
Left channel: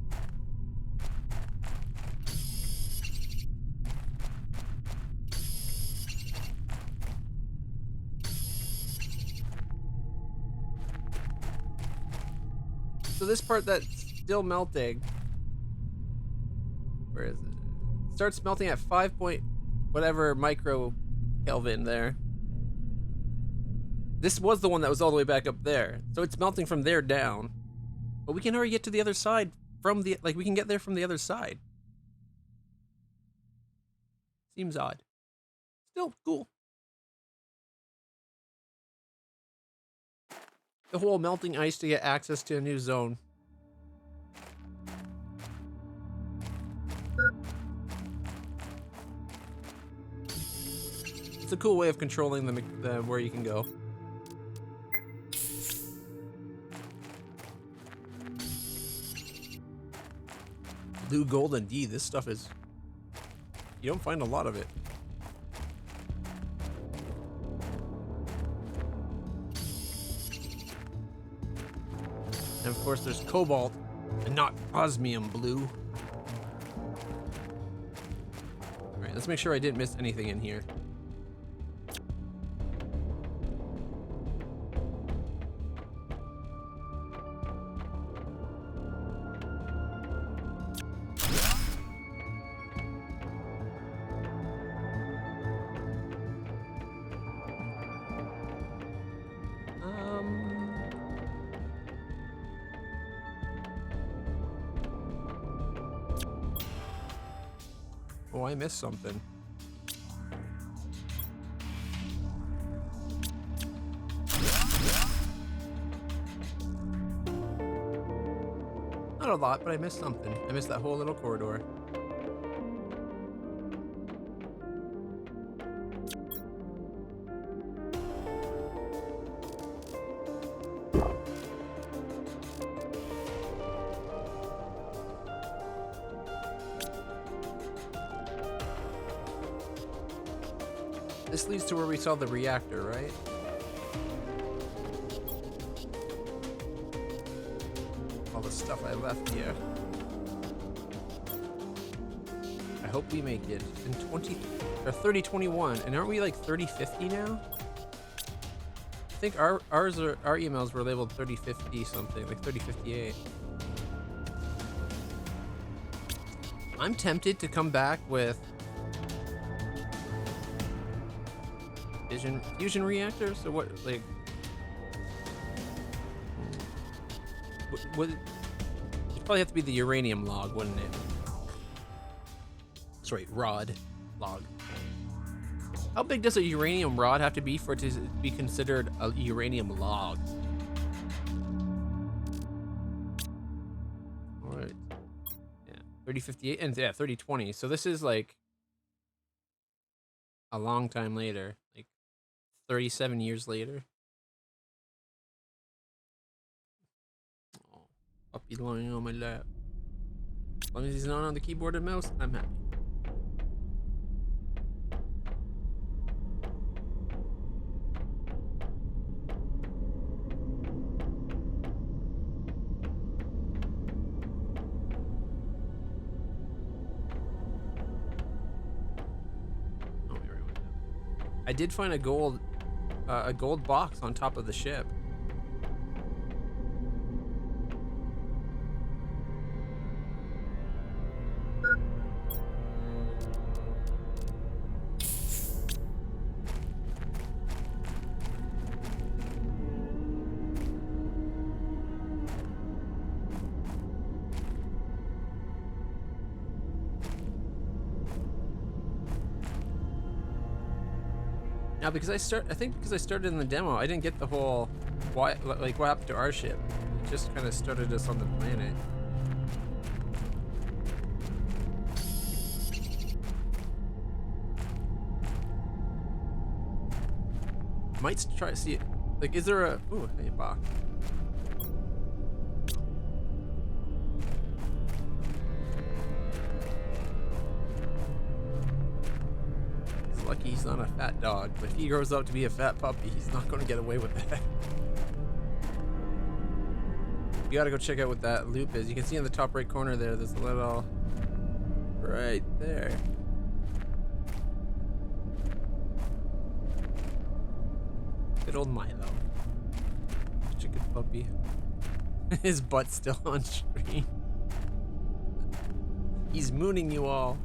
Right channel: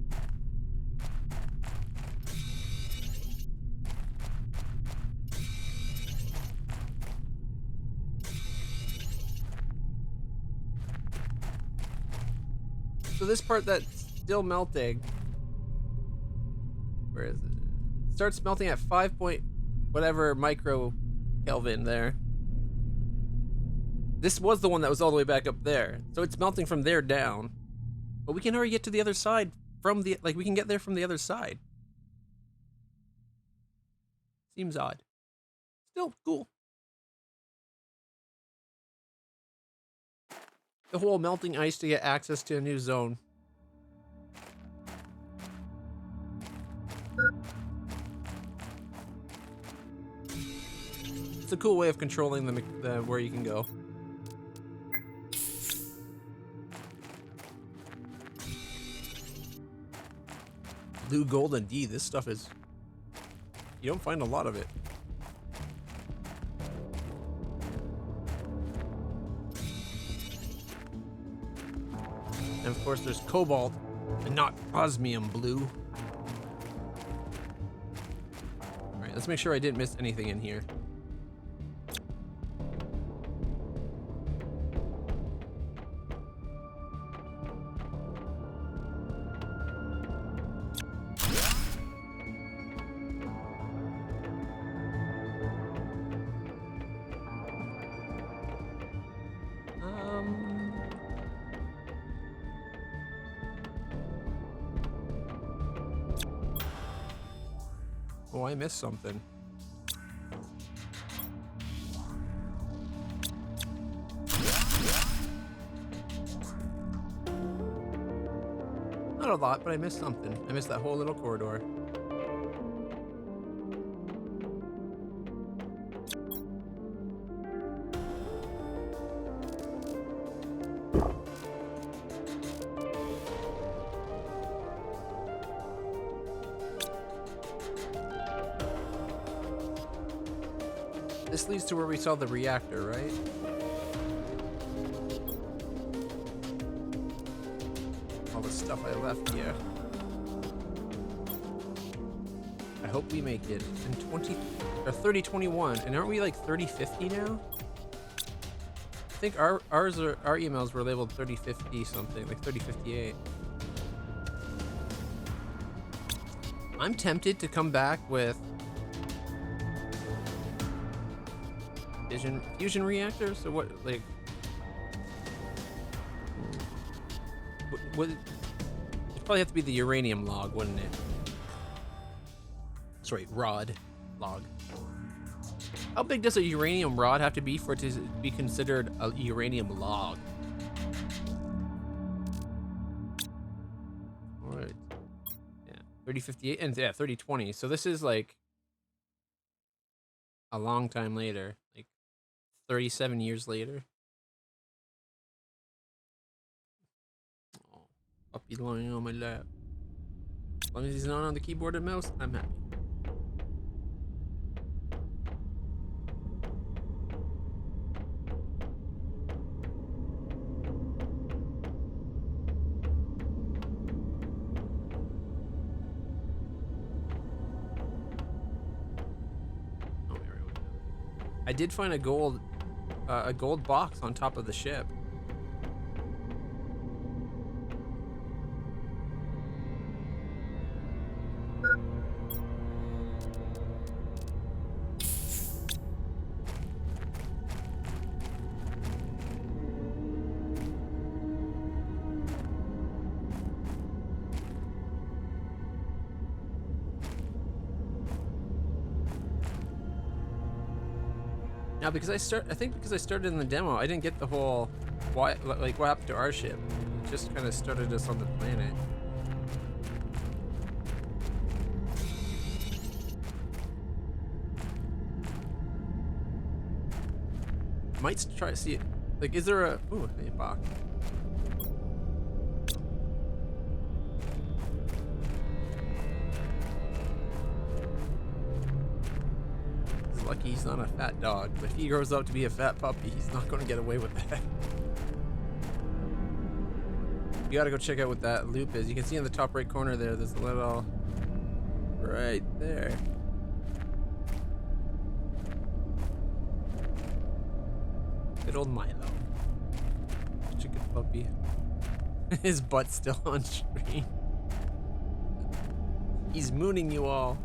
So this part that's still melting, where is it? Starts melting at 5 point whatever micro Kelvin there. This was the one that was all the way back up there. So it's melting from there down. But we can already get to the other side from the, like, we can get there from the other side. Seems odd. Still cool. The whole melting ice to get access to a new zone. It's a cool way of controlling the where you can go. Blue, gold, and D. This stuff is... You don't find a lot of it. And of course there's cobalt and not osmium blue. Alright, let's make sure I didn't miss anything in here. Oh, I missed something. Not a lot, but I missed something. I missed that whole little corridor. This leads to where we saw the reactor, right? All the stuff I left here. I hope we make it in 3021, and aren't we like 3050 now? I think our emails were labeled 3050 something, like 3058. I'm tempted to come back with fusion reactor. So what, like, would it'd probably have to be the uranium log, wouldn't it? Sorry, rod log. How big does a uranium rod have to be for it to be considered a uranium log? All right, yeah, 3058 and yeah, 3020. So this is like a long time later, like 37 years later. Puppy lying on my lap. As long as he's not on the keyboard and mouse, I'm happy. I did find a gold box on top of the ship. Now, because I think because I started in the demo, I didn't get the whole what happened to our ship. It just kind of started us on the planet. Might try to see it. Like, is there a a box? Lucky he's not a fat dog, but if he grows up to be a fat puppy, he's not going to get away with that. You gotta go check out what that loop is. You can see in the top right corner there's a little... right there. Good old Milo. Such a good puppy. His butt's still on screen. He's mooning you all.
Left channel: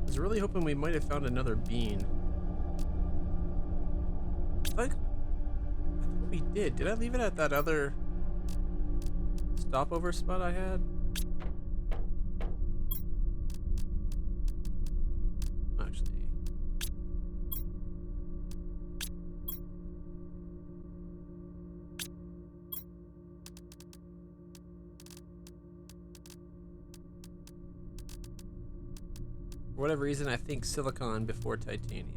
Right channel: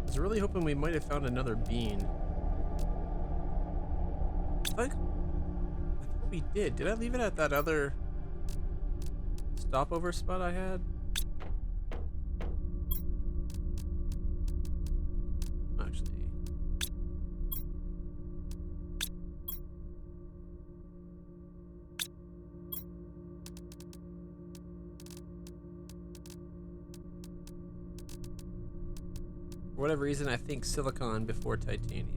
I was really hoping we might have found another bean. I thought we did. Did I leave it at that other stopover spot I had? Actually. For whatever reason, I think silicon before titanium.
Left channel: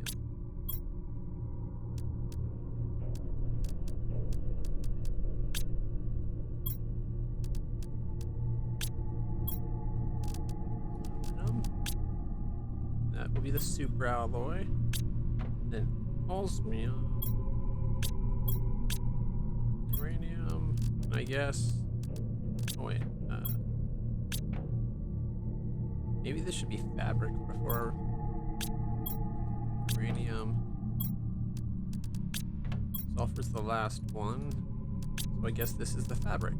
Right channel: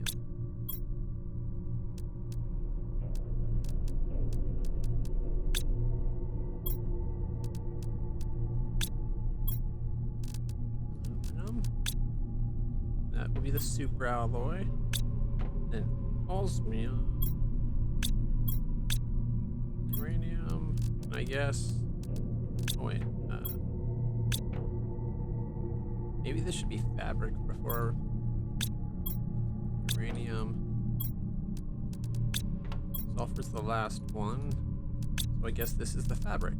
Aluminum. That will be the super alloy. Then osmium. Uranium. I guess. Oh wait. Maybe this should be fabric before uranium. Sulfur's the last one. So I guess this is the fabric.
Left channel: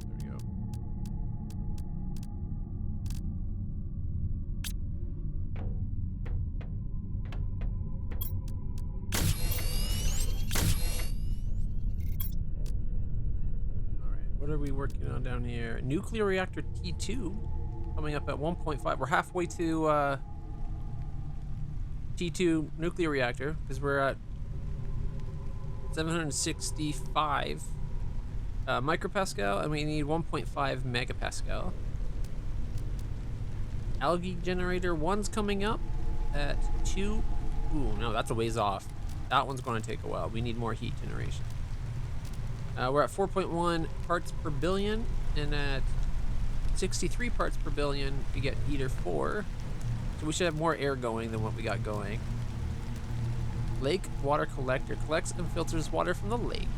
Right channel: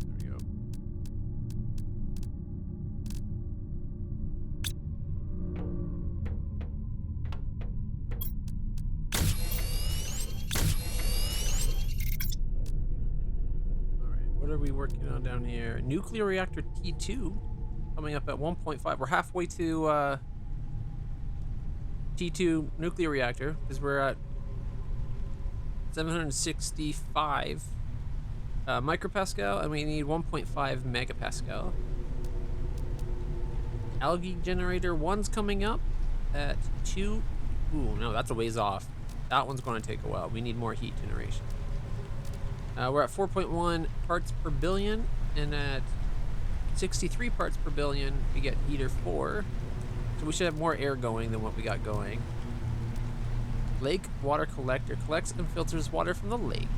There we go. What are we working on down here? Nuclear reactor T2 coming up at 1.5. We're halfway to T2 nuclear reactor because we're at 765 micropascal and we need 1.5 megapascal. Algae generator 1's coming up at 2. Ooh, no, that's a ways off. That one's going to take a while. We need more heat generation. We're at 4.1 parts per billion, and at 63 parts per billion, we get heater 4. So we should have more air going than what we got going. Lake water collector collects and filters water from the lake.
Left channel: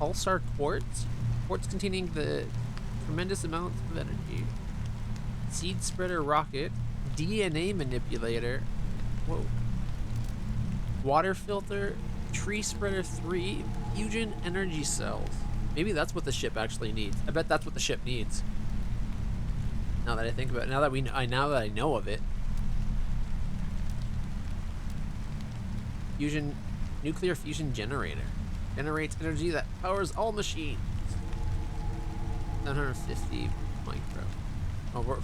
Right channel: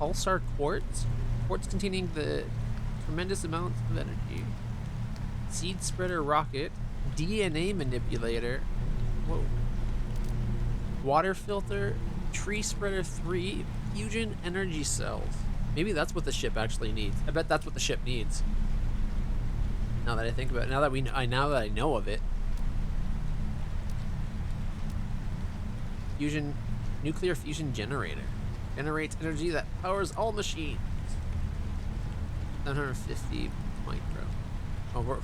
Pulsar quartz. Quartz containing the tremendous amounts of energy. Seed spreader rocket. DNA manipulator. Whoa. Water filter. Tree spreader 3. Fusion energy cells. Maybe that's what the ship actually needs. I bet that's what the ship needs. Now that I think about it, now that I know of it. fusion, nuclear fusion generator. Generates energy that powers all machines. 750 micro. Oh, we're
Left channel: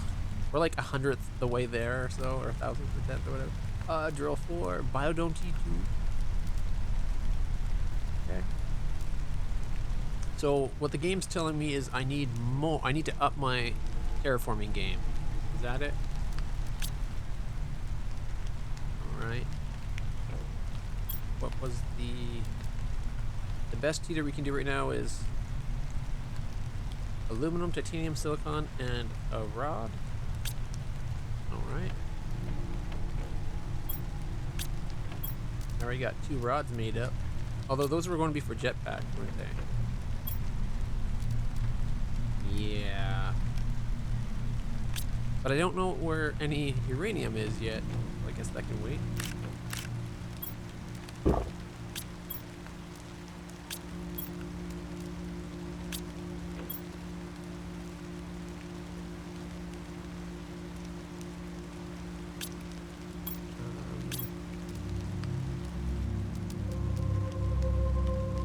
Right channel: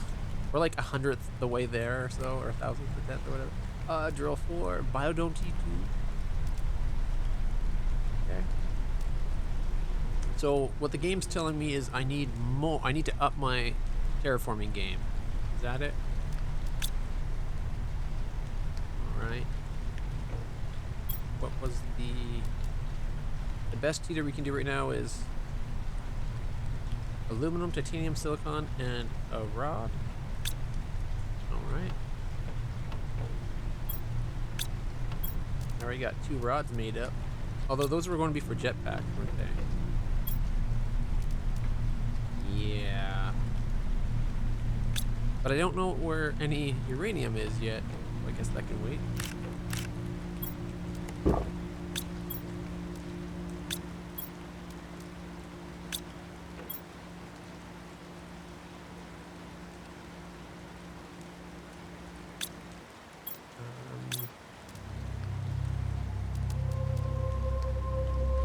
like 100th the way there or so, or 1,000th or 10th or whatever. Drill 4, Biodome T2. Okay. So what the game's telling me is I need more. I need to up my terraforming game. Is that it? All right. What was the best heater we can do right now is aluminum, titanium, silicon, and a rod. All right. I already got 2 rods made up. Although those were going to be for jetpack, weren't they? Yeah. But I don't know where any uranium is yet. So I guess that can wait.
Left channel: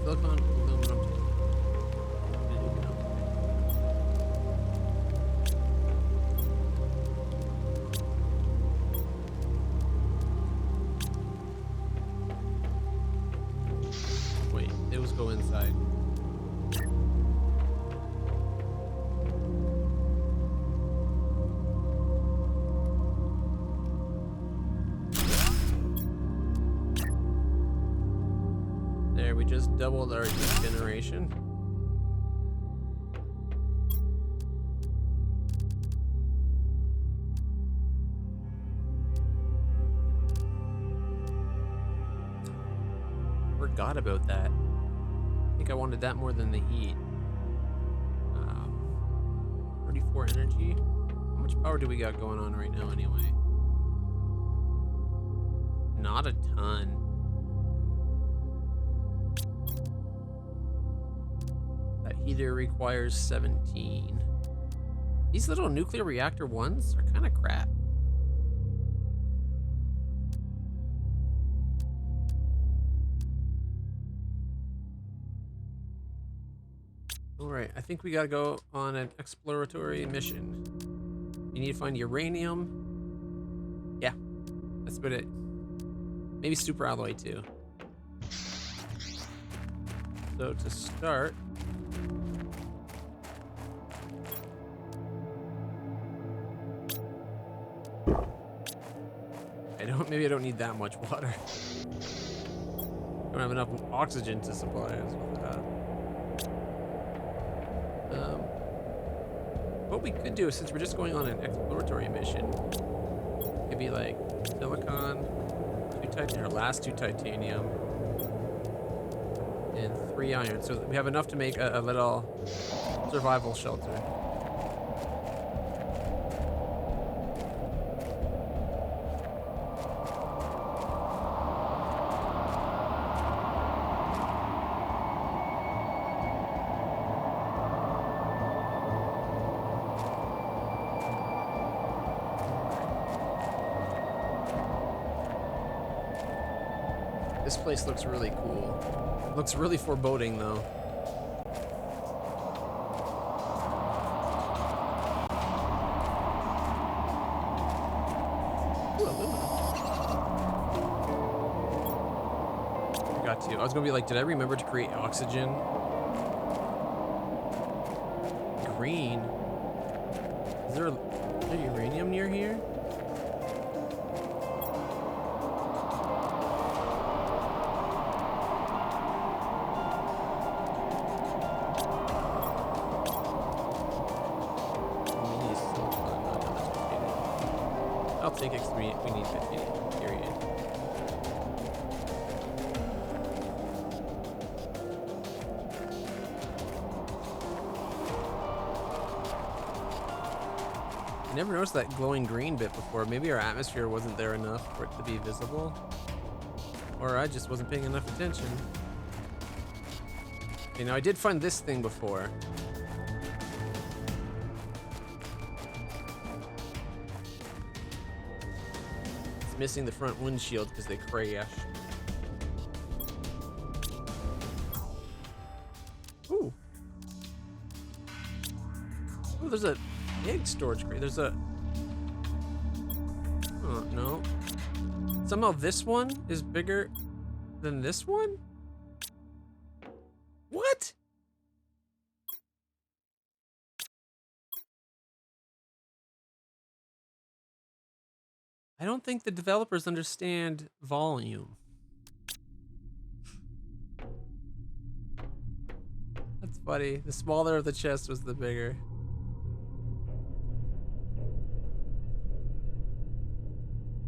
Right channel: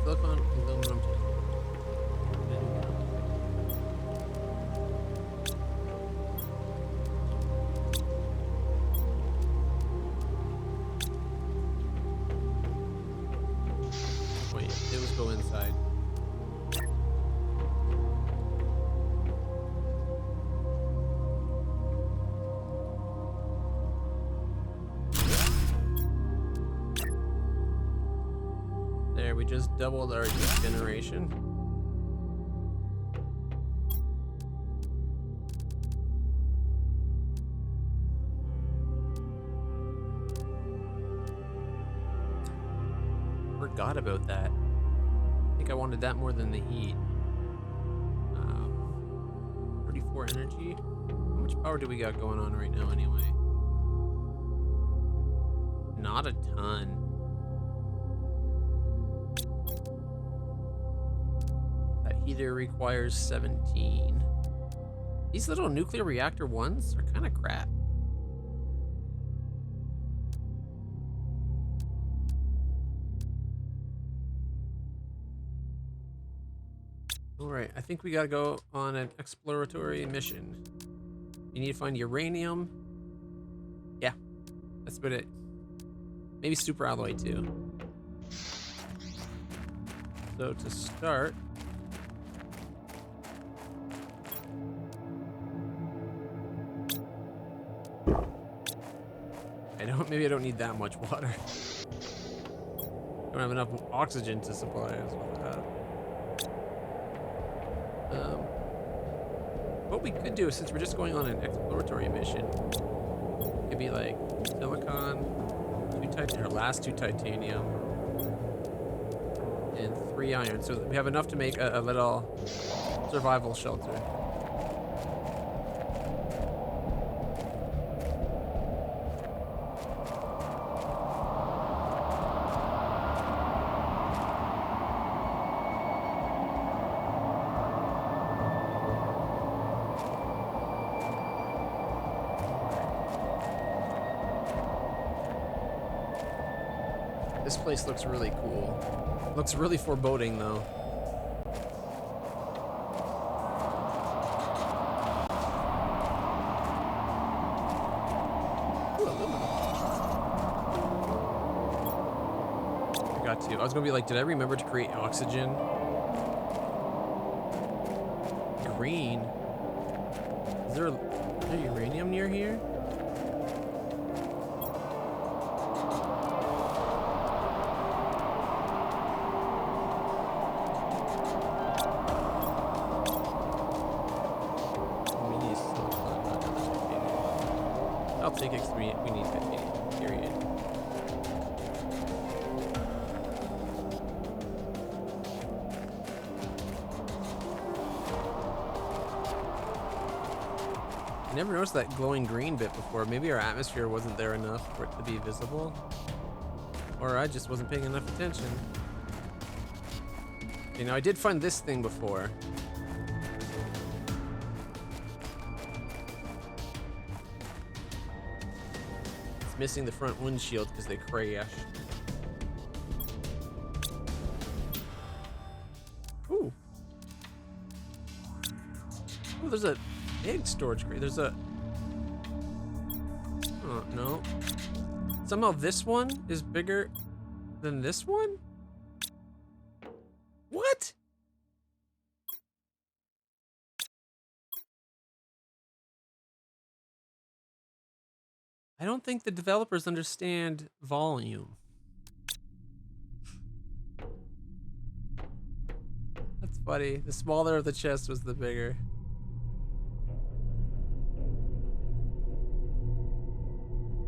Silicon, aluminum, wait, those go inside. There, we just doubled our heat generation. Forgot about that. I think I wanted that more than the heat. 34 energy. How much power do we got going on right now anyway? Not a ton. That heater requires 17. These little nuclear reactor ones are kind of crap. Alright, I think we gotta go on an exploratory mission. You need to find uranium. Yeah, that's about it. Maybe super alloy too. So to start, maybe I don't need that much water. Don't have enough oxygen to supply us with that. What we could do, since we're just going on an exploratory mission, could be like silicon, 2 titanium, or last 2 titanium, and 3 iron. So we have enough to make a little survival shelter. This place looks really cool. Looks really foreboding though. Ooh, aluminum. I got to. I was gonna be like, did I remember to create oxygen? Green. Is there uranium near here? I'll take X3. We need 50, period. I never noticed that glowing green bit before. Maybe our atmosphere wasn't there enough for it to be visible. Or I just wasn't paying enough attention. You know, I did find this thing before. Missing the front windshield because they crashed. Oh, there's a big storage crate. There's a... Oh, no. Somehow this one is bigger than this one? What? I don't think the developers understand volume. That's funny. The smaller of the chest was the bigger.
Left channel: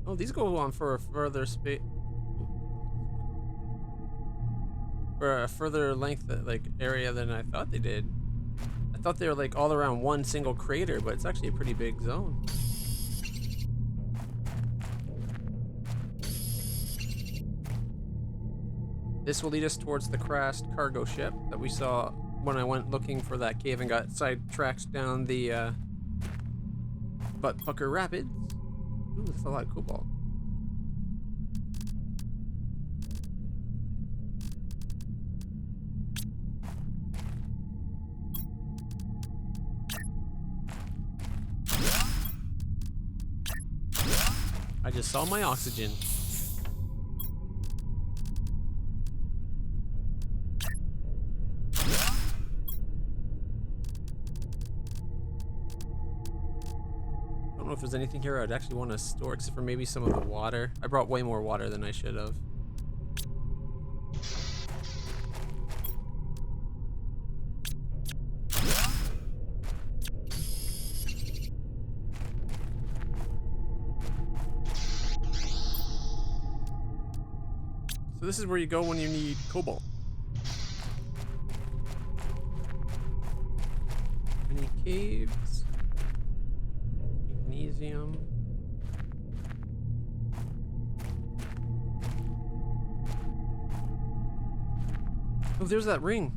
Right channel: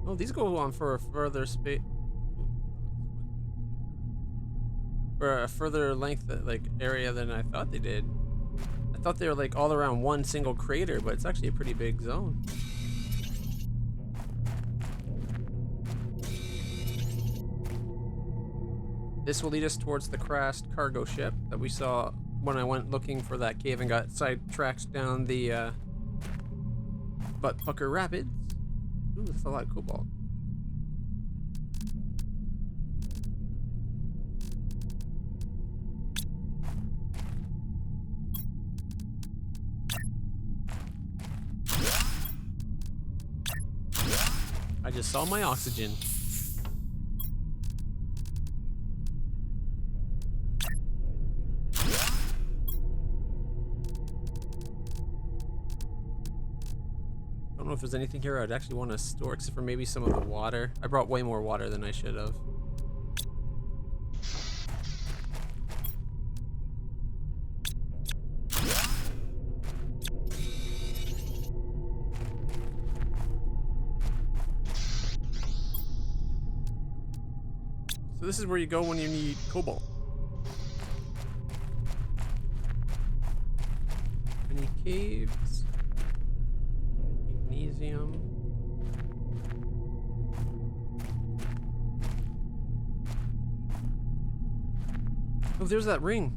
Oh, these go on for a further space. For a further length, like, area than I thought they did. I thought they were like all around one single crater, but it's actually a pretty big zone. This will lead us towards the crashed cargo ship that we saw when I went looking for that cave and got sidetracked down the Butt Pucker Rapids. Ooh, that's a lot of cobalt. I just saw my oxygen. I don't know if there's anything here I'd actually want to store except for maybe some of the water. I brought way more water than I should have. So this is where you go when you need cobalt. Any caves? Magnesium. Oh, there's that ring.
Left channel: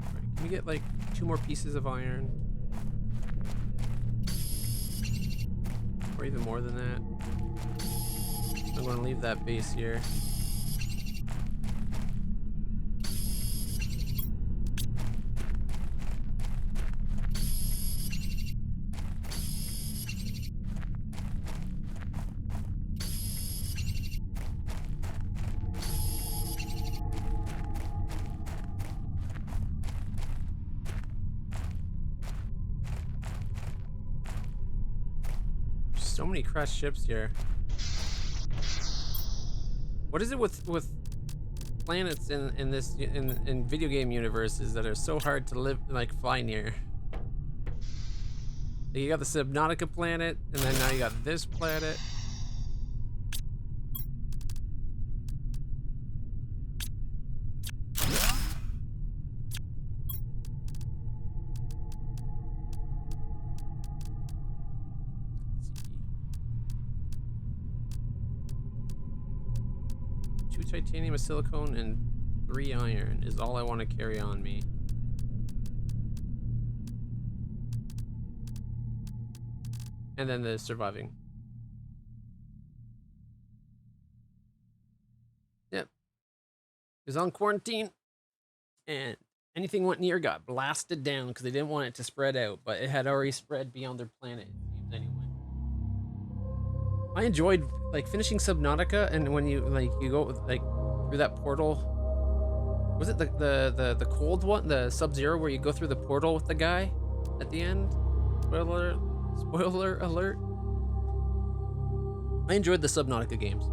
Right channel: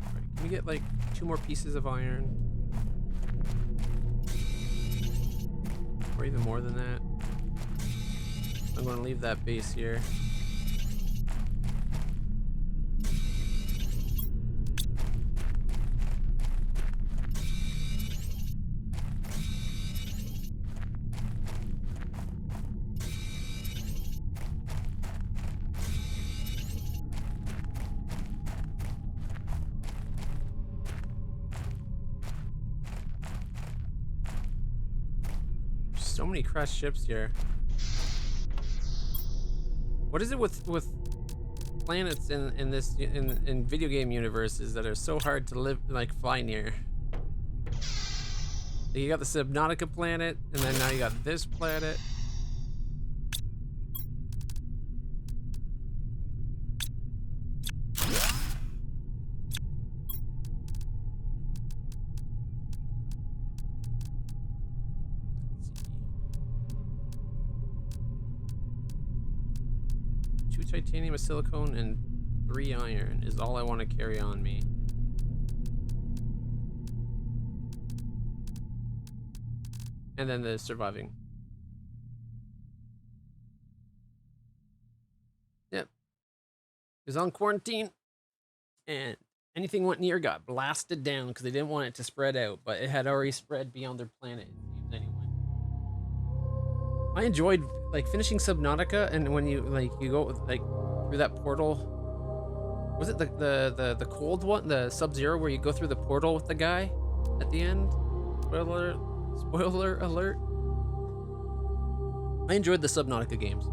All right, can we get like 2 more pieces of iron? Or even more than that. I'm going to leave that base here. So many crashed ships here. What is it with planets in this in video game universes that are so hard to live, like, fly near? Like, you got the Subnautica planet, and then now you got this planet. Titanium, a silicone, and 3 iron is all I want to carry on me. And then the surviving. Yep. It was on quarantine, and anything went near got blasted down because they didn't want it to spread out, but it had already spread beyond their planet, it seems, anyway. I enjoyed, like, finishing Subnautica, and when you, like, you go, like, through that portal. Was it the cold one, the Sub-Zero, where you go through the portal with the guy at the end? Spoiler alert. I enjoyed the Subnautica games.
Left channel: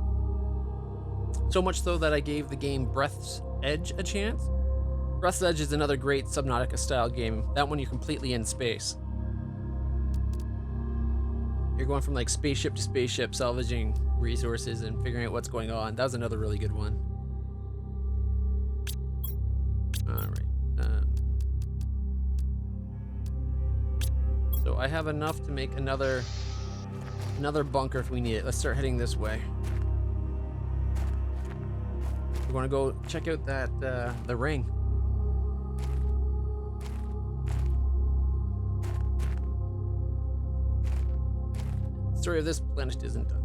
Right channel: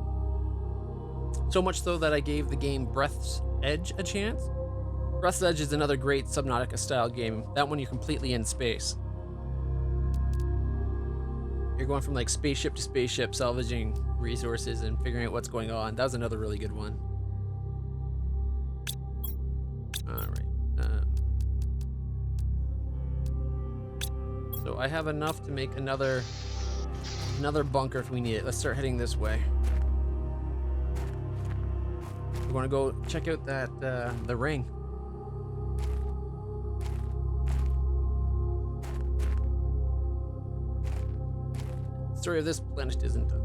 So much so that I gave the game Breath's Edge a chance. Breath's Edge is another great Subnautica style game. That one you're completely in space. You're going from, like, spaceship to spaceship, salvaging resources and figuring out what's going on. That was another really good one. Alright. So I have enough to make another bunker if we need it. Let's start heading this way. We're gonna go check out that the ring. The story of this planet isn't done.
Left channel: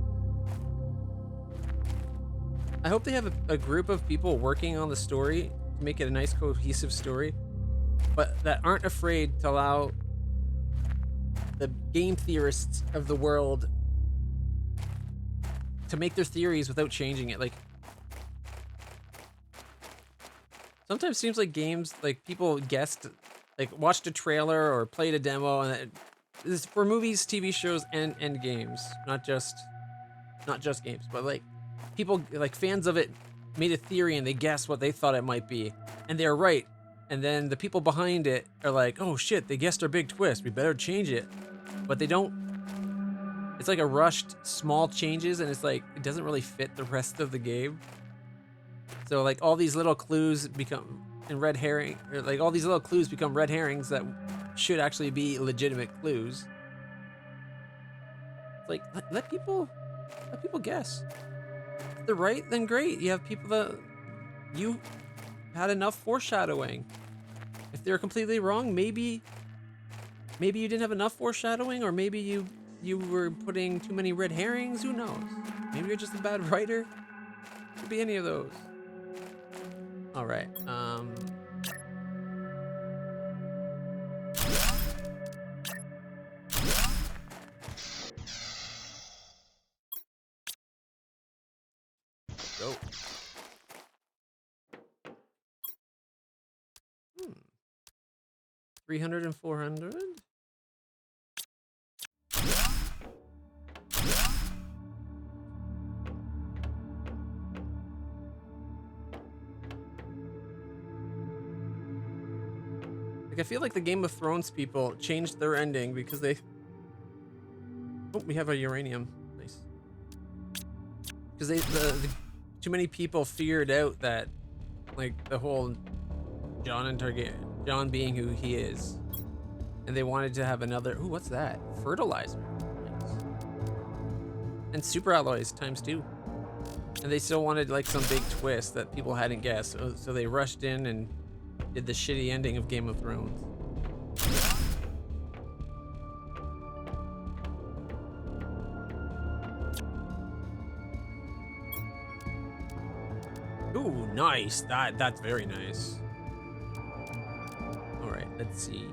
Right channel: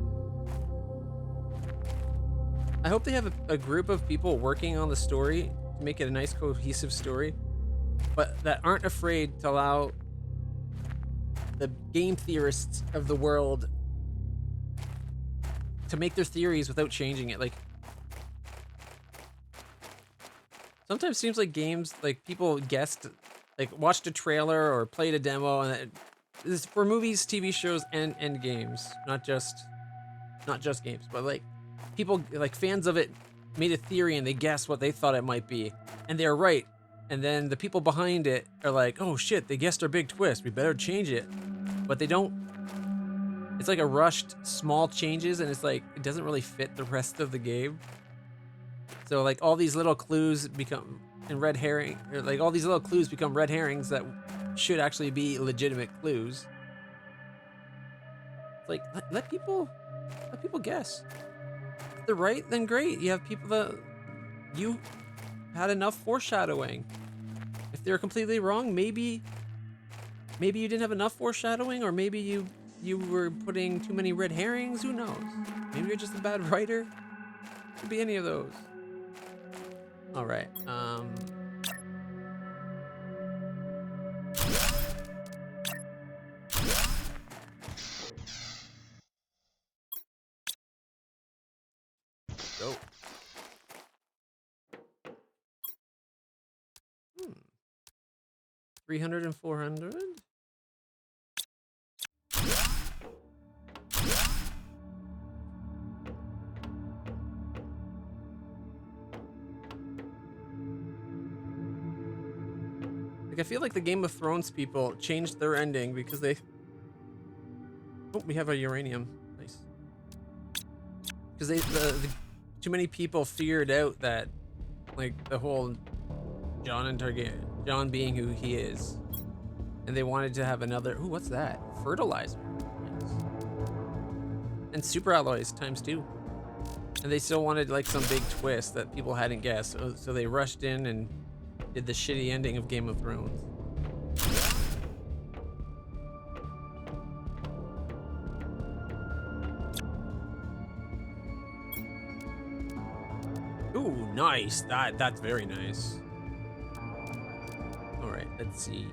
I hope they have a group of people working on the story to make it a nice cohesive story, but that aren't afraid to allow the game theorists of the world to make their theories without changing it. Like, sometimes it seems like games, like people guessed, like watched a trailer or played a demo, and this is for movies, TV shows, and games, not just games, but like people, like fans of it, made a theory and they guessed what they thought it might be, and they're right. And then the people behind it are like, oh shit, they guessed our big twist, we better change it. But they don't. It's like a rushed small changes, and it's like it doesn't really fit the rest of the game. So like all these little clues become red herring, or like all these little clues become red herrings that should actually be legitimate clues. It's like let people guess. If they're right, then great. You have people that you had enough foreshadowing. If they're completely wrong, maybe you didn't have enough foreshadowing, or maybe you were putting too many red herrings. Who knows? Maybe you're just a bad writer. Could be any of those. All right. Go. 300 and 400. Like, I feel like the Game of Thrones people changed their ending because they... Oh, we have a uranium. Nice. Because the too many people figured out that, like, the whole Jon being who he is, and they wanted to have another... Ooh, what's that? Fertilizer. Nice. And super alloys ×2. And they still wanted, like, some big twist that people hadn't guessed, so they rushed in and did the shitty ending of Game of Thrones. Ooh, nice. That's very nice. All right, let's see.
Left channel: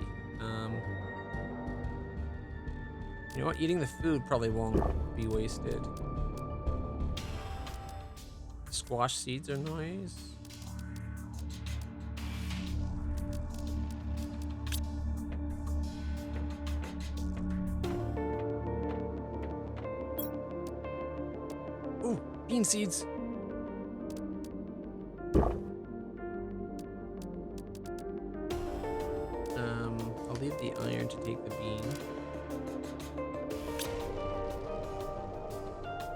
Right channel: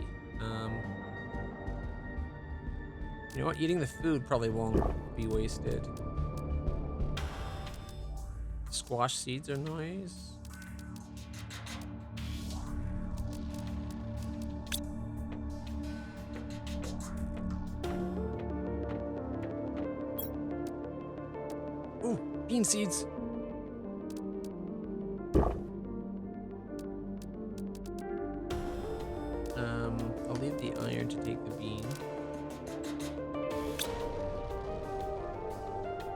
You know what? Eating the food probably won't be wasted. Squash seeds are nice. Ooh, bean seeds. I'll leave the iron to take the bean.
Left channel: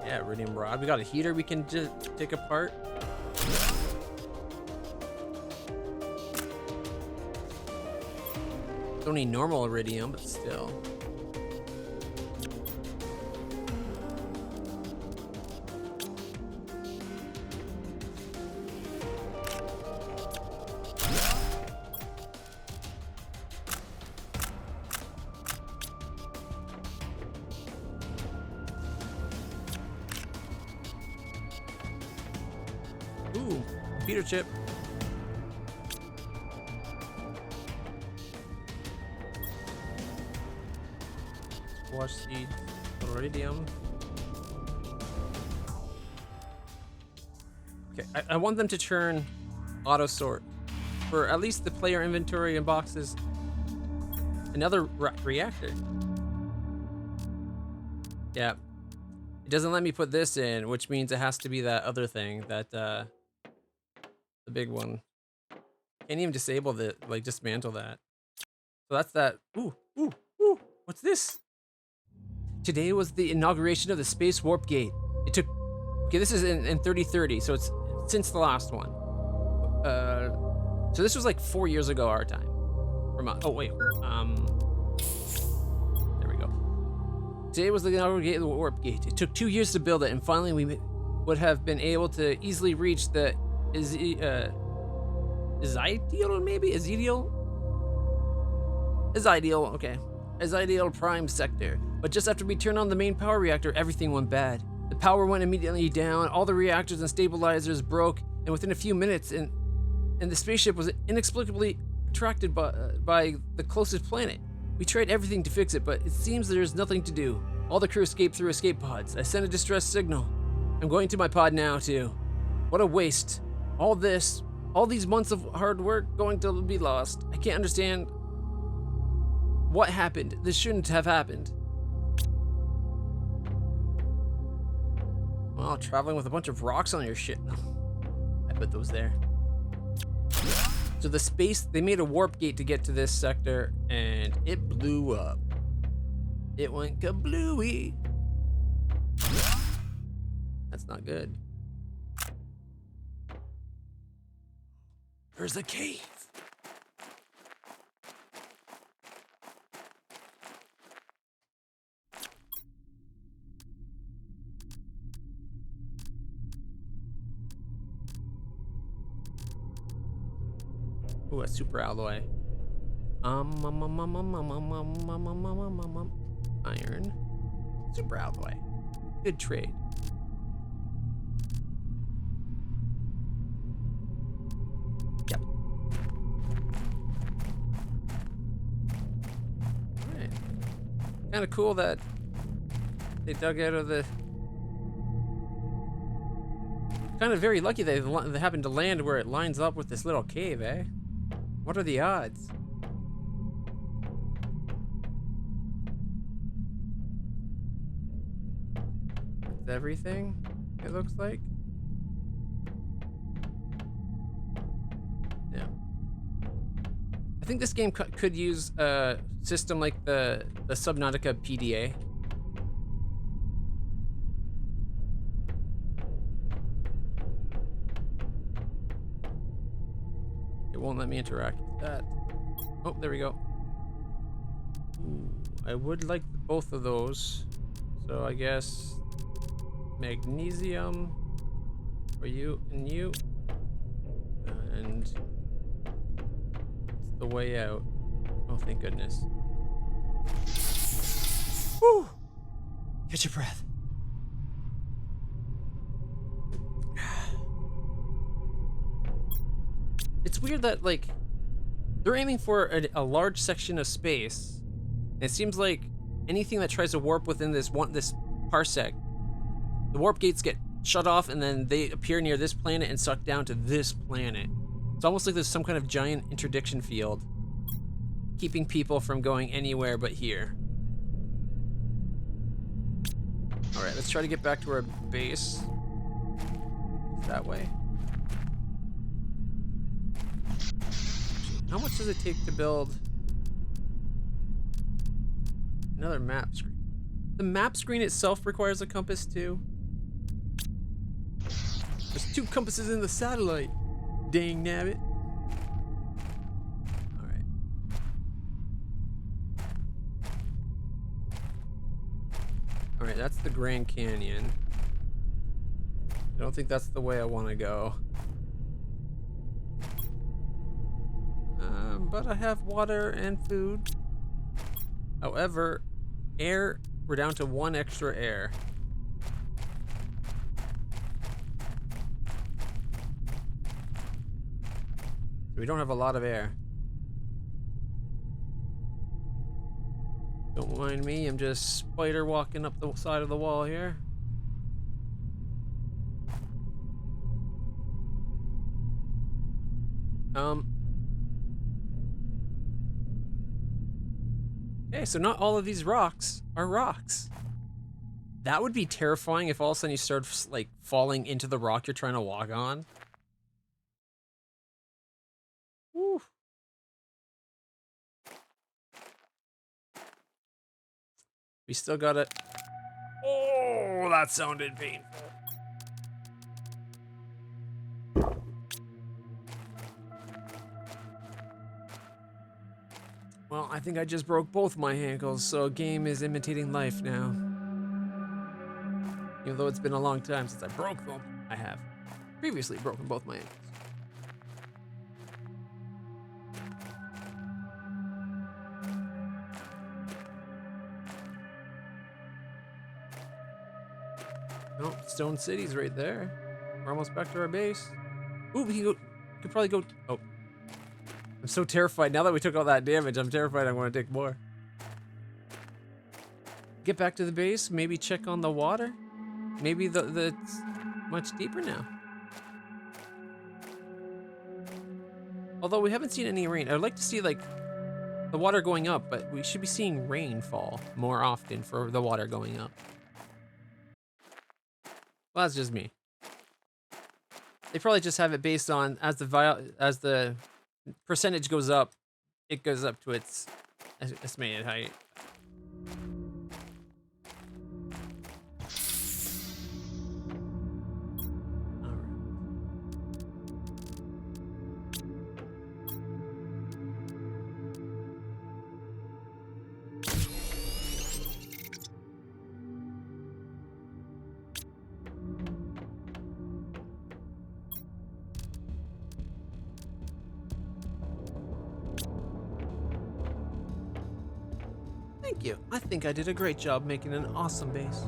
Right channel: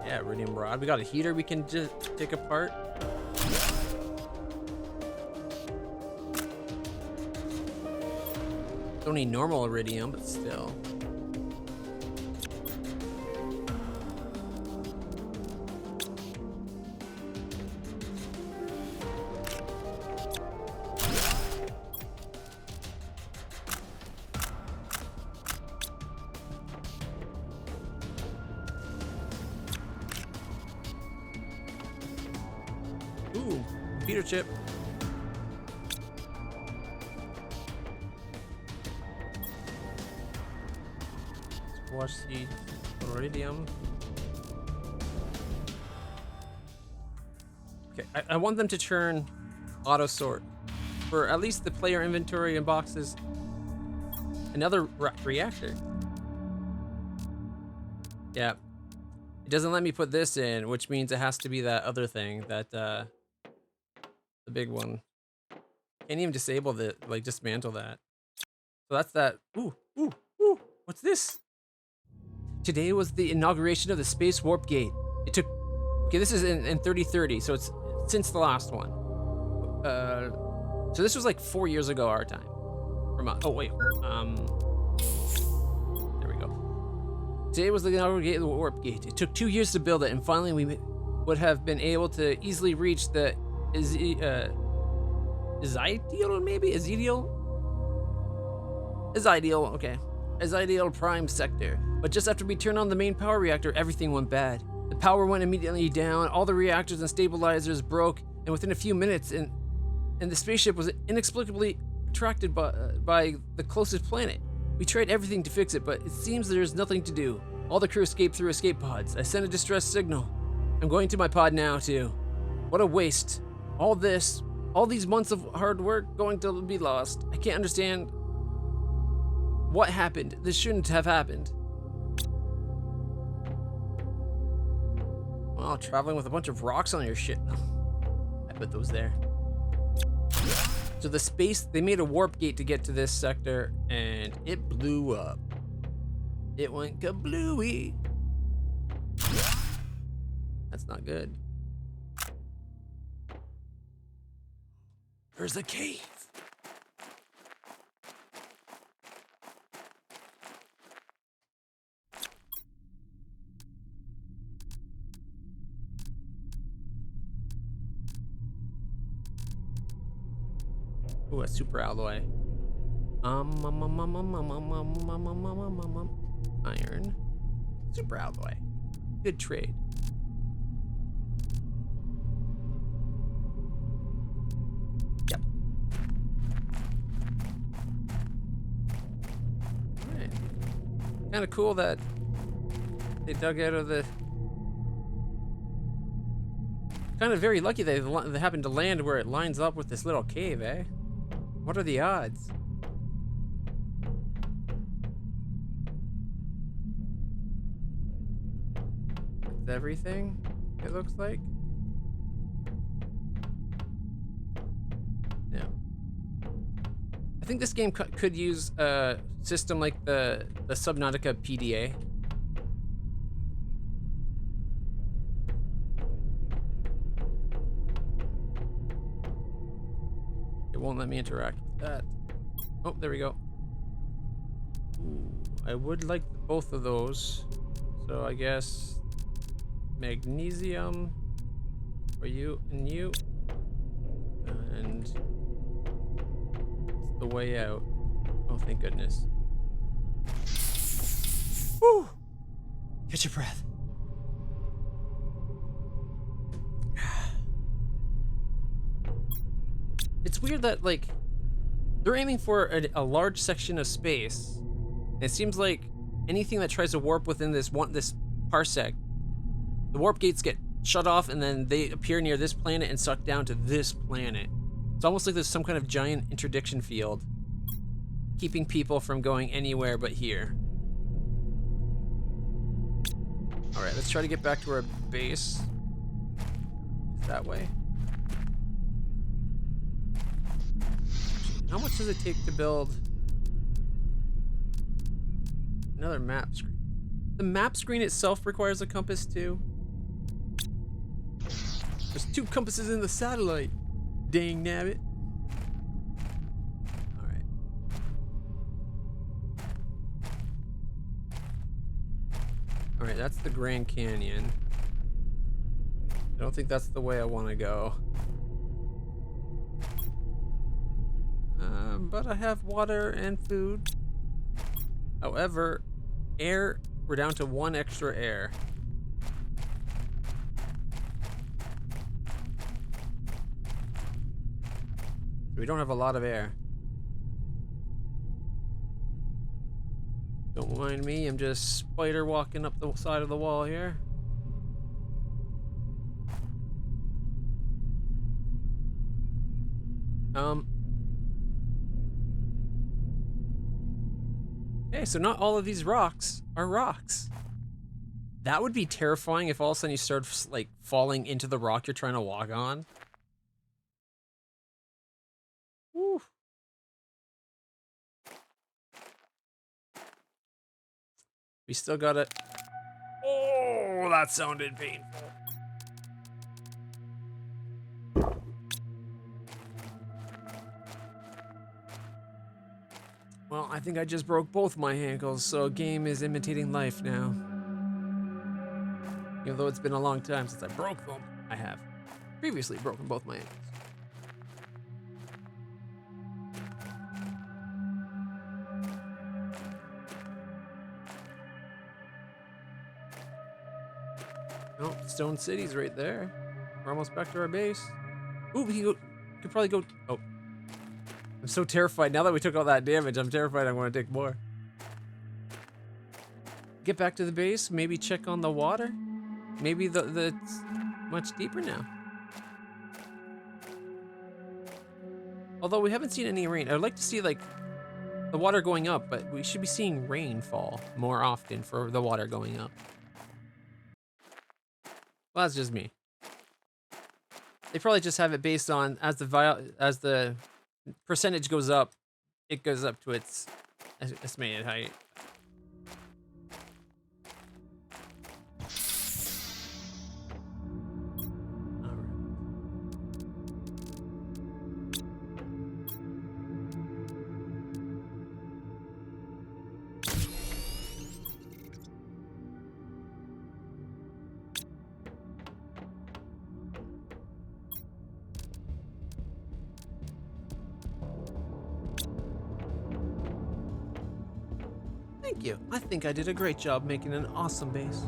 Yeah, iridium rod. We got a heater we can just take apart. Don't need normal iridium, but still. Ooh, computer chip. Squash seeds, iridium. Okay, I want them to turn auto sort for at least the player inventory and boxes. Another reactor. Yeah. It doesn't let me put this in, which means it has to be that other thing, that the big one. Can't even disable the, like, dismantle that. So that's that. Ooh, ooh, ooh. What's this? Today was the inauguration of the Space Warp Gate. It took... Okay, this is in 3030, so it's since the last one. So this was like 4 years ago our time. Oh, wait. There we go. Today was the inauguration of the Warp Gate. It took 2 years to build it, and finally we would have been able to easily reach the... Ezidial, maybe? Ezidial, okay. Ezidial Prime Sector. But just after we turned on the main power reactor, everything went bad. The power went immediately down, all the reactors and stabilizers broke, and within a few minutes, and the spaceship was inexplicably attracted by the closest planet. We tried everything to fix it, but it seems there's nothing to do. All the crew escaped through escape pods. I sent a distress signal. I'm going to my pod now, too. What a waste. All these months of hard work going to be lost. I can't understand what happened. This shouldn't have happened. Well, traveling with a bunch of rocks on your shit. I put those there. So the space, they made a warp gate to get to this sector, and it blew up. It went kablooey. That's not good. There's a cave. Ooh, a super alloy. Iron. Super alloy. Good trade. Yep. Alright. Kind of cool that they dug out of the... Kind of very lucky they happened to land where it lines up with this little cave, eh? What are the odds? That's everything, it looks like. Yeah. I think this game could use a system like the Subnautica PDA. It won't let me interact with that. Oh, there we go. Ooh, I would like both of those. So I guess magnesium for you and you. And it's the way out. Oh, thank goodness. Woo! Catch your breath. It's weird that, like, they're aiming for a large section of space. And it seems like anything that tries to warp within this parsec, the warp gates get shut off and then they appear near this planet and suck down to this planet. It's almost like there's some kind of giant interdiction field keeping people from going anywhere but here. All right, let's try to get back to our base. That way. How much does it take to build another map screen? The map screen itself requires a compass too. There's 2 compasses in the satellite. Dang nabbit. Alright. Alright, that's the Grand Canyon. I don't think that's the way I want to go. But I have water and food. However, air, we're down to 1 extra air. So we don't have a lot of air. Don't mind me, I'm just spider walking up the side of the wall here. Okay, so not all of these rocks are rocks. That would be terrifying if all of a sudden you start, like, falling into the rock you're trying to walk on. Woo. We still got it. Oh, that sounded painful. Well, I think I just broke both my ankles, so game is imitating life now. Even though it's been a long time since I broke them, I have previously broken both my ankles. stone cities right there. We're almost back to our base. Ooh, we could probably go. Oh, I'm so terrified now that we took all that damage. I'm terrified I'm going to take more. Get back to the base. Maybe check on the water. Maybe it's much deeper now. Although we haven't seen any rain. I'd like to see like the water going up, but we should be seeing rainfall more often for the water going up. Well, that's just me. They probably just have it based on as the percentage goes up, it goes up to its estimated height. Thank you. I think I did a great job making an awesome base.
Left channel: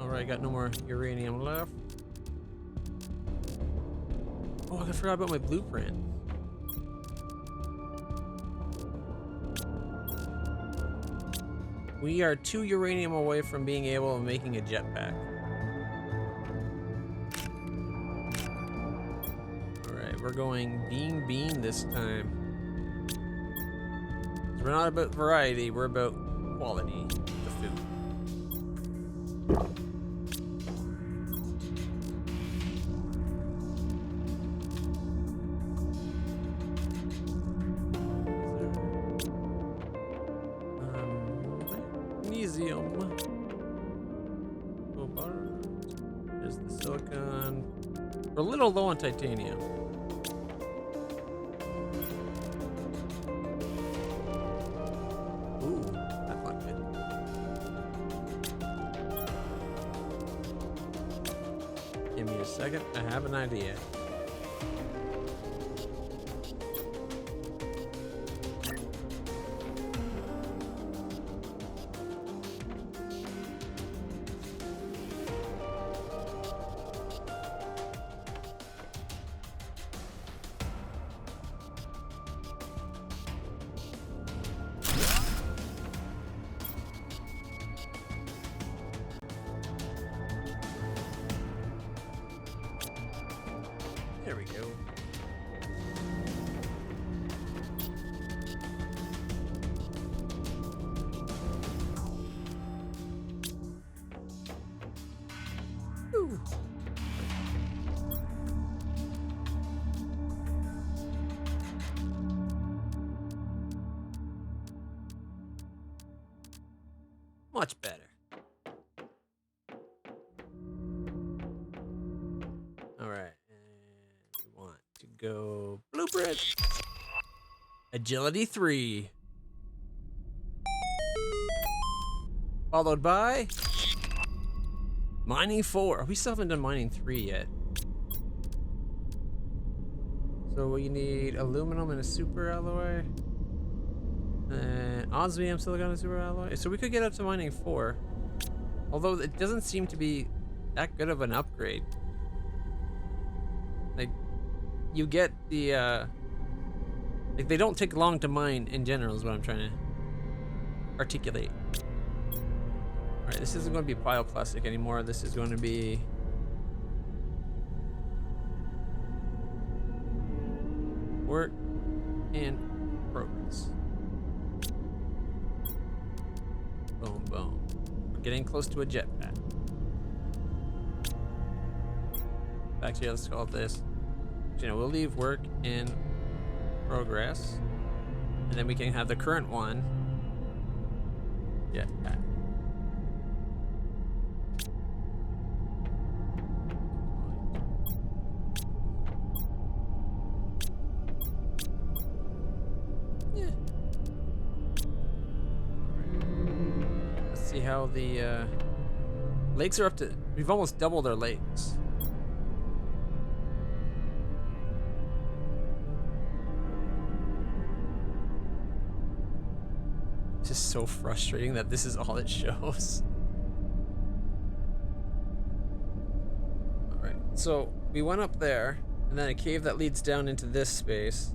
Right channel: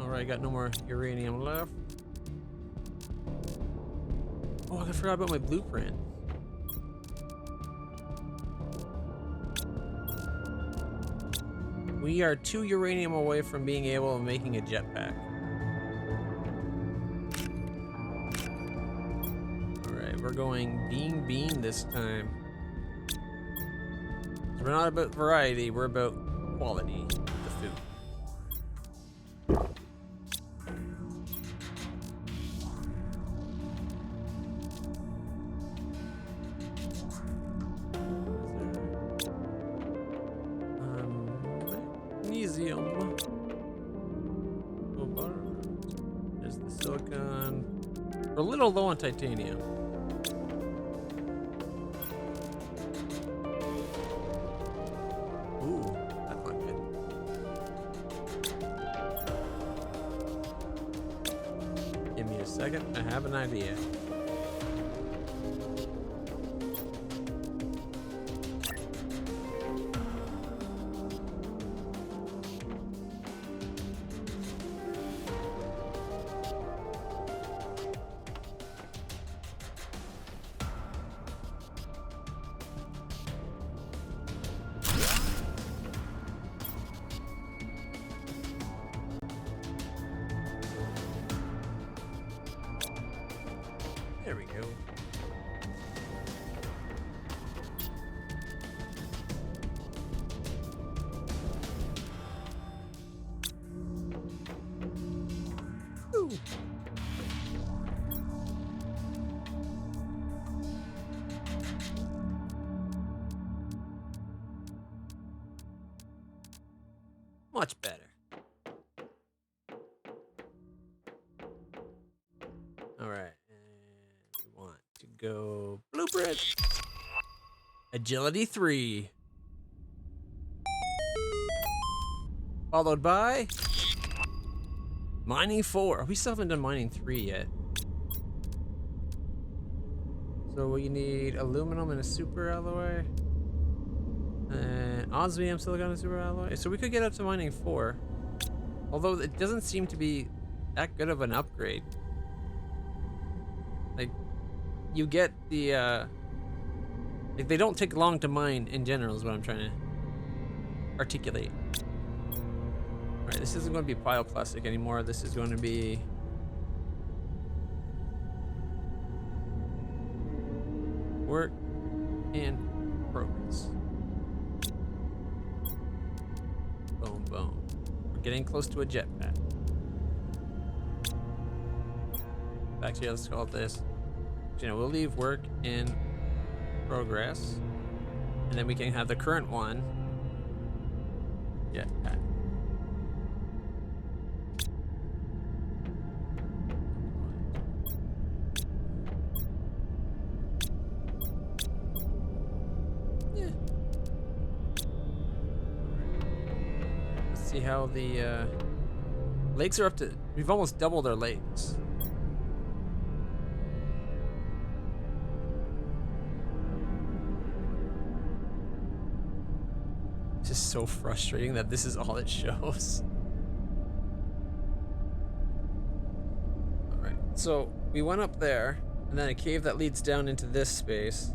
Alright, got no more uranium left. Oh, I forgot about my blueprint. We are 2 uranium away from being able to making a jetpack. We're going bean this time. So we're not about variety, we're about quality of the food. Magnesium. There's the silicon. We're a little low on titanium. Second, I have an idea. There we go. Ooh. Much better. All right. Go blueprint. Agility 3. Followed by mining 4. We still haven't done mining 3 yet. So we need aluminum and a super alloy. And osmium, silicon, and super alloy. So we could get up to mining 4. Although it doesn't seem to be that good of an upgrade. Like, you get the, like, they don't take long to mine in general is what I'm trying to articulate. Alright, this isn't going to be bioplastic anymore. This is going to be... work in progress. Boom, boom. We're getting close to a jetpack. Actually, let's call it this. You know, we'll leave work in progress, and then we can have the current one. Yeah. Yeah. Let's see how the lakes are up to. We've almost doubled our lakes. just so frustrating that this is all it shows. Alright, so we went up there, and then a cave that leads down into this space.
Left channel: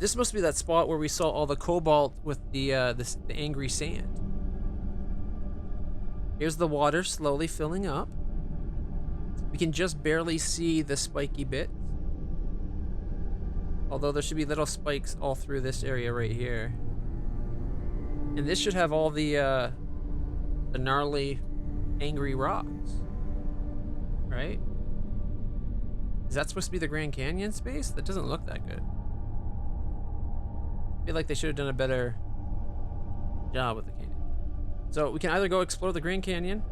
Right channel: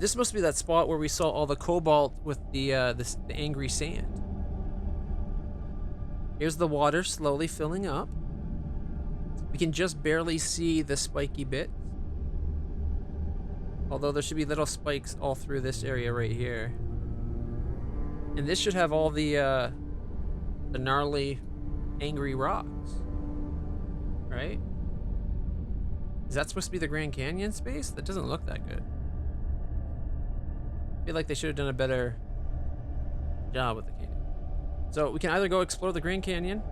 This must be that spot where we saw all the cobalt with the angry sand. Here's the water slowly filling up. We can just barely see the spiky bits. Although there should be little spikes all through this area right here. And this should have all the gnarly, angry rocks. Right? Is that supposed to be the Grand Canyon space? That doesn't look that good. I feel like they should have done a better job with the canyon. So we can either go explore the Grand Canyon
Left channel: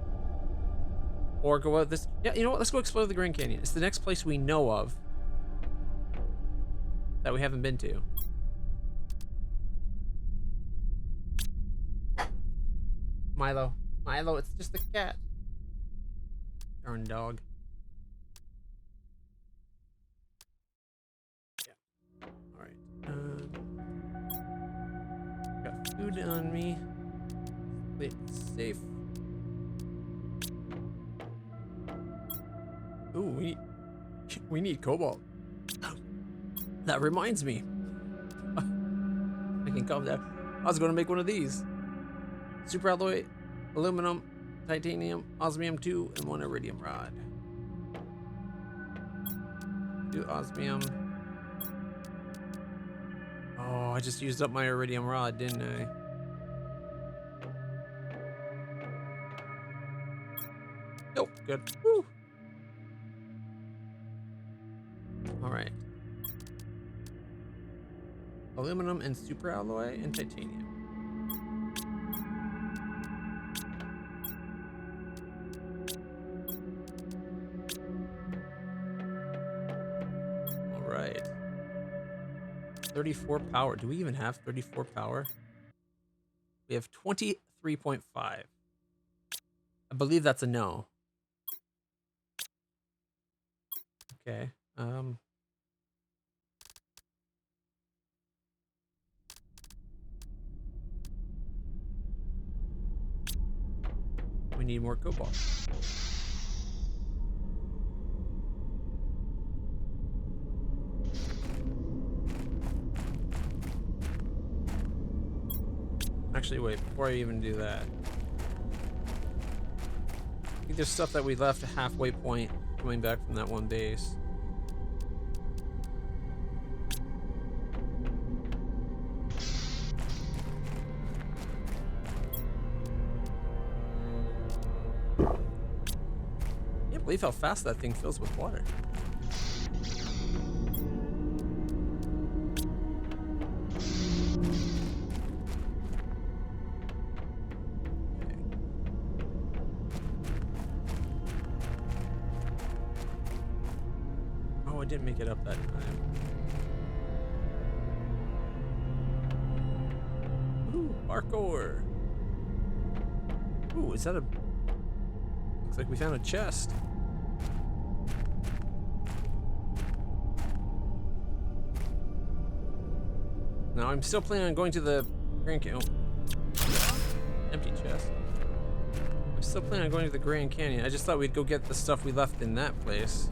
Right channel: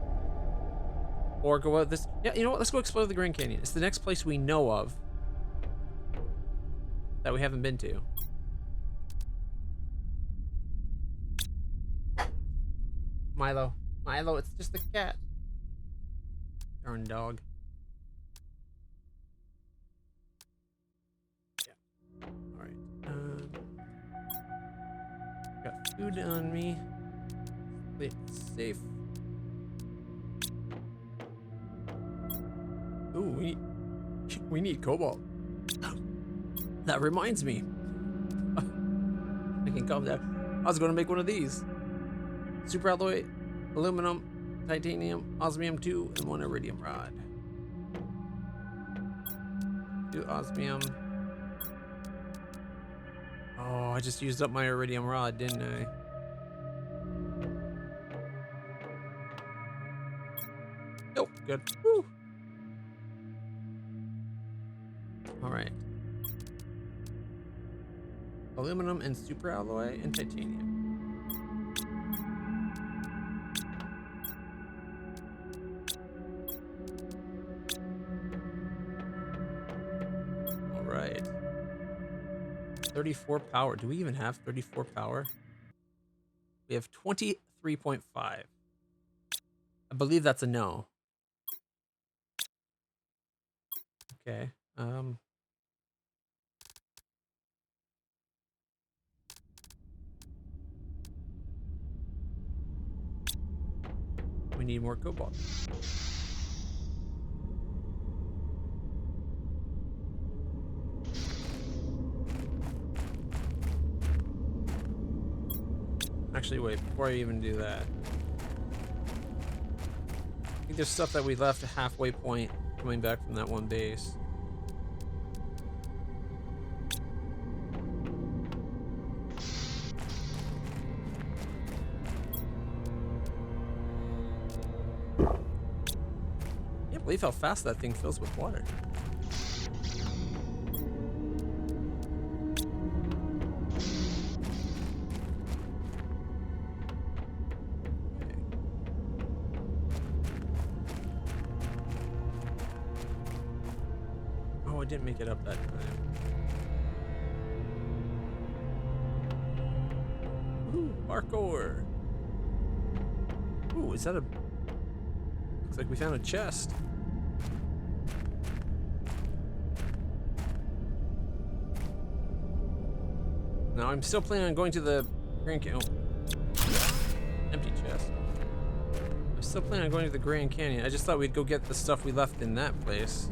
or go out this. Yeah, you know what? Let's go explore the Grand Canyon. It's the next place we know of that we haven't been to. Milo. Milo, it's just the cat. Darn dog. Yeah. Alright. Got food on me. Play it safe. Ooh, we need cobalt. That reminds me. I can calm down. I was going to make one of these. Super alloy, aluminum, titanium, osmium 2, and 1 iridium rod. 2 osmium. Oh, I just used up my iridium rod, didn't I? Nope, good. Woo. All right. Aluminum and super alloy and titanium. All right. 34 power. Do we even have 34 power? We have 23.5. I believe that's a no. Okay. We need more cobalt. Actually, wait, before I even do that. I think there's stuff that we left a halfway point coming back from that one base. I can't believe how fast that thing fills with water. Oh, I didn't make it up that time. Ooh, parkour. Ooh, is that a... Looks like we found a chest. Now, I'm still planning on going to the Grand Canyon. Oh. Empty chest. I'm still planning on going to the Grand Canyon. I just thought we'd go get the stuff we left in that place.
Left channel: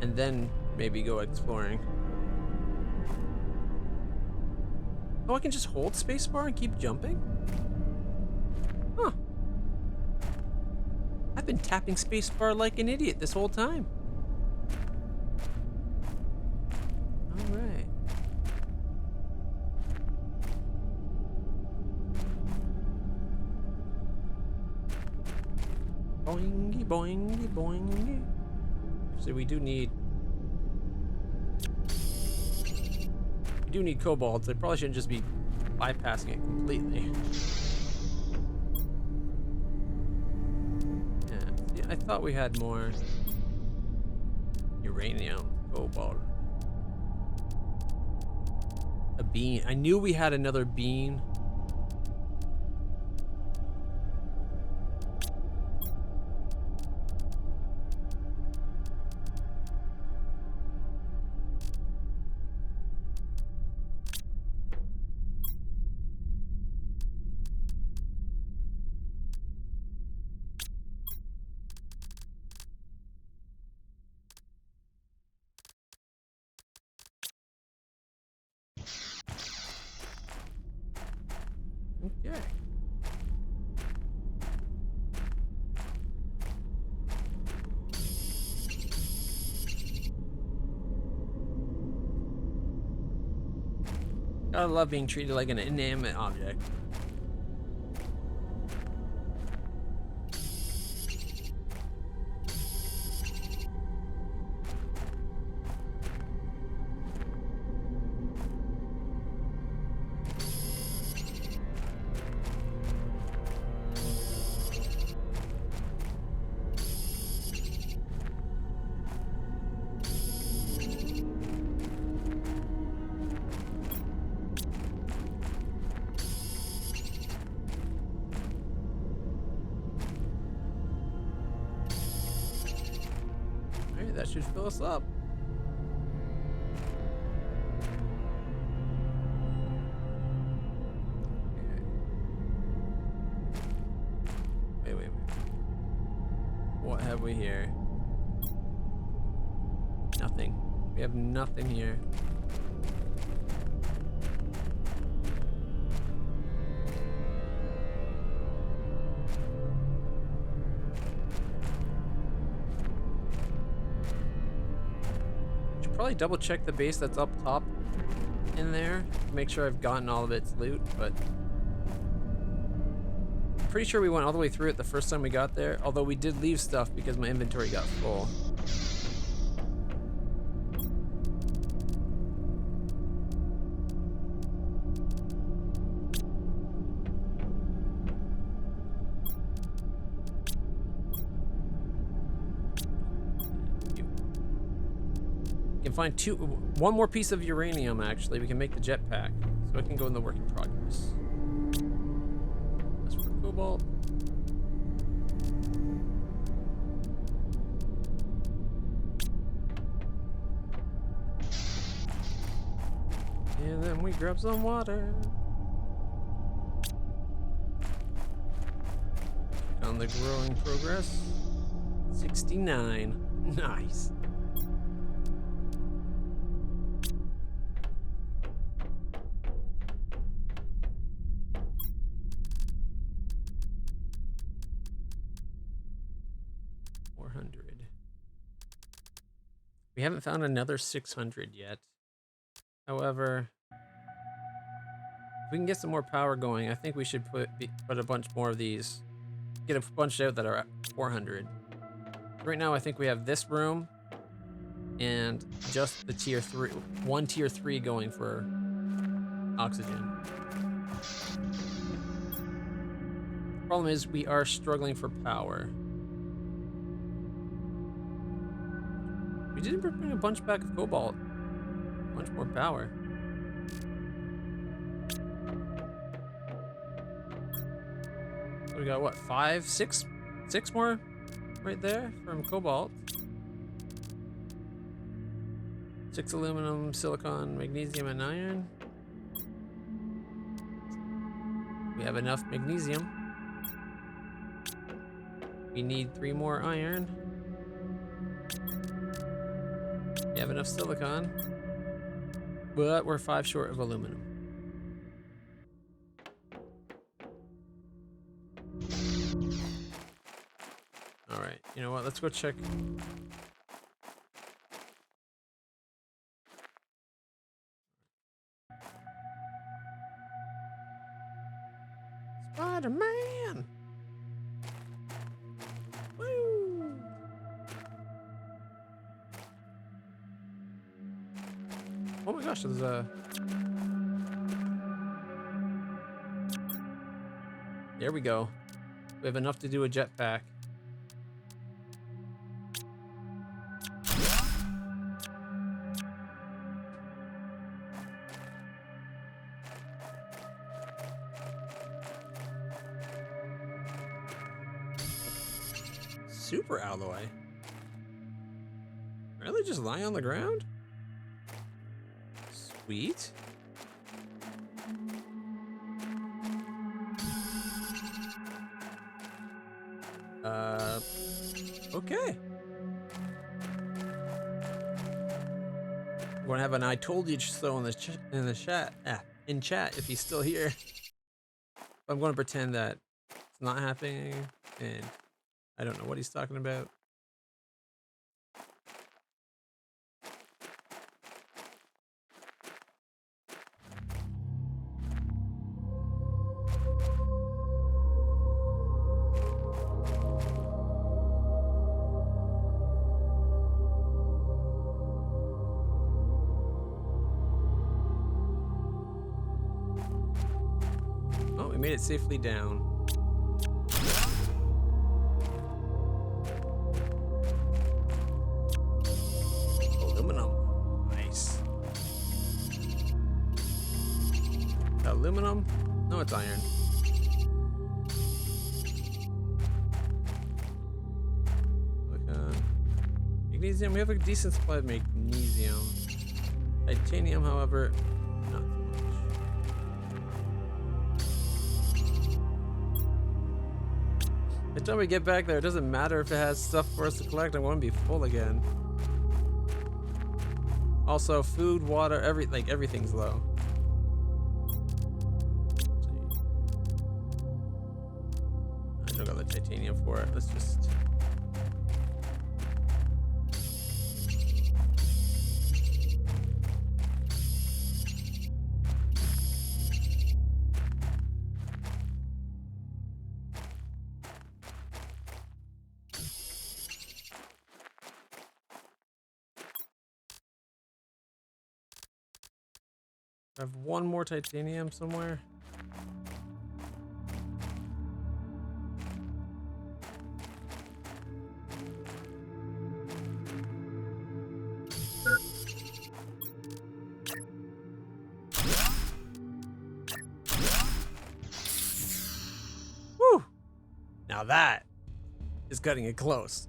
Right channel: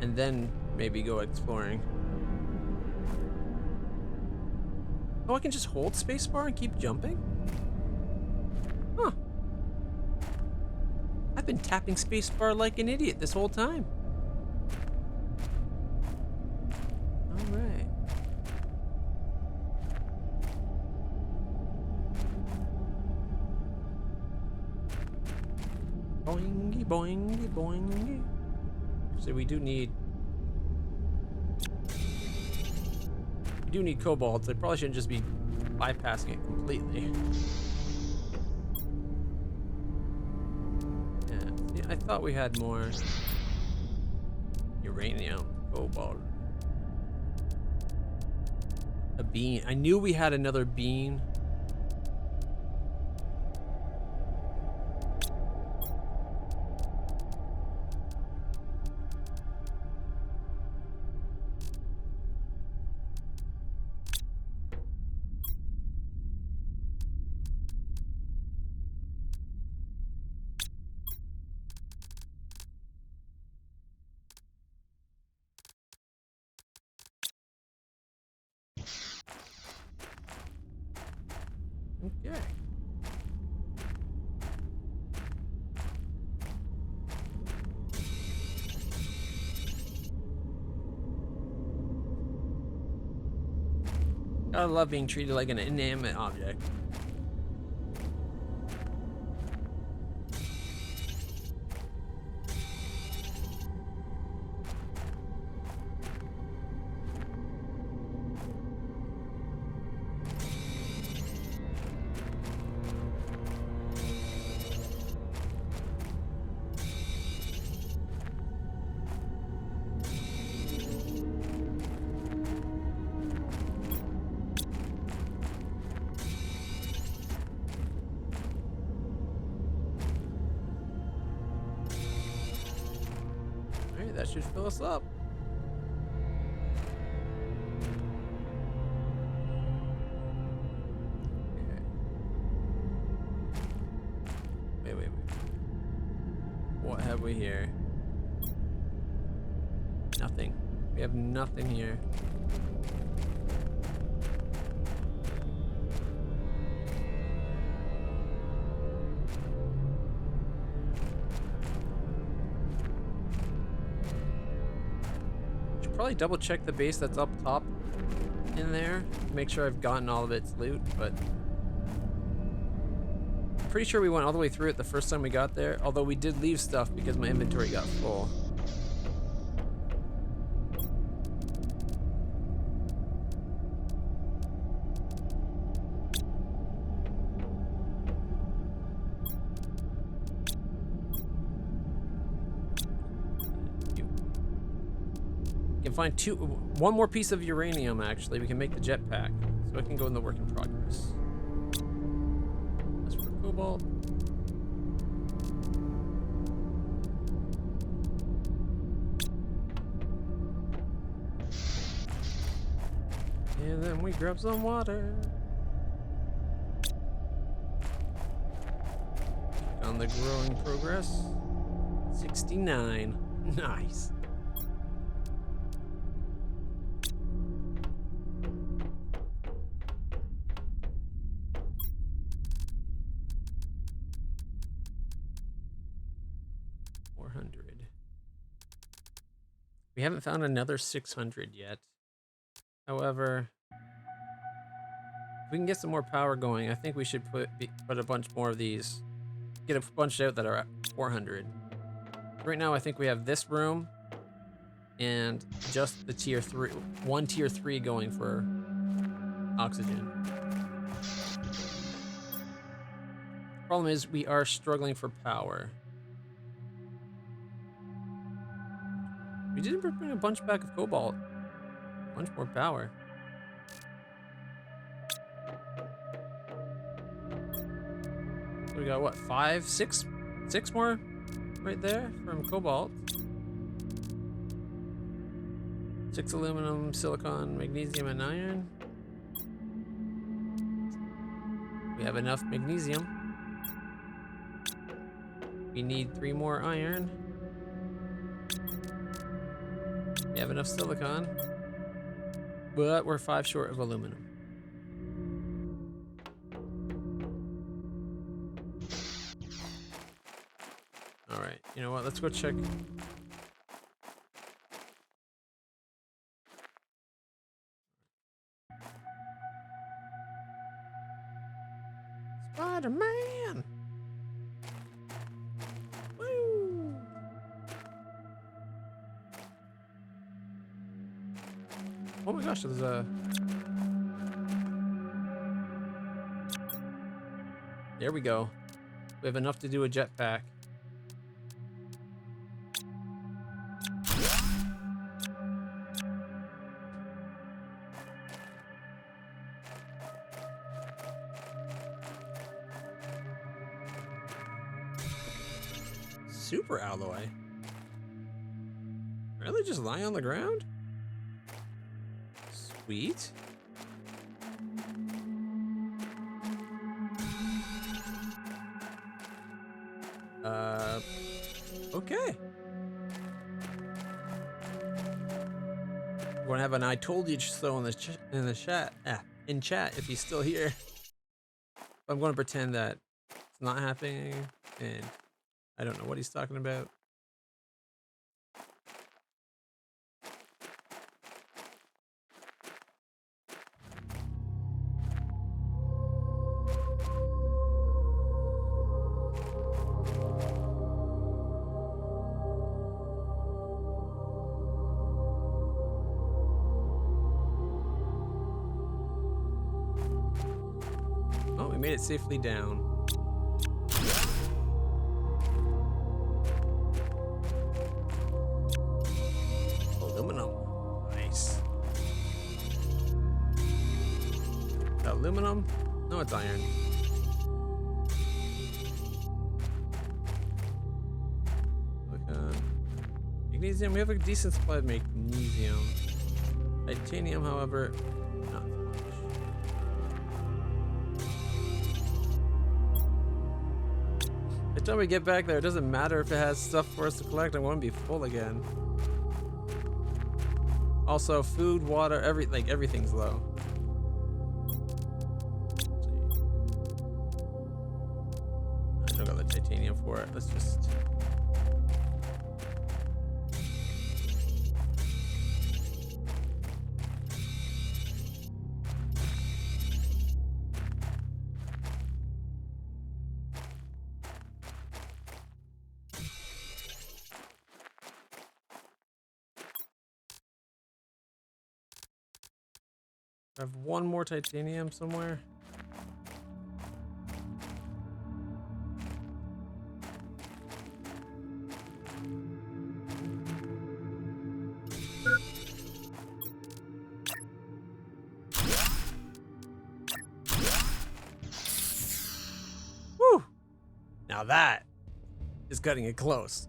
And then maybe go exploring. Oh, I can just hold spacebar and keep jumping? Huh. I've been tapping spacebar like an idiot this whole time. Alright. Boingy, boingy, boingy. So we do need cobalt. So I probably shouldn't just be bypassing it completely. Yeah, see, I thought we had more uranium, cobalt. A bean. I knew we had another bean. Gotta love being treated like an inanimate object. Alright, that should fill us up. Okay. Wait. What have we here? Nothing. We have nothing here. Should probably double check the base that's up top in there. Make sure I've gotten all of its loot, but I'm pretty sure we went all the way through it the first time we got there, although we did leave stuff because my inventory got full. Can find one more piece of uranium. Actually, we can make the jetpack, so it can go in the work in progress. That's for cobalt. And then we grab some water. Check on the growing progress. 69. Nice. We haven't found another 600 yet. However, if we can get some more power going, I think we should put a bunch more of these. Get a bunch out that are at 400. Right now, I think we have this room and just the tier 3, one tier 3 going for oxygen. Problem is, we are struggling for power. We did bring a bunch back of cobalt. A bunch more power. So we got what, 5, 6 more right there from cobalt. 6 aluminum, silicon, magnesium, and iron. We have enough magnesium. We need 3 more iron. We have enough silicon, but we're 5 short of aluminum. All right, you know what? Let's go check. Spider-Man! Woo! Oh my gosh, there's a... There we go. We have enough to do a jetpack. Super alloy? Really? Just lie on the ground? Sweet. Okay. We're gonna have an "I told you so" in the chat. In chat if he's still here. I'm gonna pretend that it's not happening, and I don't know what he's talking about. Oh, we made it safely down. Aluminum. Nice. Aluminum? No, it's iron. Magnesium, we have a decent supply of magnesium. Titanium, however, not so much. By the time we get back there, it doesn't matter if it has stuff for us to collect. I want to be full again. Also, food, water, everything's low. I don't got the titanium for it. Let's just. I have one more titanium somewhere. Woo! Now that is cutting it close.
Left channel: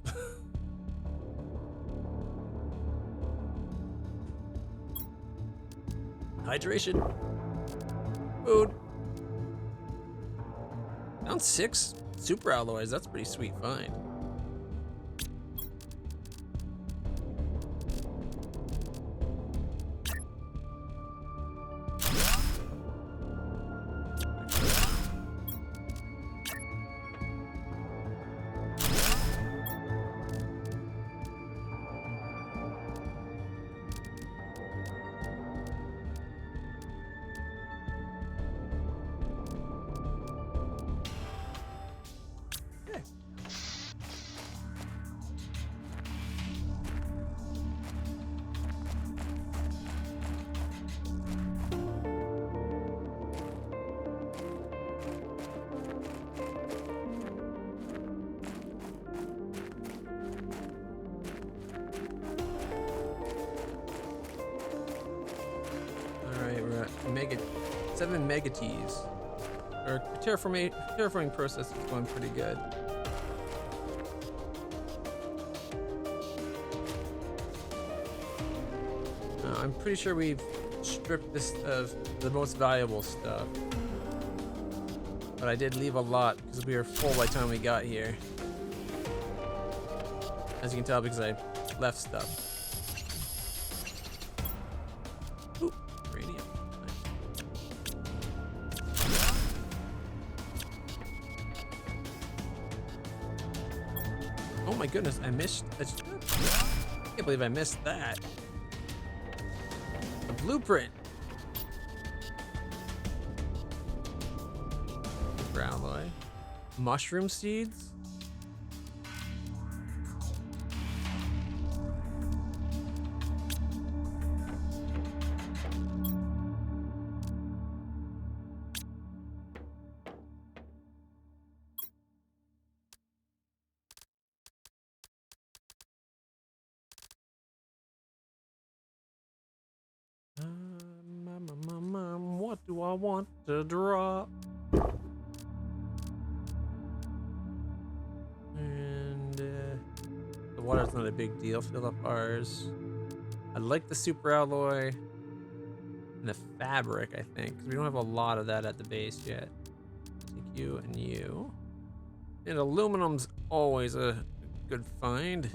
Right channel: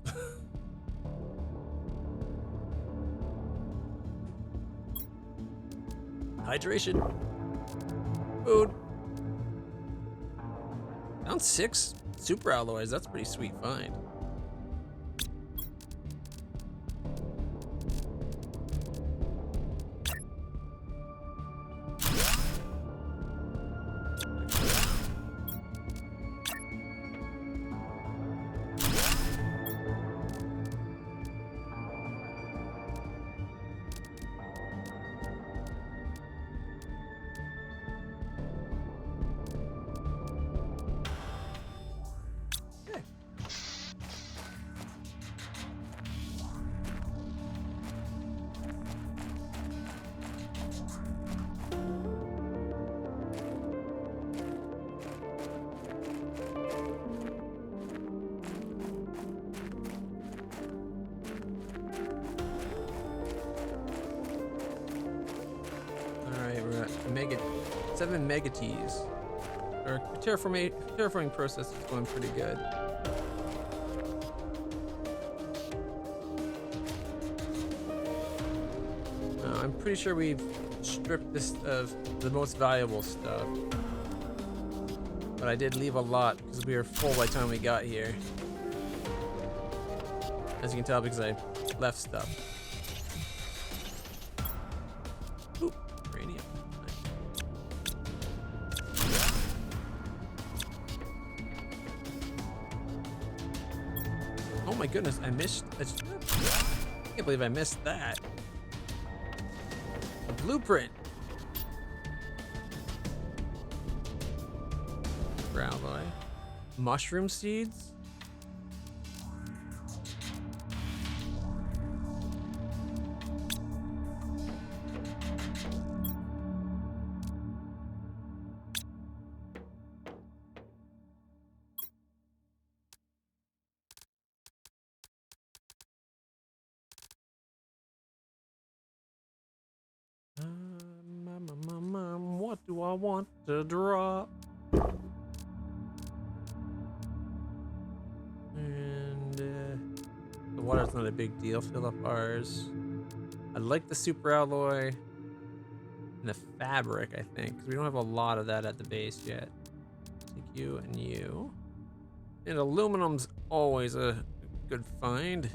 Hydration. Food. Found 6 super alloys. That's a pretty sweet find. We're at 7 megatees. Our terraforming process is going pretty good. I'm pretty sure we've stripped this of the most valuable stuff. But I did leave a lot because we were full by the time we got here. As you can tell, because I left stuff. Ooh, uranium. Nice. Oh my goodness, I missed. I can't believe I missed that. A blueprint. Alloy. Mushroom seeds? What do I want to drop? And the water's not a big deal. Fill up ours. I like the super alloy and the fabric, I think, because we don't have a lot of that at the base yet. Take you and you. And aluminum's always a good find.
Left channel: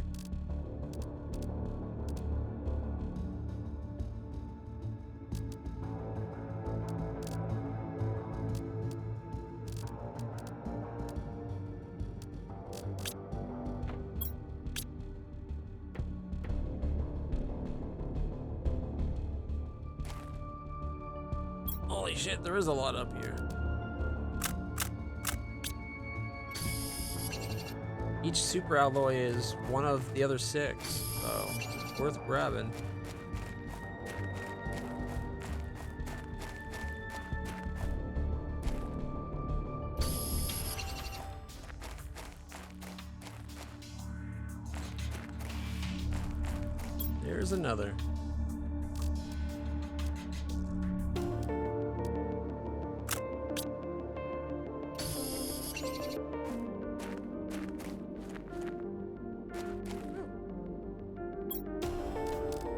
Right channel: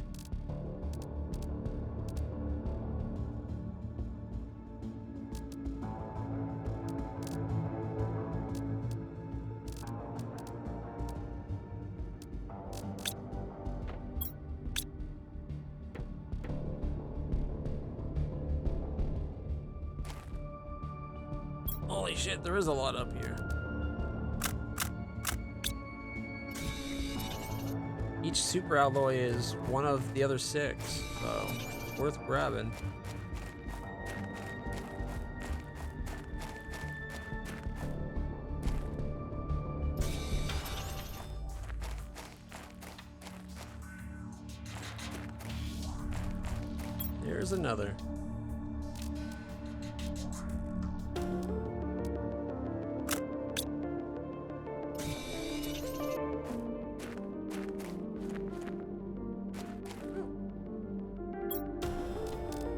Holy shit, there is a lot up here. Each super alloy is one of the other 6, so it's worth grabbing. There's another.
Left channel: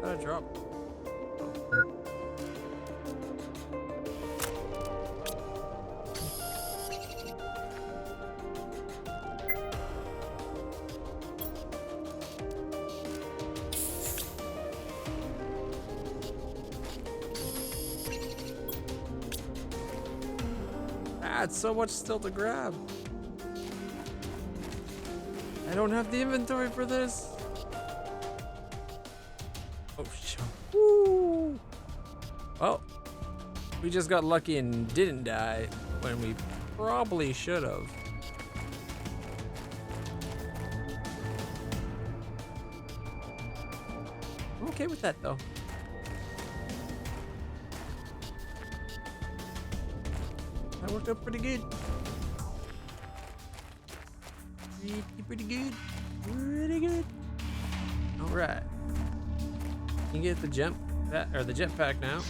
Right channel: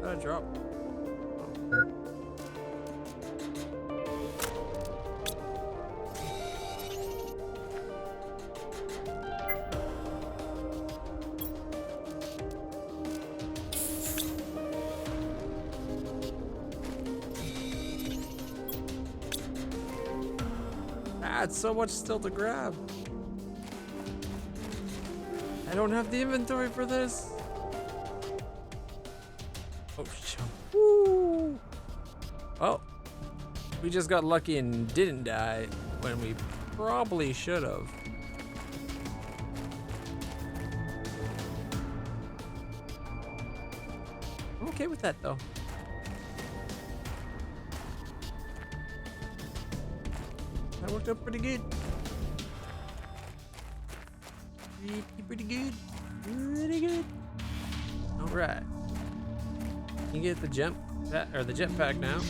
Got a drop. Oh. Ah, it's so much still to grab. I don't have the inventory for this. Oh, shit. Woo! Well, we just got lucky and didn't die when we probably should have. I'm okay with that though. That worked out pretty good. Pretty good. Pretty good. All right. You can get the jetpack now.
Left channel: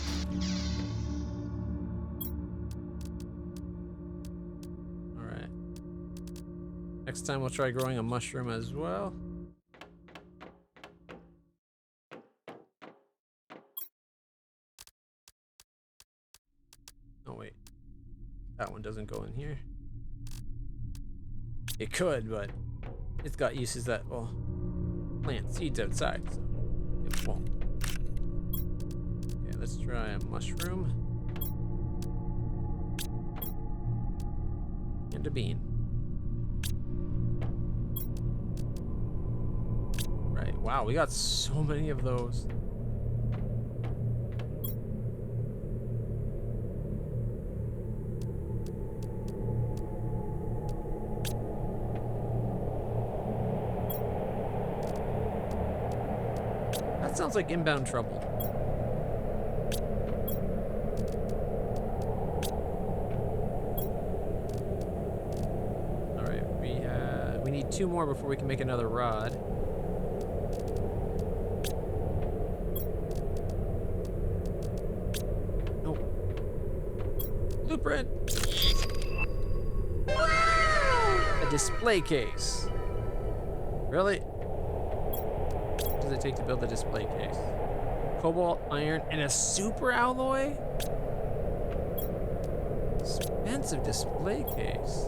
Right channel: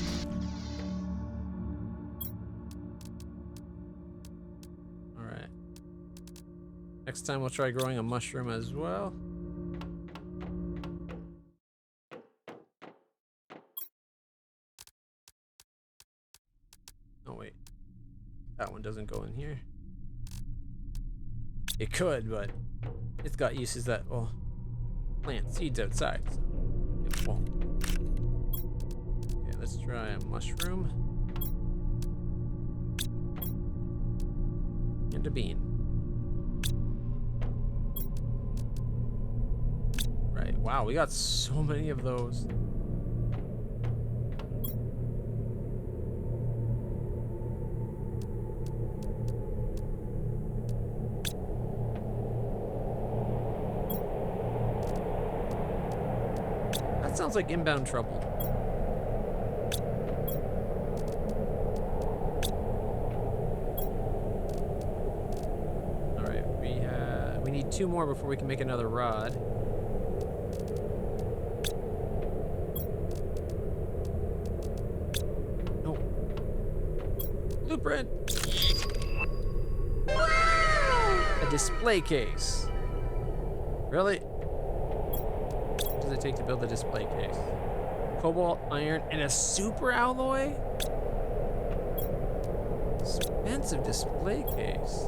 All right. Next time we'll try growing a mushroom as well. Oh wait, that one doesn't go in here. It could, but it's got uses that will plant seeds outside, so it won't. Okay, let's try a mushroom. And a bean. Right, wow, we got so many of those. That sounds like inbound trouble. All right, we need 2 more before we can make another rod. No. Blueprint. A display case. Really? What does it take to build a display case? Cobalt, iron, and a super alloy? Expensive display case.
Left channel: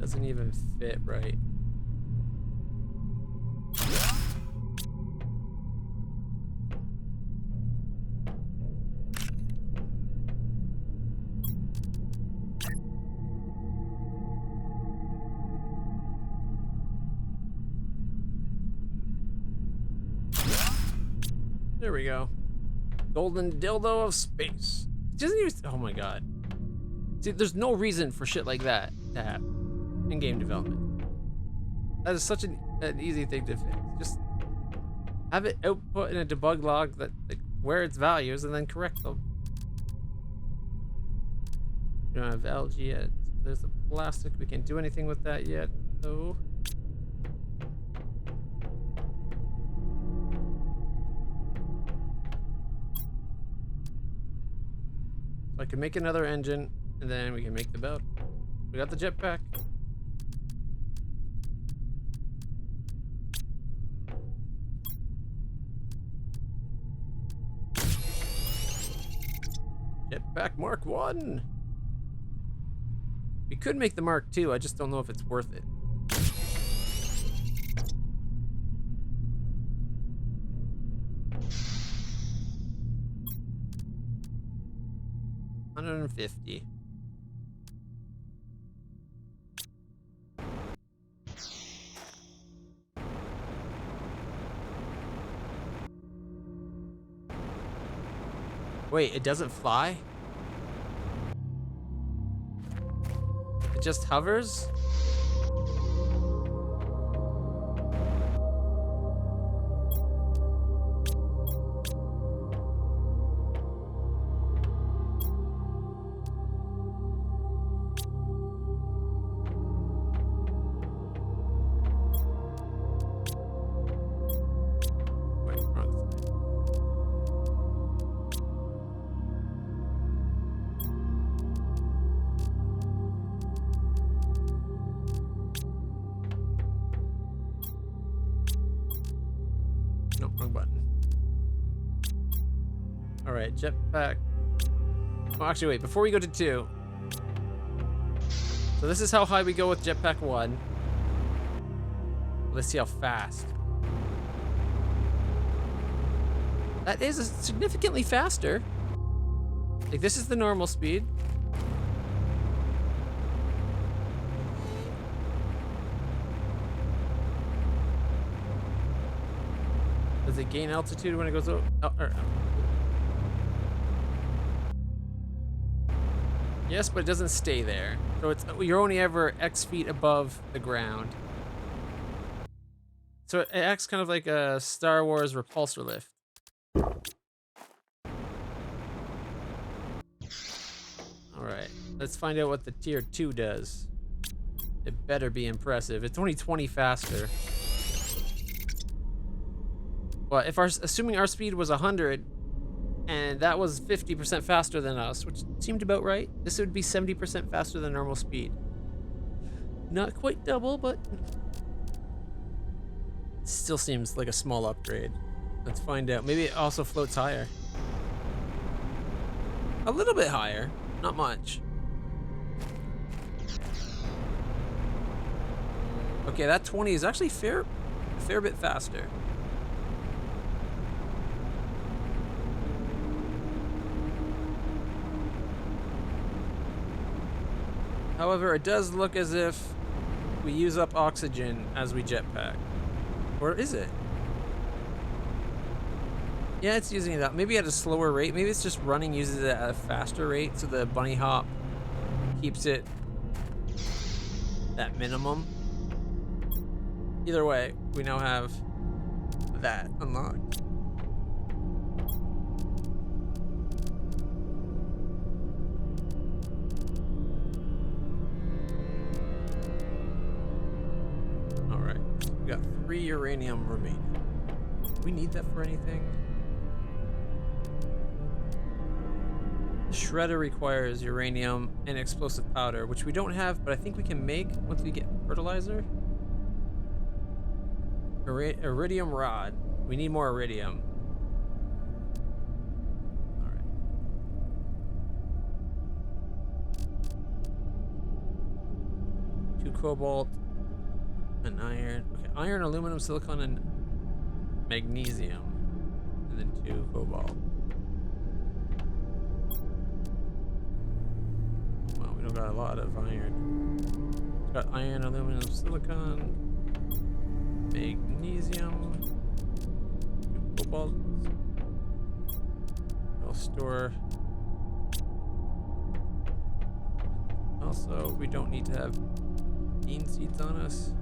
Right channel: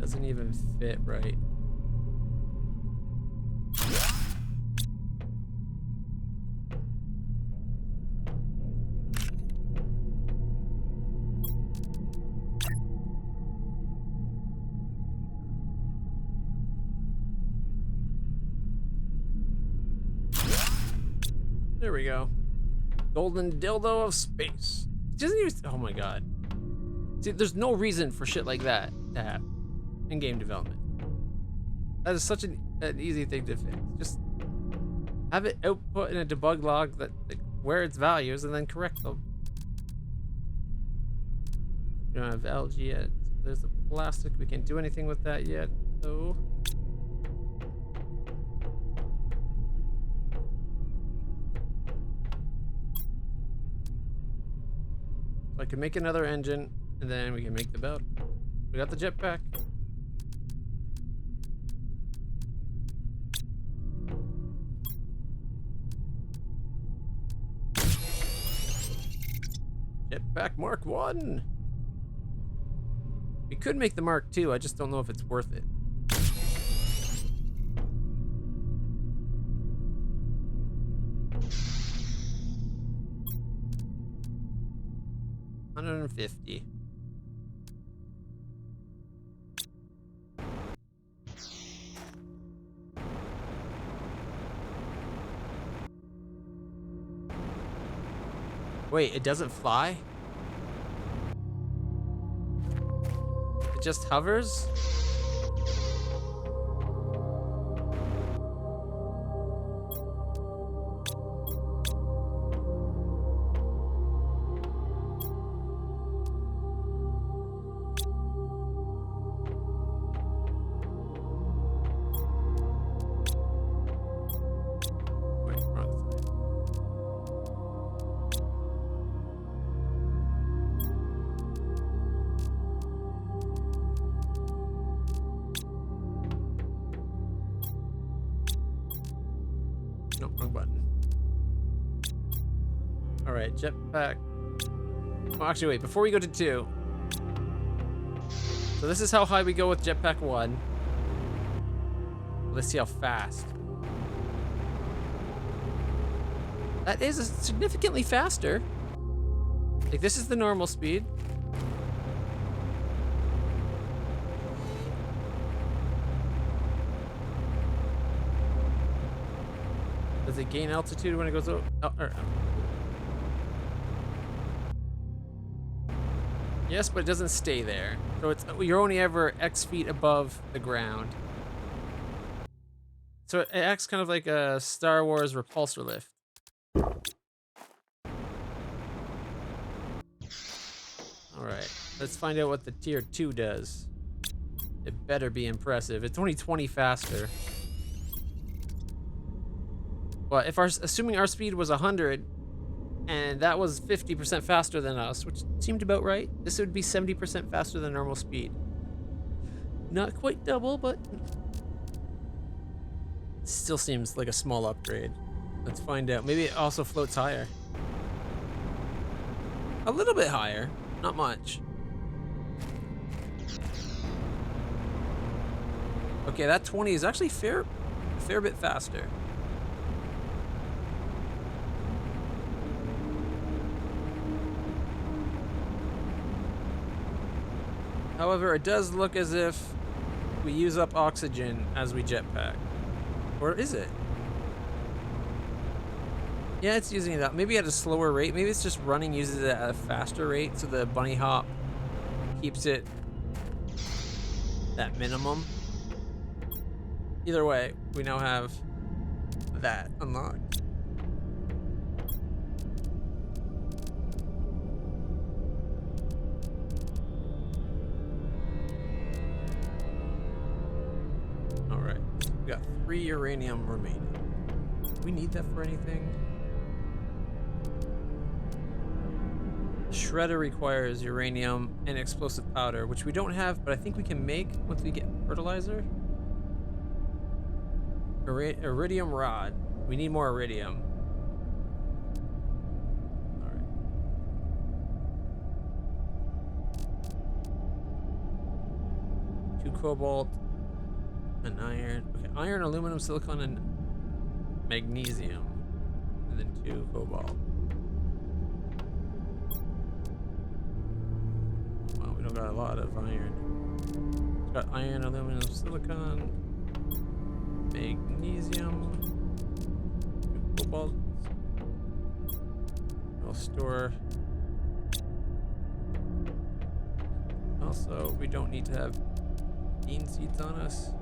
Doesn't even fit right. There we go. Golden dildo of space. It doesn't even, oh my god. See, there's no reason for shit like that to happen in game development. That is such an easy thing to fix. Just have it output in a debug log that where its values and then correct them. We don't have algae yet. There's the plastic. We can't do anything with that yet, though. So I can make another engine, and then we can make the belt. We got the jetpack. Jetpack Mark 1. We could make the Mark 2, I just don't know if it's worth it. $150. Wait, it doesn't fly? It just hovers? Wait, wrong side. No, wrong button. All right, jetpack. Oh, actually, wait, before we go to 2. So this is how high we go with jetpack 1. Let's see how fast. That is significantly faster. Like, this is the normal speed. Does it gain altitude when it goes over? Yes, but it doesn't stay there. So you're only ever X feet above the ground. So it acts kind of like a Star Wars repulsor lift. Alright, let's find out what the tier 2 does. It better be impressive. It's only 20 faster. Well, if assuming our speed was 100, and that was 50% faster than us, which seemed about right, this would be 70% faster than normal speed. Not quite double, but still seems like a small upgrade. Let's find out. Maybe it also floats higher. A little bit higher, not much. Okay, that 20 is actually a fair bit faster. However, it does look as if we use up oxygen as we jetpack. Or is it? Yeah, it's using it up. Maybe at a slower rate. Maybe it's just uses it at a faster rate, so the bunny hop keeps it at minimum. Either way, we now have that unlocked. Alright, so we got 3 uranium remaining. Do we need that for anything? Shredder requires uranium and explosive powder, which we don't have, but I think we can make once we get fertilizer. Iridium rod. We need more iridium. Alright. Two cobalt, an iron. Okay, iron, aluminum, silicon, and magnesium. And then 2 cobalt. Wow, we don't got a lot of iron. It's got iron, aluminum, silicon, magnesium, 2 cobalt. We'll store. Also, we don't need to have bean seeds on us.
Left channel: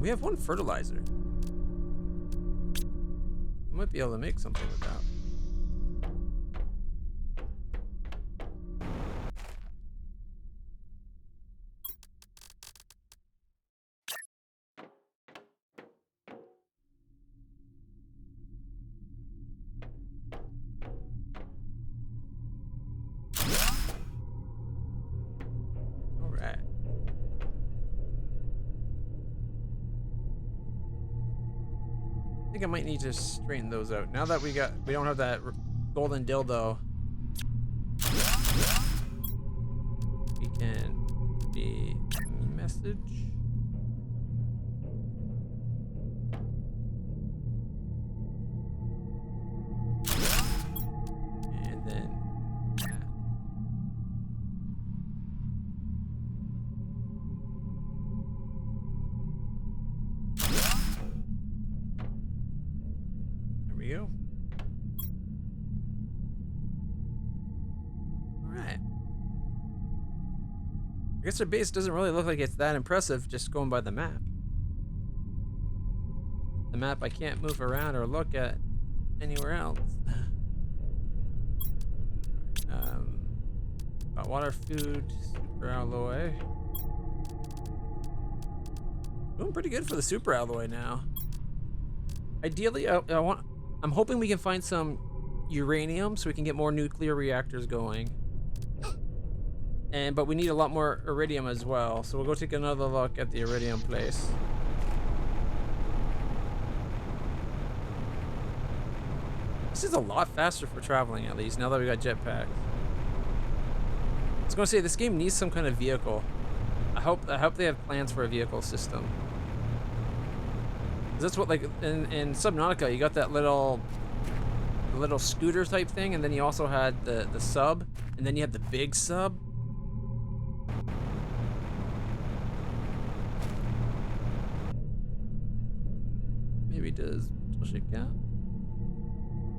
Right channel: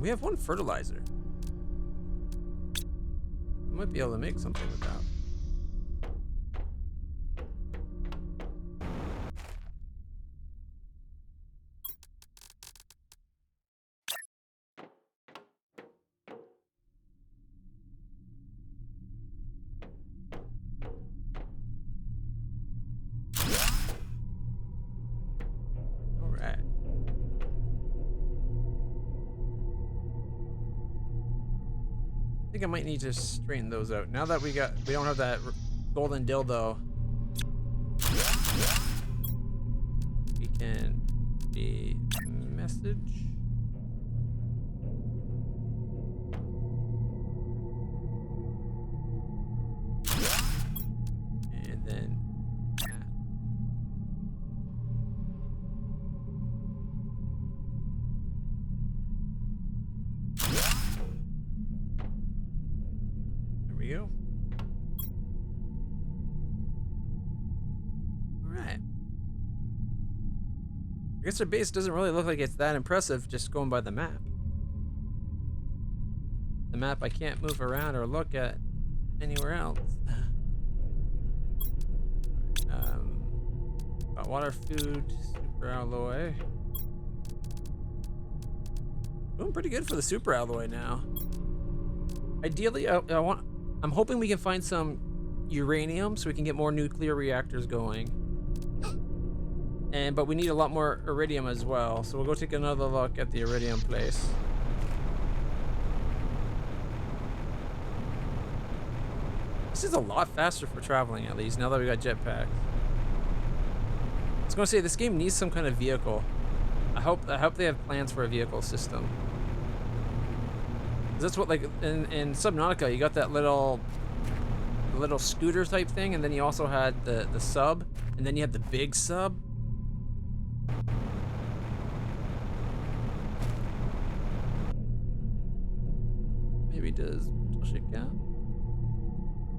We have 1 fertilizer. We might be able to make something with that. I think I might need to straighten those out. Now that we don't have that golden dildo, we can be message. And then right. I guess their base doesn't really look like it's that impressive just going by the map. The map I can't move around or look at anywhere else. Got water, food, super alloy. Doing pretty good for the super alloy now. Ideally, I'm hoping we can find some uranium so we can get more nuclear reactors going. But we need a lot more iridium as well, so we'll go take another look at the iridium place. This is a lot faster for traveling, at least, now that we got jetpacks. I was gonna say, this game needs some kind of vehicle. I hope they have plans for a vehicle system. 'Cause that's what, like, in Subnautica, you got that little scooter type thing, and then you also had the sub, and then you had the big sub. Maybe does mental shit count?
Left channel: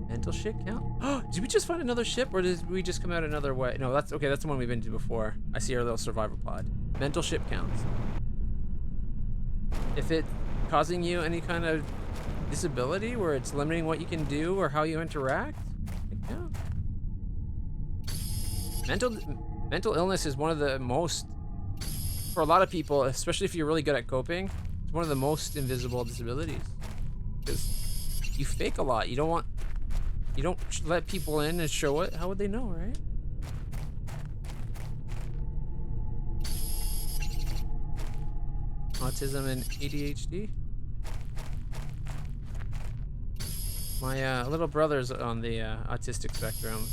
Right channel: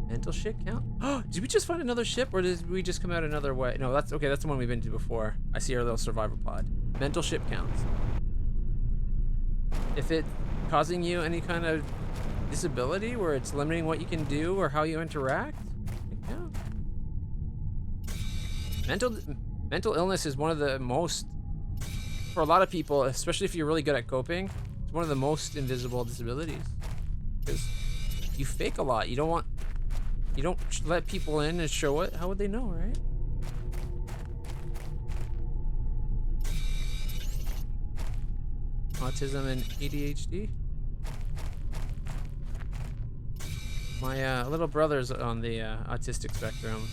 Mental shit count? Oh, did we just find another ship, or did we just come out another way? No, that's okay. That's the one we've been to before. I see our little survivor pod. Mental ship counts. If it's causing you any kind of disability where it's limiting what you can do or how you interact, it counts. Mental illness is one of the most, for a lot of people, especially if you're really good at coping, it's one of the most invisible disabilities. Because you fake a lot. You don't let people in and show it. How would they know, right? Autism and ADHD. My little brother's on the autistic spectrum.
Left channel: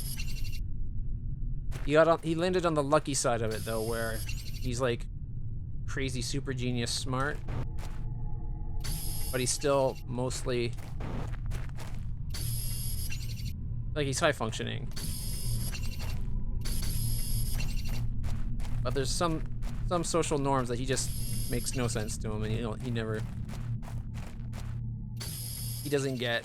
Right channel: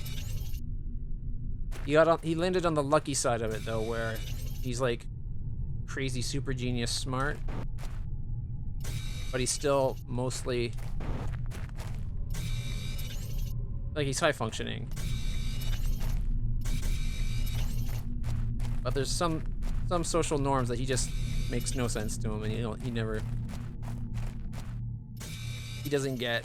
He landed on the lucky side of it though, where he's like crazy super genius smart, but he's still mostly like he's high functioning. But there's some social norms that he just makes no sense to him, and he doesn't get.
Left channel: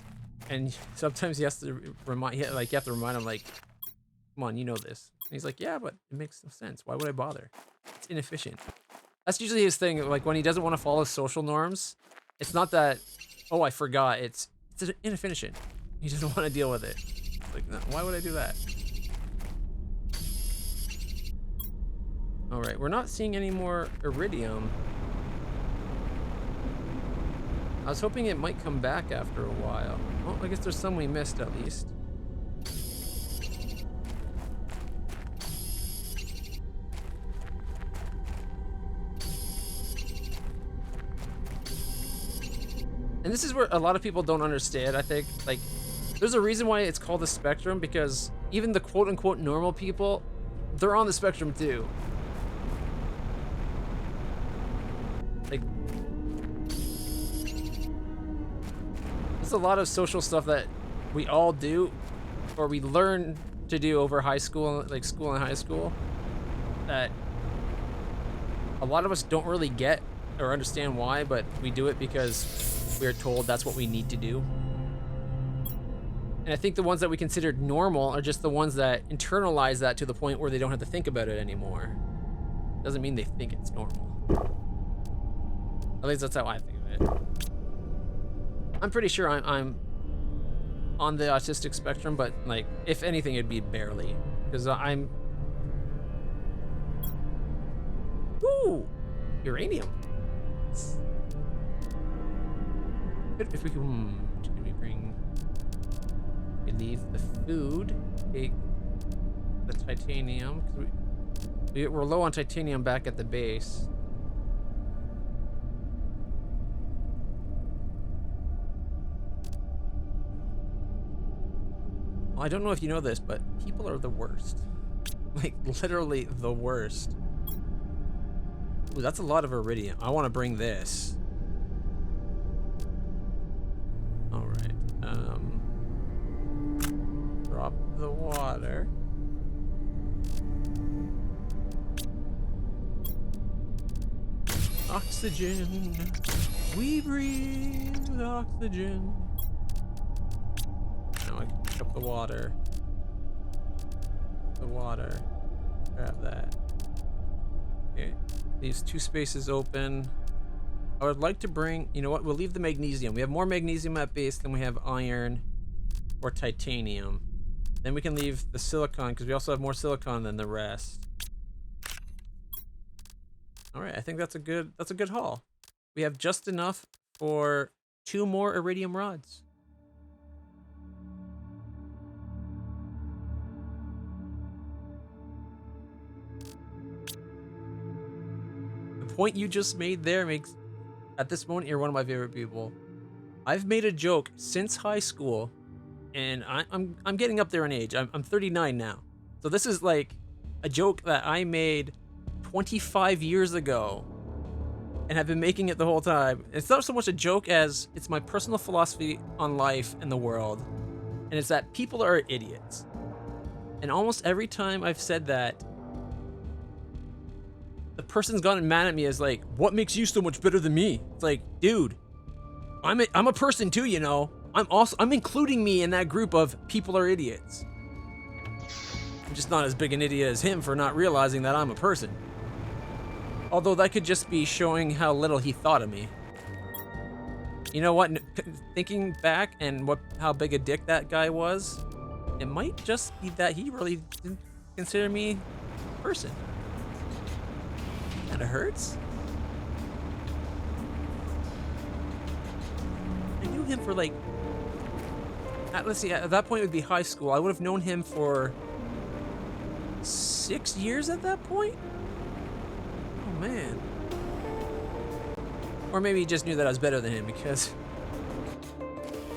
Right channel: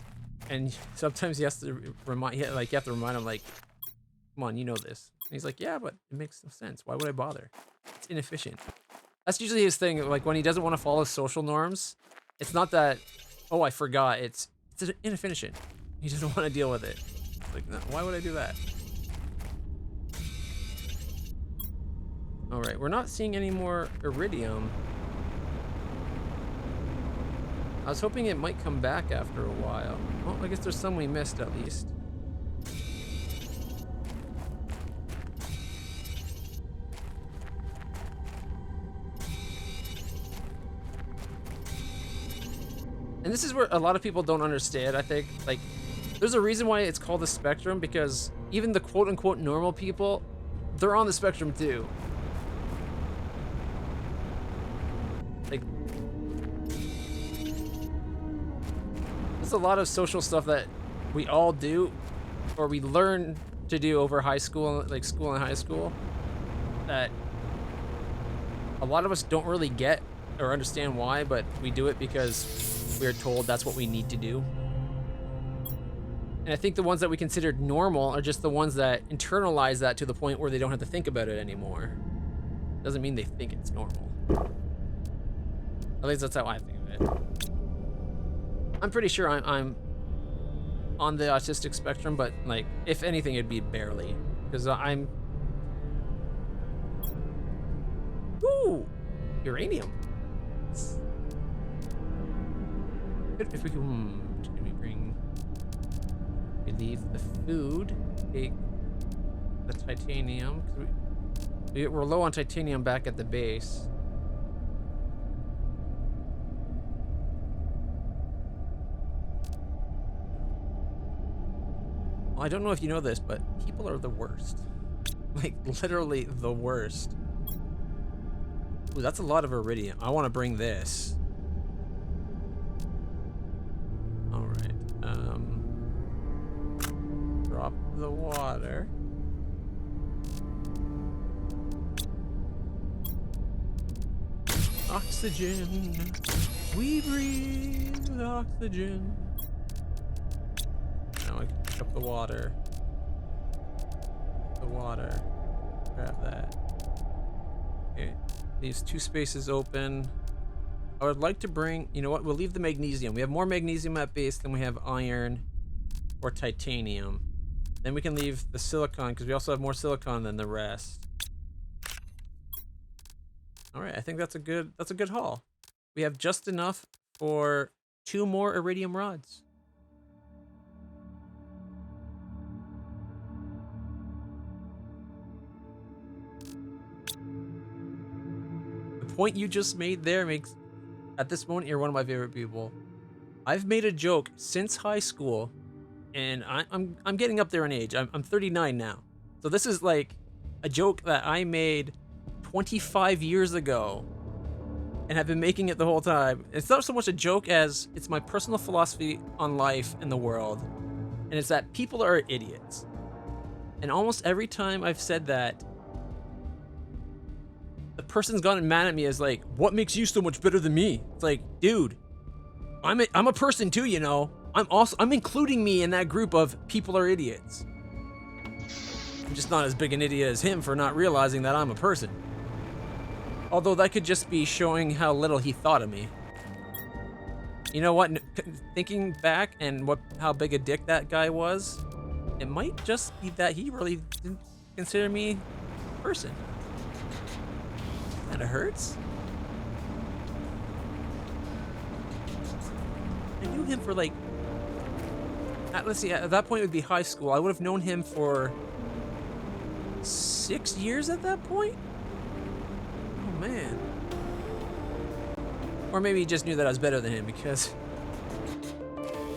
And sometimes he has to remind him, like, come on, you know this. And he's like, yeah, but it makes no sense. Why would I bother? It's inefficient. That's usually his thing. Like, when he doesn't want to follow social norms, it's not that, oh, I forgot. It's inefficient. He doesn't want to deal with it. Like, no, why would I do that? All right, we're not seeing any more iridium. I was hoping it might come back after a while. Well, I guess there's some we missed at least. And this is where a lot of people don't understand, I think. Like, there's a reason why it's called the spectrum, because even the quote-unquote normal people, they're on the spectrum too. Like, there's a lot of social stuff that we all do, or we learn to do over high school, like school and high school, that a lot of us don't really get or understand why, but we do it because we're told that's what we need to do. And I think the ones that we considered normal are just the ones that internalize that to the point where they don't have to think about it anymore. Doesn't mean they think it's normal. At least that's how I think of it. I'm pretty sure I'm on the autistic spectrum, but like, if anything, it'd be barely, because I'm. Ooh, uranium. If we can, can we bring? We leave the food. Take the titanium, because we're low on titanium back at the base. I don't know if you know this, but people are the worst. Like, literally the worst. Ooh, that's a lot of iridium. I want to bring this. All right. Drop the water. Oxygen. We breathe oxygen. Now I can pick up the water. The water. Grab that. Okay. These 2 spaces open. I would like to bring, you know what, we'll leave the magnesium. We have more magnesium at base than we have iron or titanium. Then we can leave the silicon because we also have more silicon than the rest. All right, I think that's a good haul. We have just enough for 2 more iridium rods. The point you just made there makes, at this moment, you're one of my favorite people. I've made a joke since high school, and I'm getting up there in age. I'm 39 now, so this is like a joke that I made 25 years ago, and have been making it the whole time. It's not so much a joke as it's my personal philosophy on life and the world, and it's that people are idiots. And almost every time I've said that, the person's gotten mad at me as like, what makes you so much better than me? It's like, dude, I'm a person too, you know. I'm including me in that group of people are idiots. I'm just not as big an idiot as him for not realizing that I'm a person. Although that could just be showing how little he thought of me. You know what? Thinking back and how big a dick that guy was, it might just be that he really didn't consider me a person. Kinda hurts. I knew him for like, let's see, at that point it would be high school. I would have known him for 6 years at that point? Oh man. Or maybe he just knew that I was better than him, because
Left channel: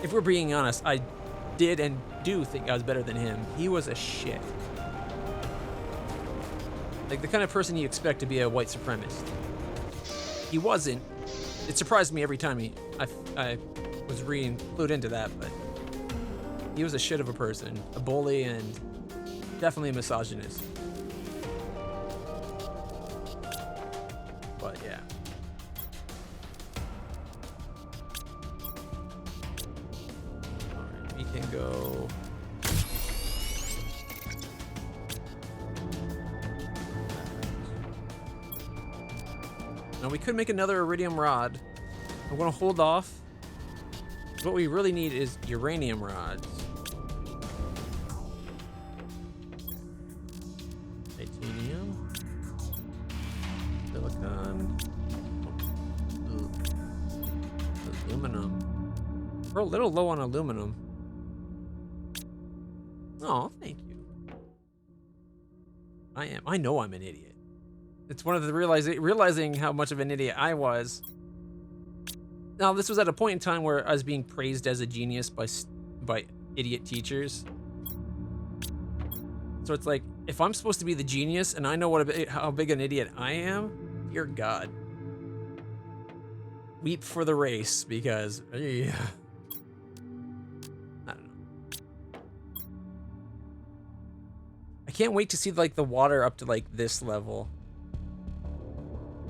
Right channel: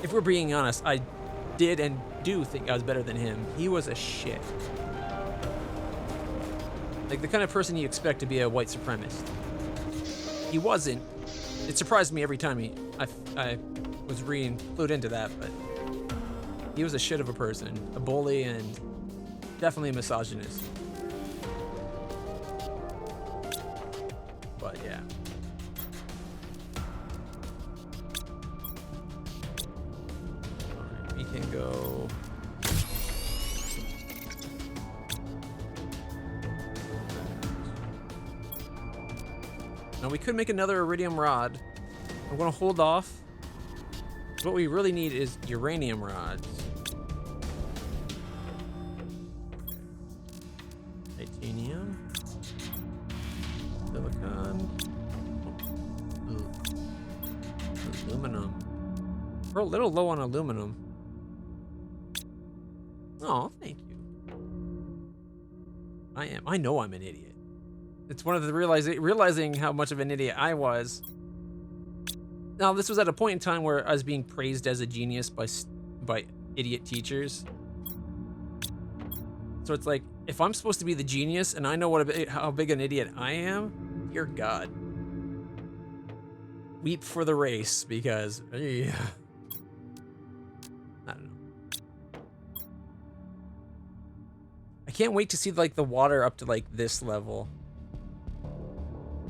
if we're being honest, I did and do think I was better than him. He was a shit. Like the kind of person you expect to be a white supremacist. He wasn't. It surprised me every time I was clued into that, but he was a shit of a person, a bully, and definitely a misogynist. But yeah. Alright, we can go. Now we could make another iridium rod. I'm gonna hold off. What we really need is uranium rods. Titanium. Silicon. Oh. Aluminum. We're a little low on aluminum. Oh, thank you. I know I'm an idiot. It's one of the realizing how much of an idiot I was. Now, this was at a point in time where I was being praised as a genius by idiot teachers. So it's like, if I'm supposed to be the genius and I know how big an idiot I am, dear God. Weep for the race, because yeah. I don't know. I can't wait to see like the water up to like this level.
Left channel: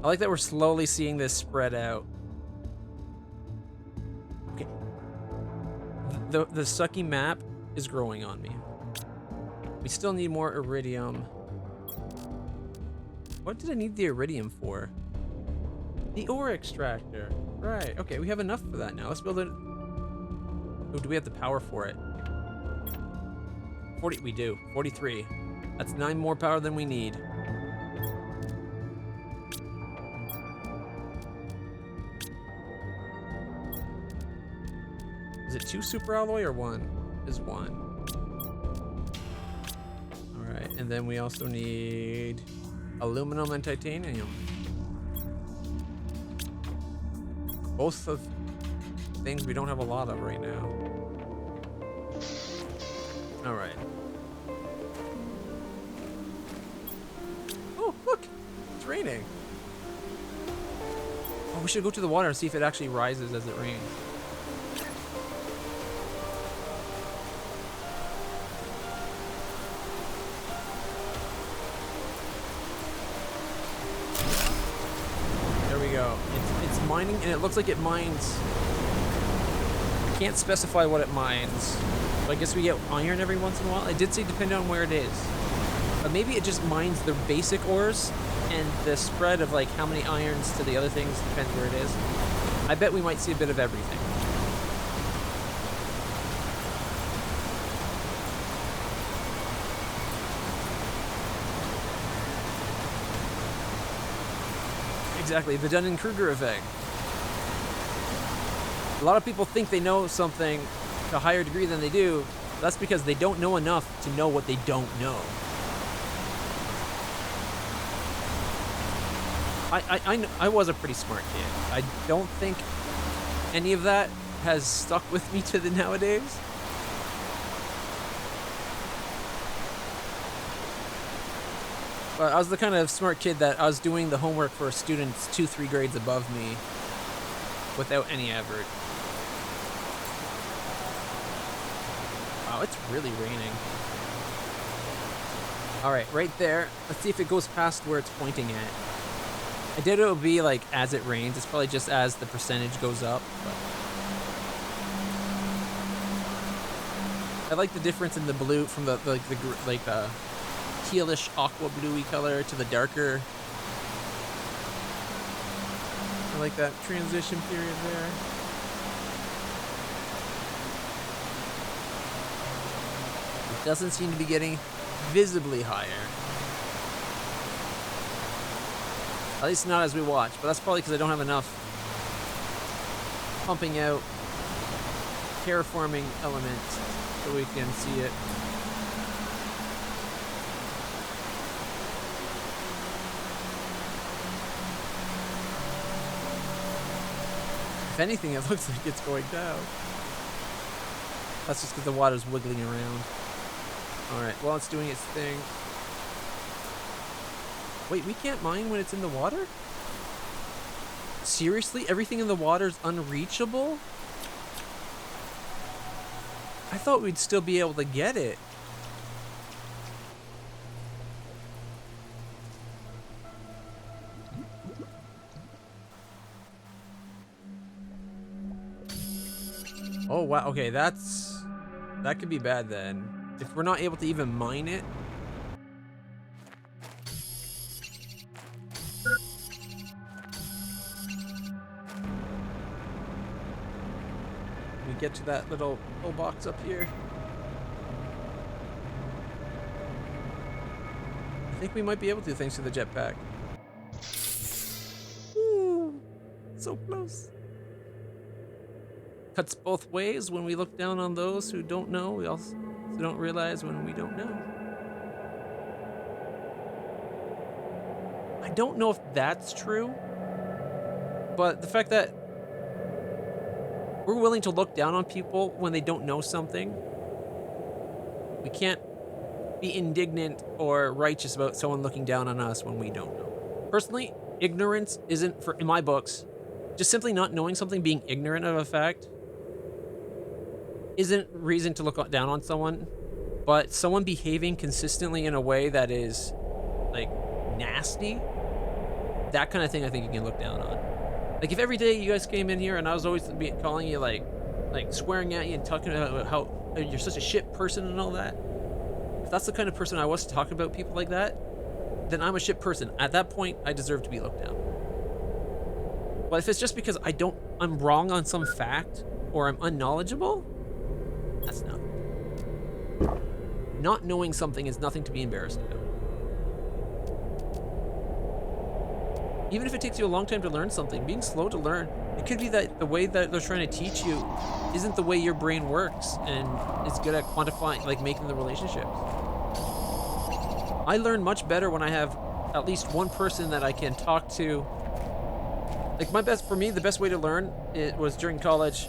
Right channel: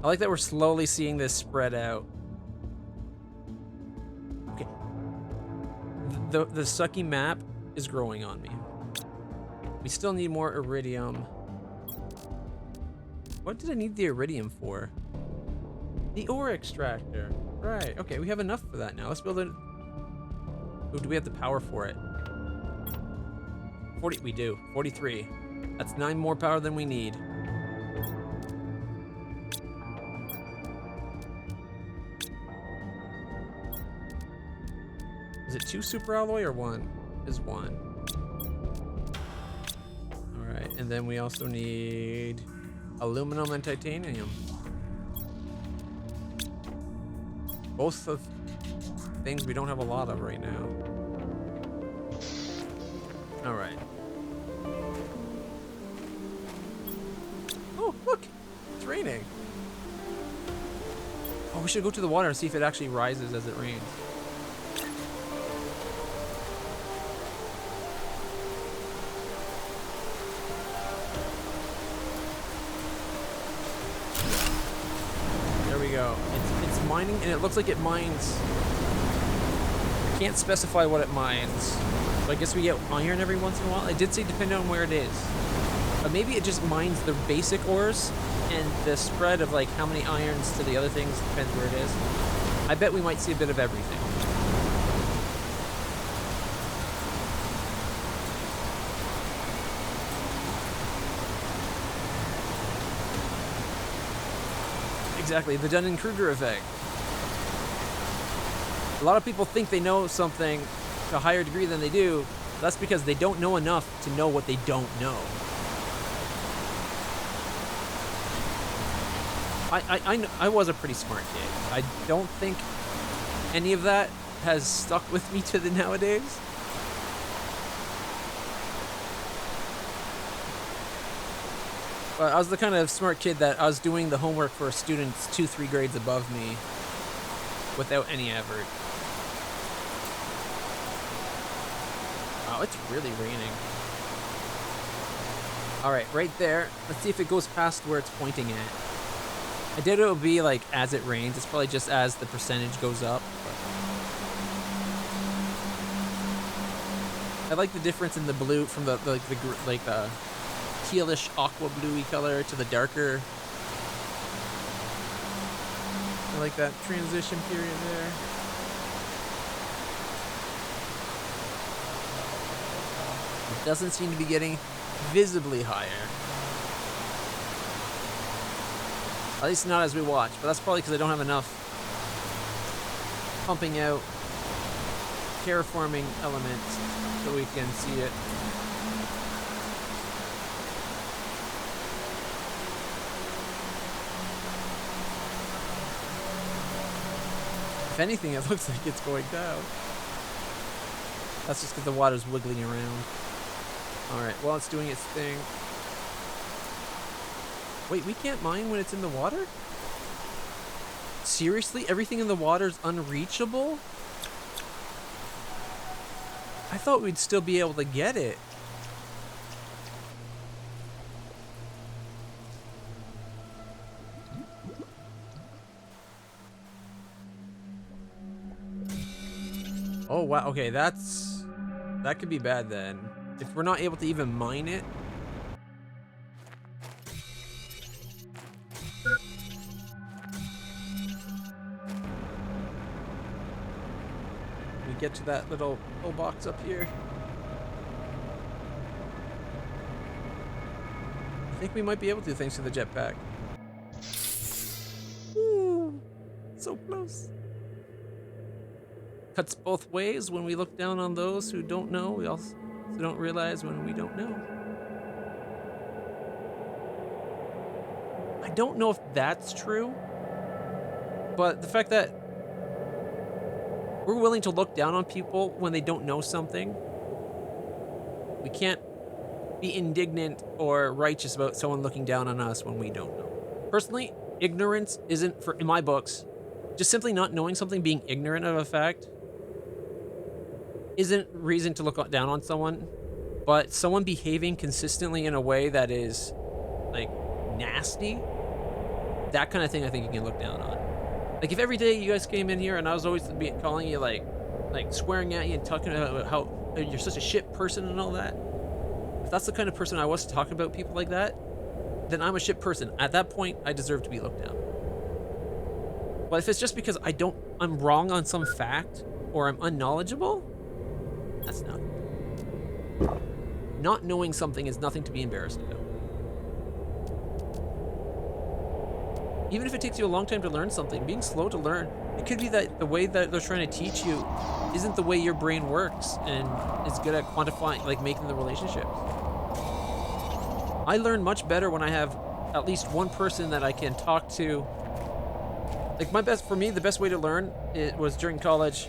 I like that we're slowly seeing this spread out. Okay. The sucky map is growing on me. We still need more iridium. What did I need the iridium for? The ore extractor. Right, okay, we have enough for that now. Let's build it. Oh, do we have the power for it? 40, we do. 43. That's 9 more power than we need. Is it 2 super alloy or 1? Is 1. Alright, and then we also need aluminum and titanium. Both of things we don't have a lot of right now. Alright. Oh, look! It's raining. Oh, we should go to the water and see if it actually rises as it rains. It's mining, and it looks like it mines. I can't specify what it mines, but I guess we get iron every once in a while. I did say depending on where it is. But maybe it just mines the basic ores, and the spread of like how many irons to the other things depends where it is. I bet we might see a bit of everything. Exactly, the Dunning-Kruger effect. A lot of people think they know something to a higher degree than they do. That's because they don't know enough to know what they don't know. I was a pretty smart kid. I don't think any of that has stuck with me to the nowadays. But I was the kind of smart kid that I was doing the homework for students 2-3 grades above me without any effort. Wow, it's really raining. Alright, right there. Let's see if it goes past where it's pointing at. I doubt it'll be like as it rains. It's probably just as the percentage goes up, but I like the difference in the blue from the tealish aqua bluey color to the darker. I like that transition period there. It doesn't seem to be getting visibly higher. At least not as we watch, but that's probably because I don't have enough pumping out terraforming elements so we can see it. If anything, it looks like it's going down. That's just because the water's wiggling around. Alright, well, it's doing its thing. Wait, we can't mine when it's in the water? Seriously? Everything in the water's unreachable? I thought we'd still be able to get it. Oh, wow. Okay, that could be bad then. If we're not able to even mine it. We get to that little box up here. I think we might be able to thanks to the jetpack. Ooh, so close. Cuts both ways when we look down on those who don't know. We also don't realize when we don't know. I don't know if that's true, but the fact that we're willing to look down on people when they don't know something, we can't be indignant or righteous about someone looking down on us when we don't know. Personally, ignorance isn't, in my books, just simply not knowing something, being ignorant of a fact, isn't reason to look down on someone, but someone behaving consistently in a way that is, like, nasty, that kind of thing I think you can look down on. Like, if every day you guys came in here and I was always calling you, like swearing at you and talking about how you're such a shit person and all that, if that's the kind of person I was to talk about people like that, then I'm a shit person. At that point, I deserve to be looked down. But if it's just because I'm wrong on some fact or I'm unknowledgeable, that's nothing. Not knowing something is nothing to be embarrassed about. Even if it takes you a long time to learn something, being slow to learn, it could be that the way that they're trying to teach you isn't the way your brain works and is good at quantifying, like making the relationships. I learn much better when I have at least one person that I can talk to. Like for me, the best way to learn it was during college.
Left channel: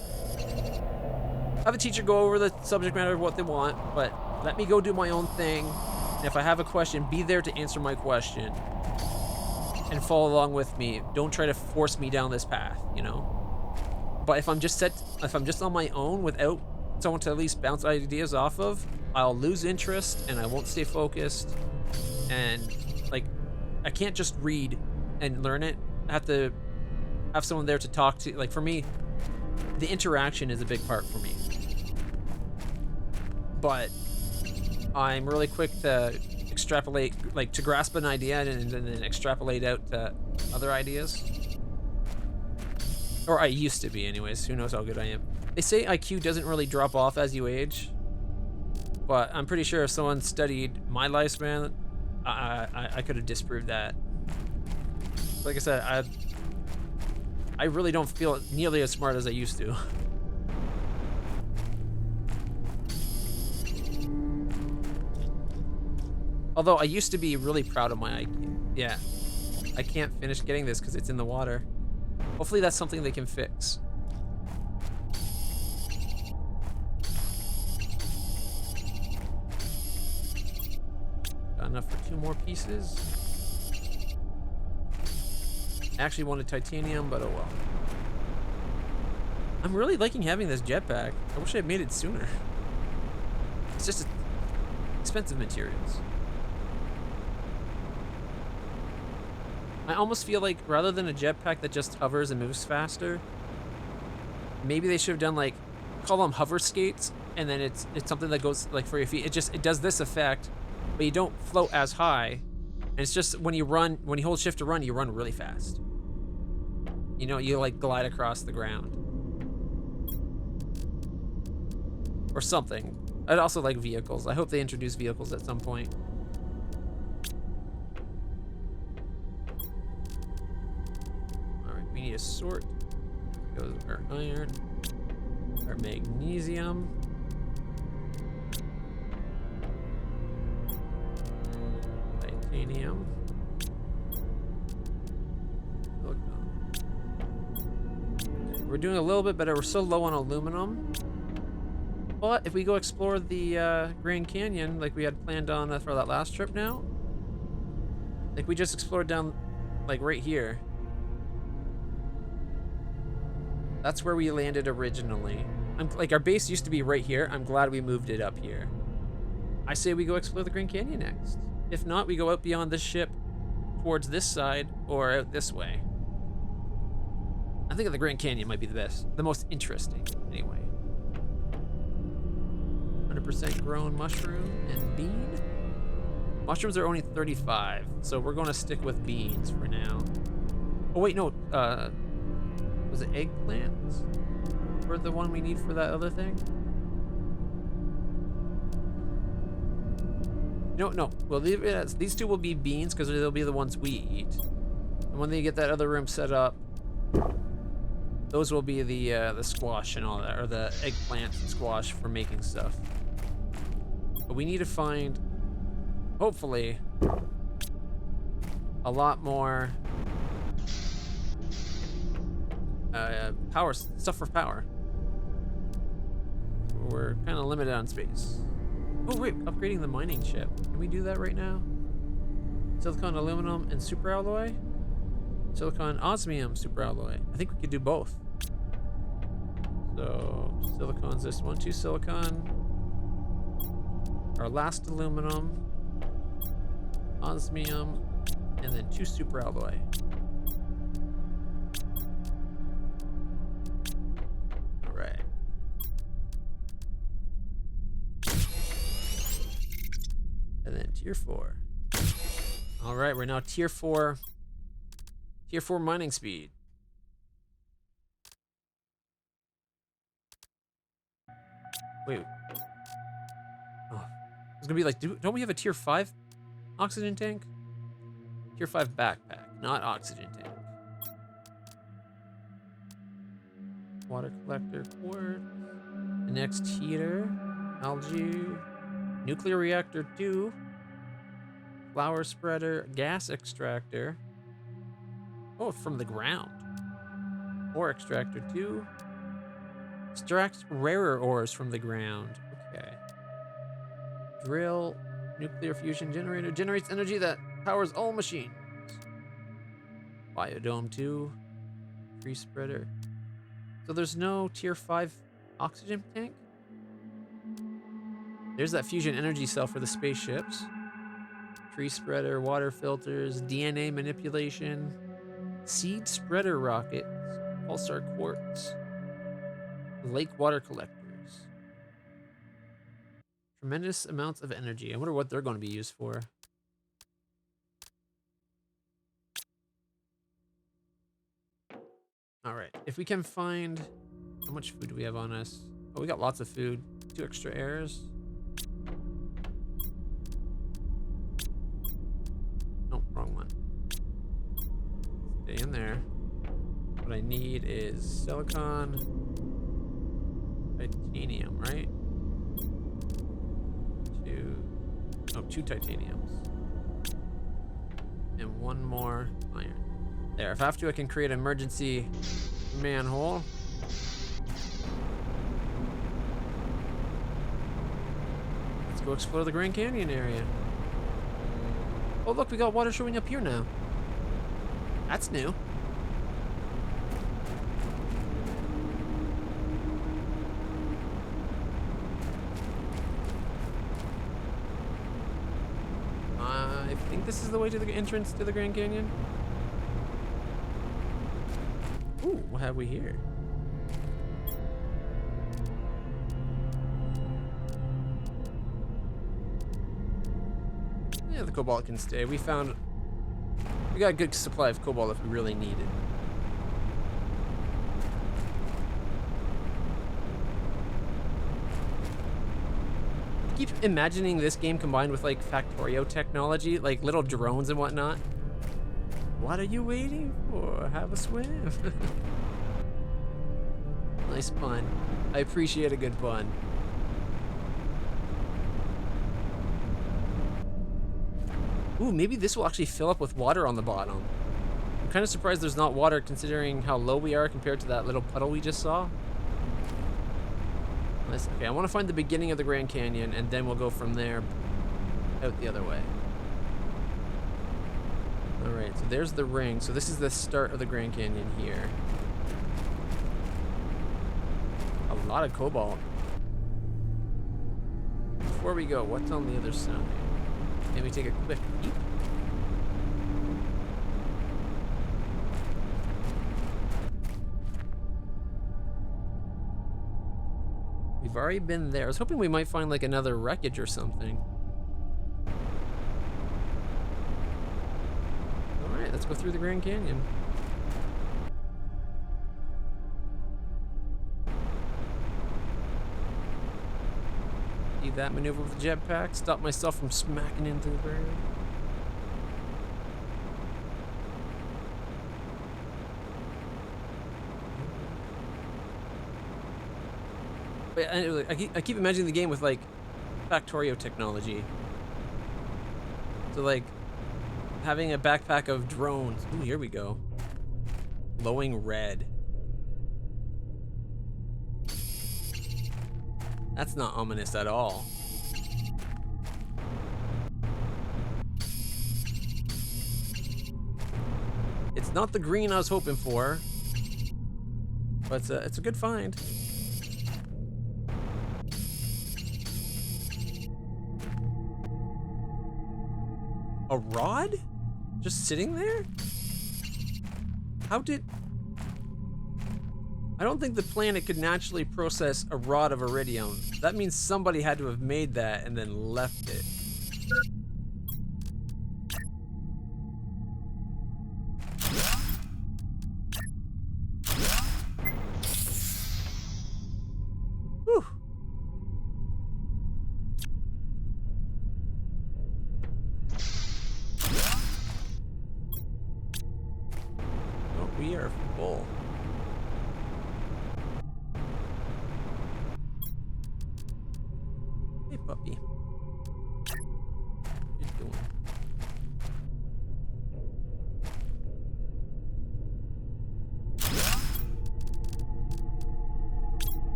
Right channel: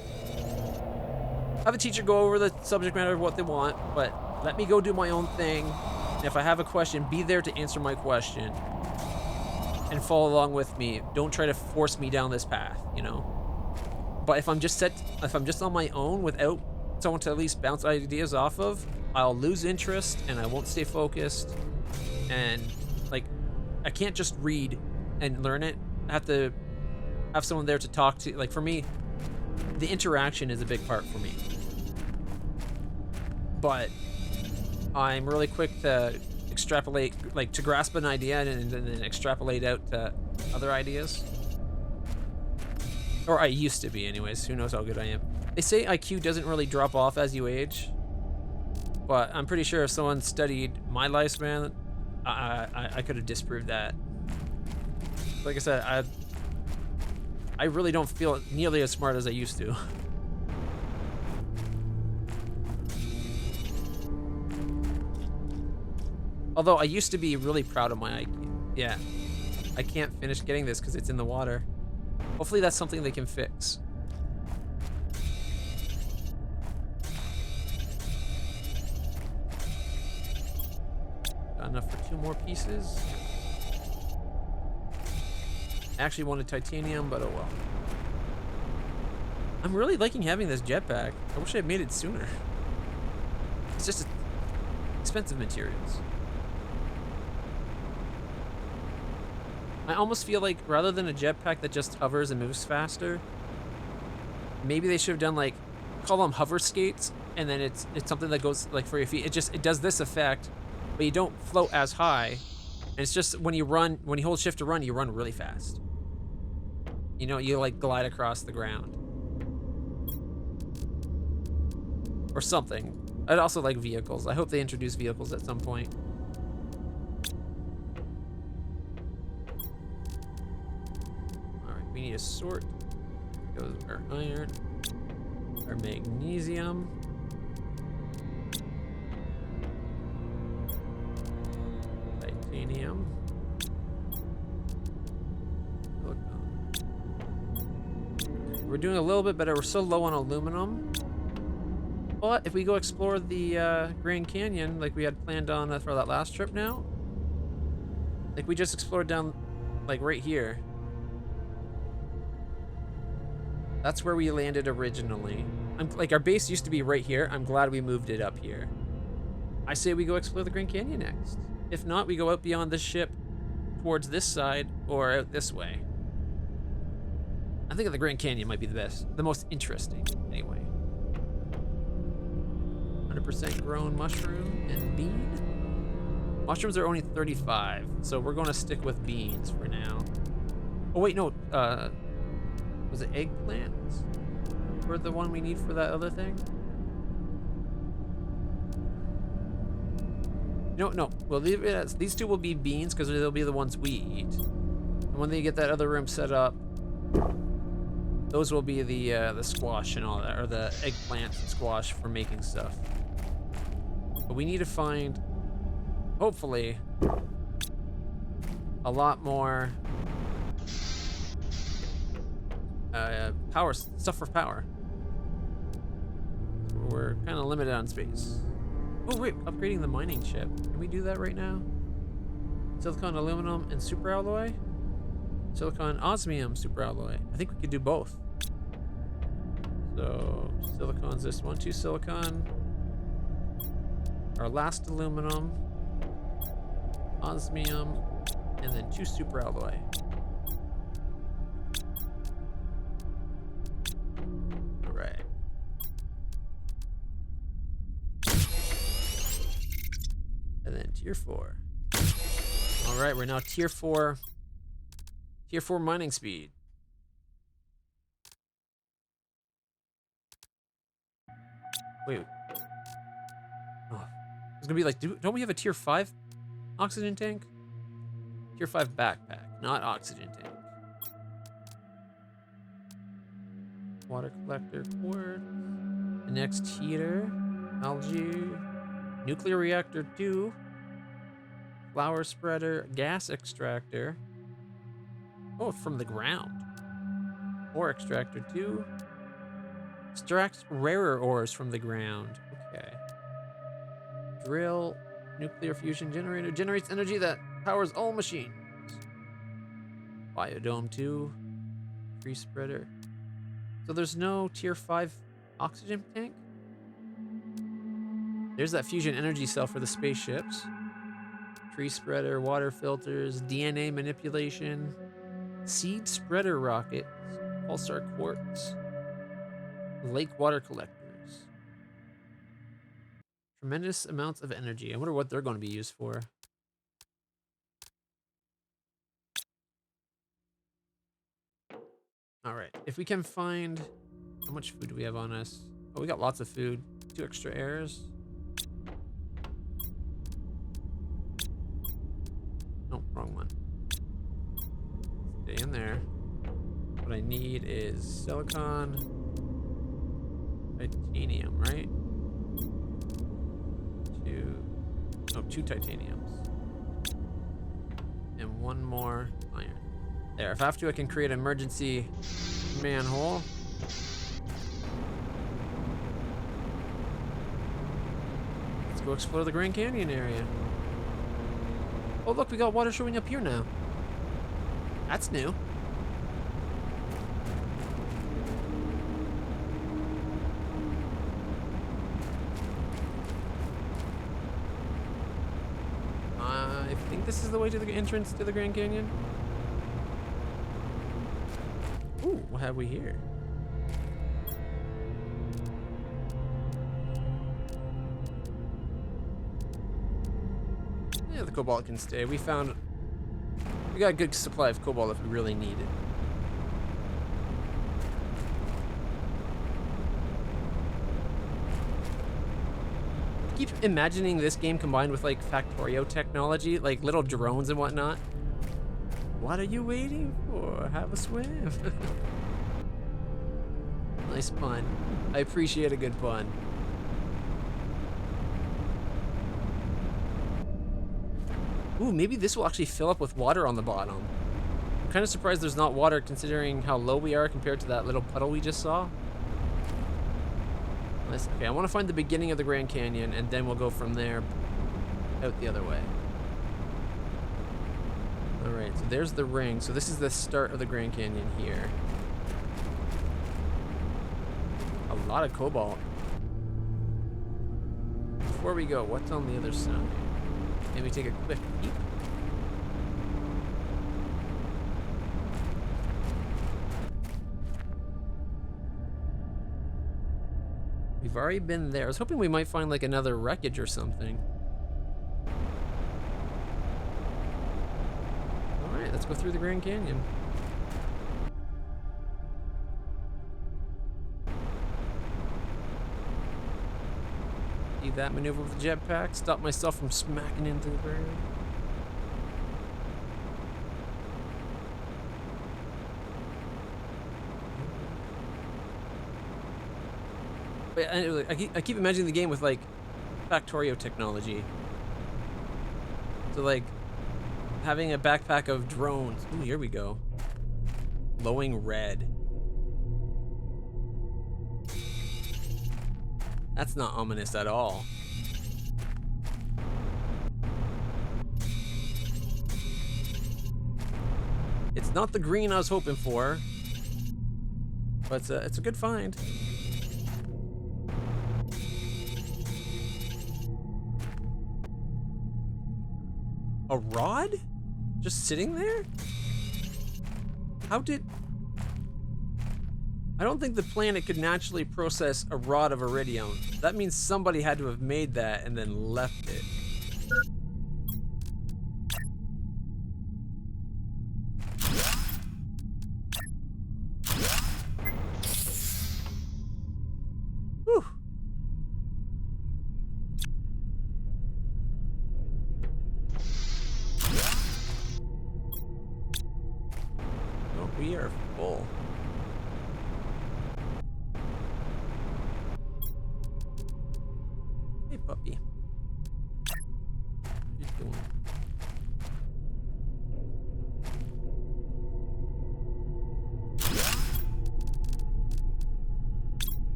Have a teacher go over the subject matter of what they want, but let me go do my own thing. And if I have a question, be there to answer my question and follow along with me. Don't try to force me down this path, you know? But if I'm just on my own without someone to at least bounce ideas off of, I'll lose interest and I won't stay focused. And like, I can't just read and learn it. I have to have someone there to talk to. Like for me, the interaction is a big part for me. But I'm really quick to extrapolate, like to grasp an idea and then extrapolate out to other ideas. Or I used to be anyways, who knows how good I am. They say IQ doesn't really drop off as you age, but I'm pretty sure if someone studied my lifespan, I could have disproved that. Like I said, I really don't feel nearly as smart as I used to. Although I used to be really proud of my IQ. Yeah. I can't finish getting this because it's in the water. Hopefully that's something they can fix. Got enough for 2 more pieces. I actually wanted titanium, but oh well. I'm really liking having this jetpack. I wish I had made it sooner. It's just expensive materials. I almost feel like rather than a jetpack that just hovers and moves faster, maybe they should have done like, call them hover skates, and then it's something that goes like for your feet. It does this effect, but you don't float as high. And it's just when you run, when you hold shift to run, you run really fast. You know, you like glide across the ground. Or something. I'd also like vehicles. I hope they introduce vehicles at some point. Alright, we need a sort. There goes our iron. Our magnesium. Titanium. We're doing a little bit better. We're still low on aluminum. But if we go explore the Grand Canyon like we had planned on for that last trip now, like we just explored down like right here. That's where we landed originally. Like our base used to be right here. I'm glad we moved it up here. I say we go explore the Grand Canyon next. If not, we go out beyond this ship towards this side or out this way. I think the Grand Canyon might be the most interesting anyway. 100% grown mushroom and bean. Mushrooms are only 35, so we're going to stick with beans for now. Oh wait, no, was it eggplants? Were the one we need for that other thing? No, we'll leave it as, these two will be beans because they'll be the ones we eat. And when they get that other room set up, those will be the squash and all that, or the eggplant and squash for making stuff. But we need to find, hopefully, a lot more power stuff for power. We're kind of limited on space. Oh wait, upgrading the mining ship. Can we do that right now? Silicon, aluminum, and superalloy? Silicon, osmium, superalloy. I think we could do both. So, silicon's this one, 2 silicon. Our last aluminum. Osmium, and then 2 superalloy. Alright. And then tier 4. Alright, we're now tier 4. Tier 4 mining speed. Wait. Oh. It's gonna be like, don't we have a tier 5 oxygen tank? Tier 5 backpack, not oxygen tank. Water collector, quartz. The next heater, algae, nuclear reactor 2, flower spreader, gas extractor. Oh, from the ground. Ore extractor 2. Extracts rarer ores from the ground. Okay. Drill, nuclear fusion generator. Generates energy that powers all machines. Biodome 2. Tree spreader. So there's no tier 5 oxygen tank? There's that fusion energy cell for the spaceships. Tree spreader, water filters, DNA manipulation. Seed spreader rockets. Pulsar quartz. Lake water collectors. Tremendous amounts of energy. I wonder what they're going to be used for. right. If we can find... How much food do we have on us? Oh, we got lots of food. 2 extra airs. Nope, wrong one. Stay in there. What I need is silicon, titanium, right? 2 titaniums. And 1 more iron. There, if I have to, I can create an emergency manhole. Let's go explore the Grand Canyon area. Oh look, we got water showing up here now. That's new. I think this is the way to the entrance to the Grand Canyon. Ooh, what have we here? Yeah, the cobalt can stay. We got a good supply of cobalt if we really need it. I keep imagining this game combined with like Factorio technology, like little drones and whatnot. What are you waiting for? Have a swim. Nice pun. I appreciate a good pun. Ooh, maybe this will actually fill up with water on the bottom. I'm kind of surprised there's not water considering how low we are compared to that little puddle we just saw. Okay, I want to find the beginning of the Grand Canyon and then we'll go from there out the other way. Alright, so there's the ring. So this is the start of the Grand Canyon here. A lot of cobalt. Before we go, what's on the other side? Maybe take a quick peek. We've already been there. I was hoping we might find like another wreckage or something. Alright, let's go through the Grand Canyon. See that maneuver with the jetpack? Stop myself from smacking into the ground. But I keep imagining the game with like Factorio technology. So like having a backpack of drones. Ooh, here we go. Glowing red. That's not ominous at all. It's not the green I was hoping for, but it's a good find. A rod? Just sitting there? How did... I don't think the planet could naturally process a rod of iridium. That means somebody had to have made that and then left it. Whew. Oh, we are full. Hey, puppy. What you doing?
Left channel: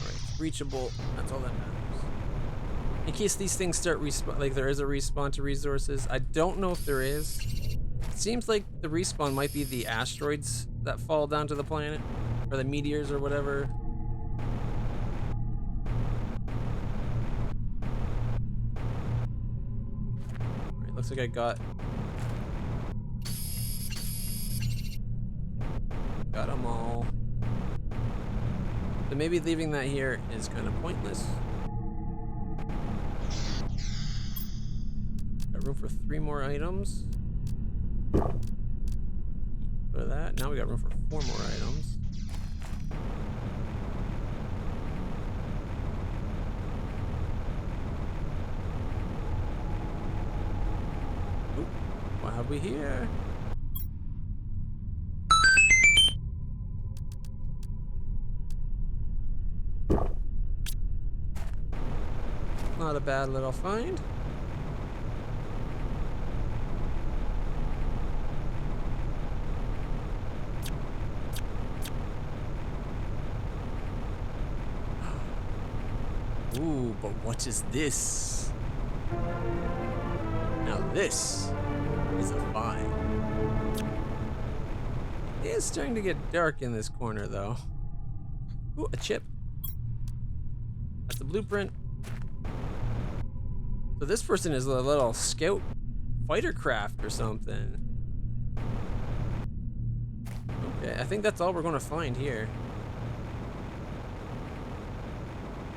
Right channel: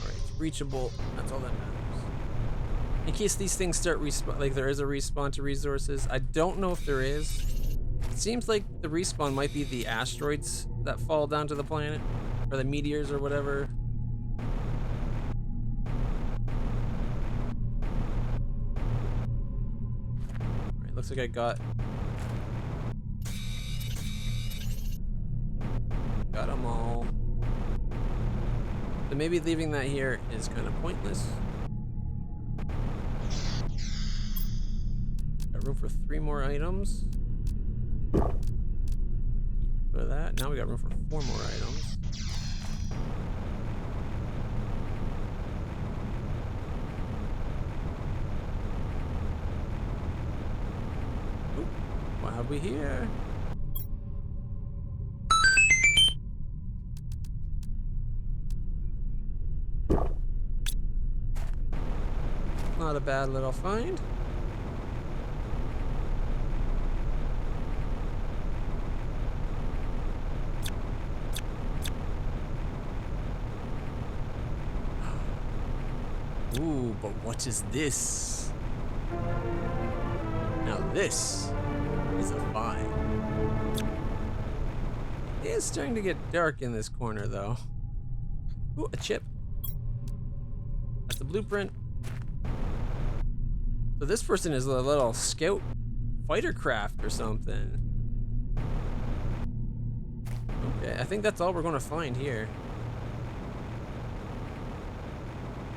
Alright, it's reachable. That's all that matters. In case these things start respawn, like there is a respawn to resources. I don't know if there is. It seems like the respawn might be the asteroids that fall down to the planet, or the meteors or whatever. Alright, looks like I got them all. So maybe leaving that here is kind of pointless. Got room for 3 more items. For that. Now we got room for 4 more items. Oop, what have we here? Not a bad little find. Ooh, but what is this? Now this is a find. It is starting to get dark in this corner though. Ooh, a chip. That's a blueprint. So this person is a little scout fighter craft or something. Okay, I think that's all we're gonna find here.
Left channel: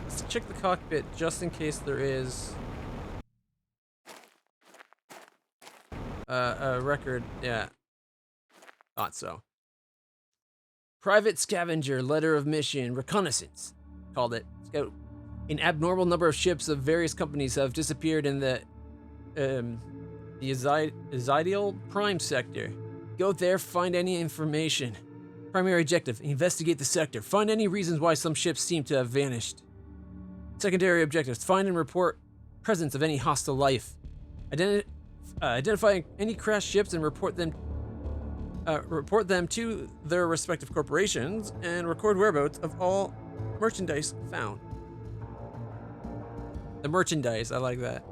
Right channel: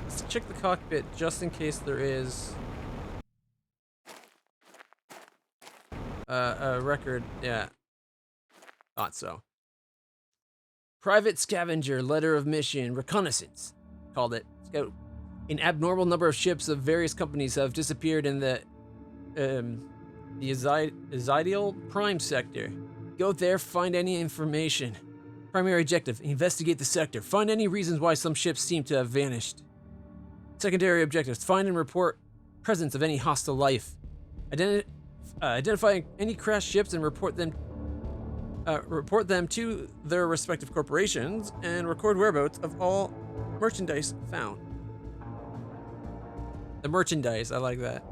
Let's check the cockpit just in case there is a record. Yeah, thought so. Private scavenger, letter of mission, reconnaissance, called it. Scout. An abnormal number of ships of various companies have disappeared in the Ezidial Prime sector. Go there, find any information. Primary objective, investigate the sector. Find any reasons why some ships seem to have vanished. Secondary objectives, find and report presence of any hostile life. Identify any crashed ships and report them to their respective corporations and record whereabouts of all merchandise found. The merchandise, I like that.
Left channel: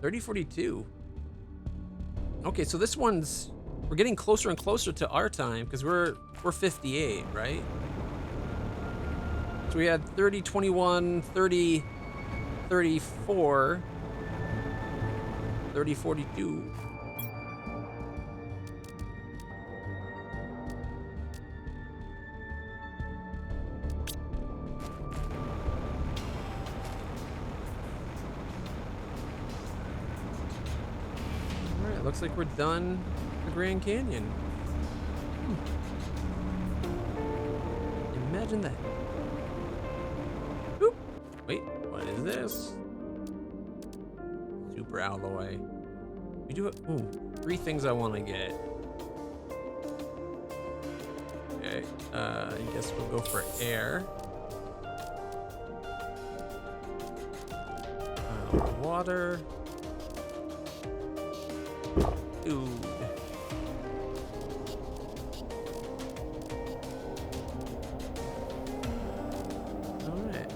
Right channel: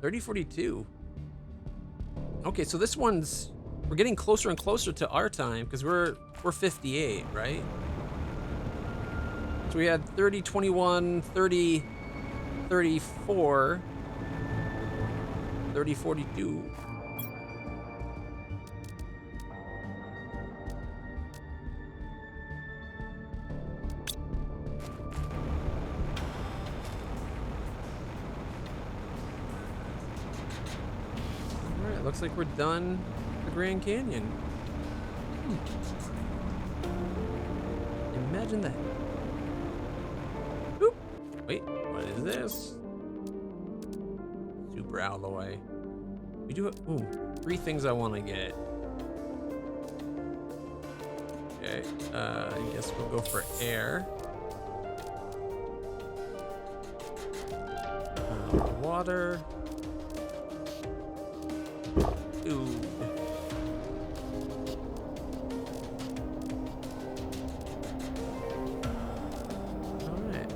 3042. Okay, so this one's, we're getting closer and closer to our time because we're 58, right? So we had 30, 21, 30, 34, 30, 42. Looks like we're done the Grand Canyon. Imagine that. Oop. Wait, what is this? Super alloy. We do it. Ooh, 3 things I want to get. Okay, I guess we'll go for air. Water. Food. Alright.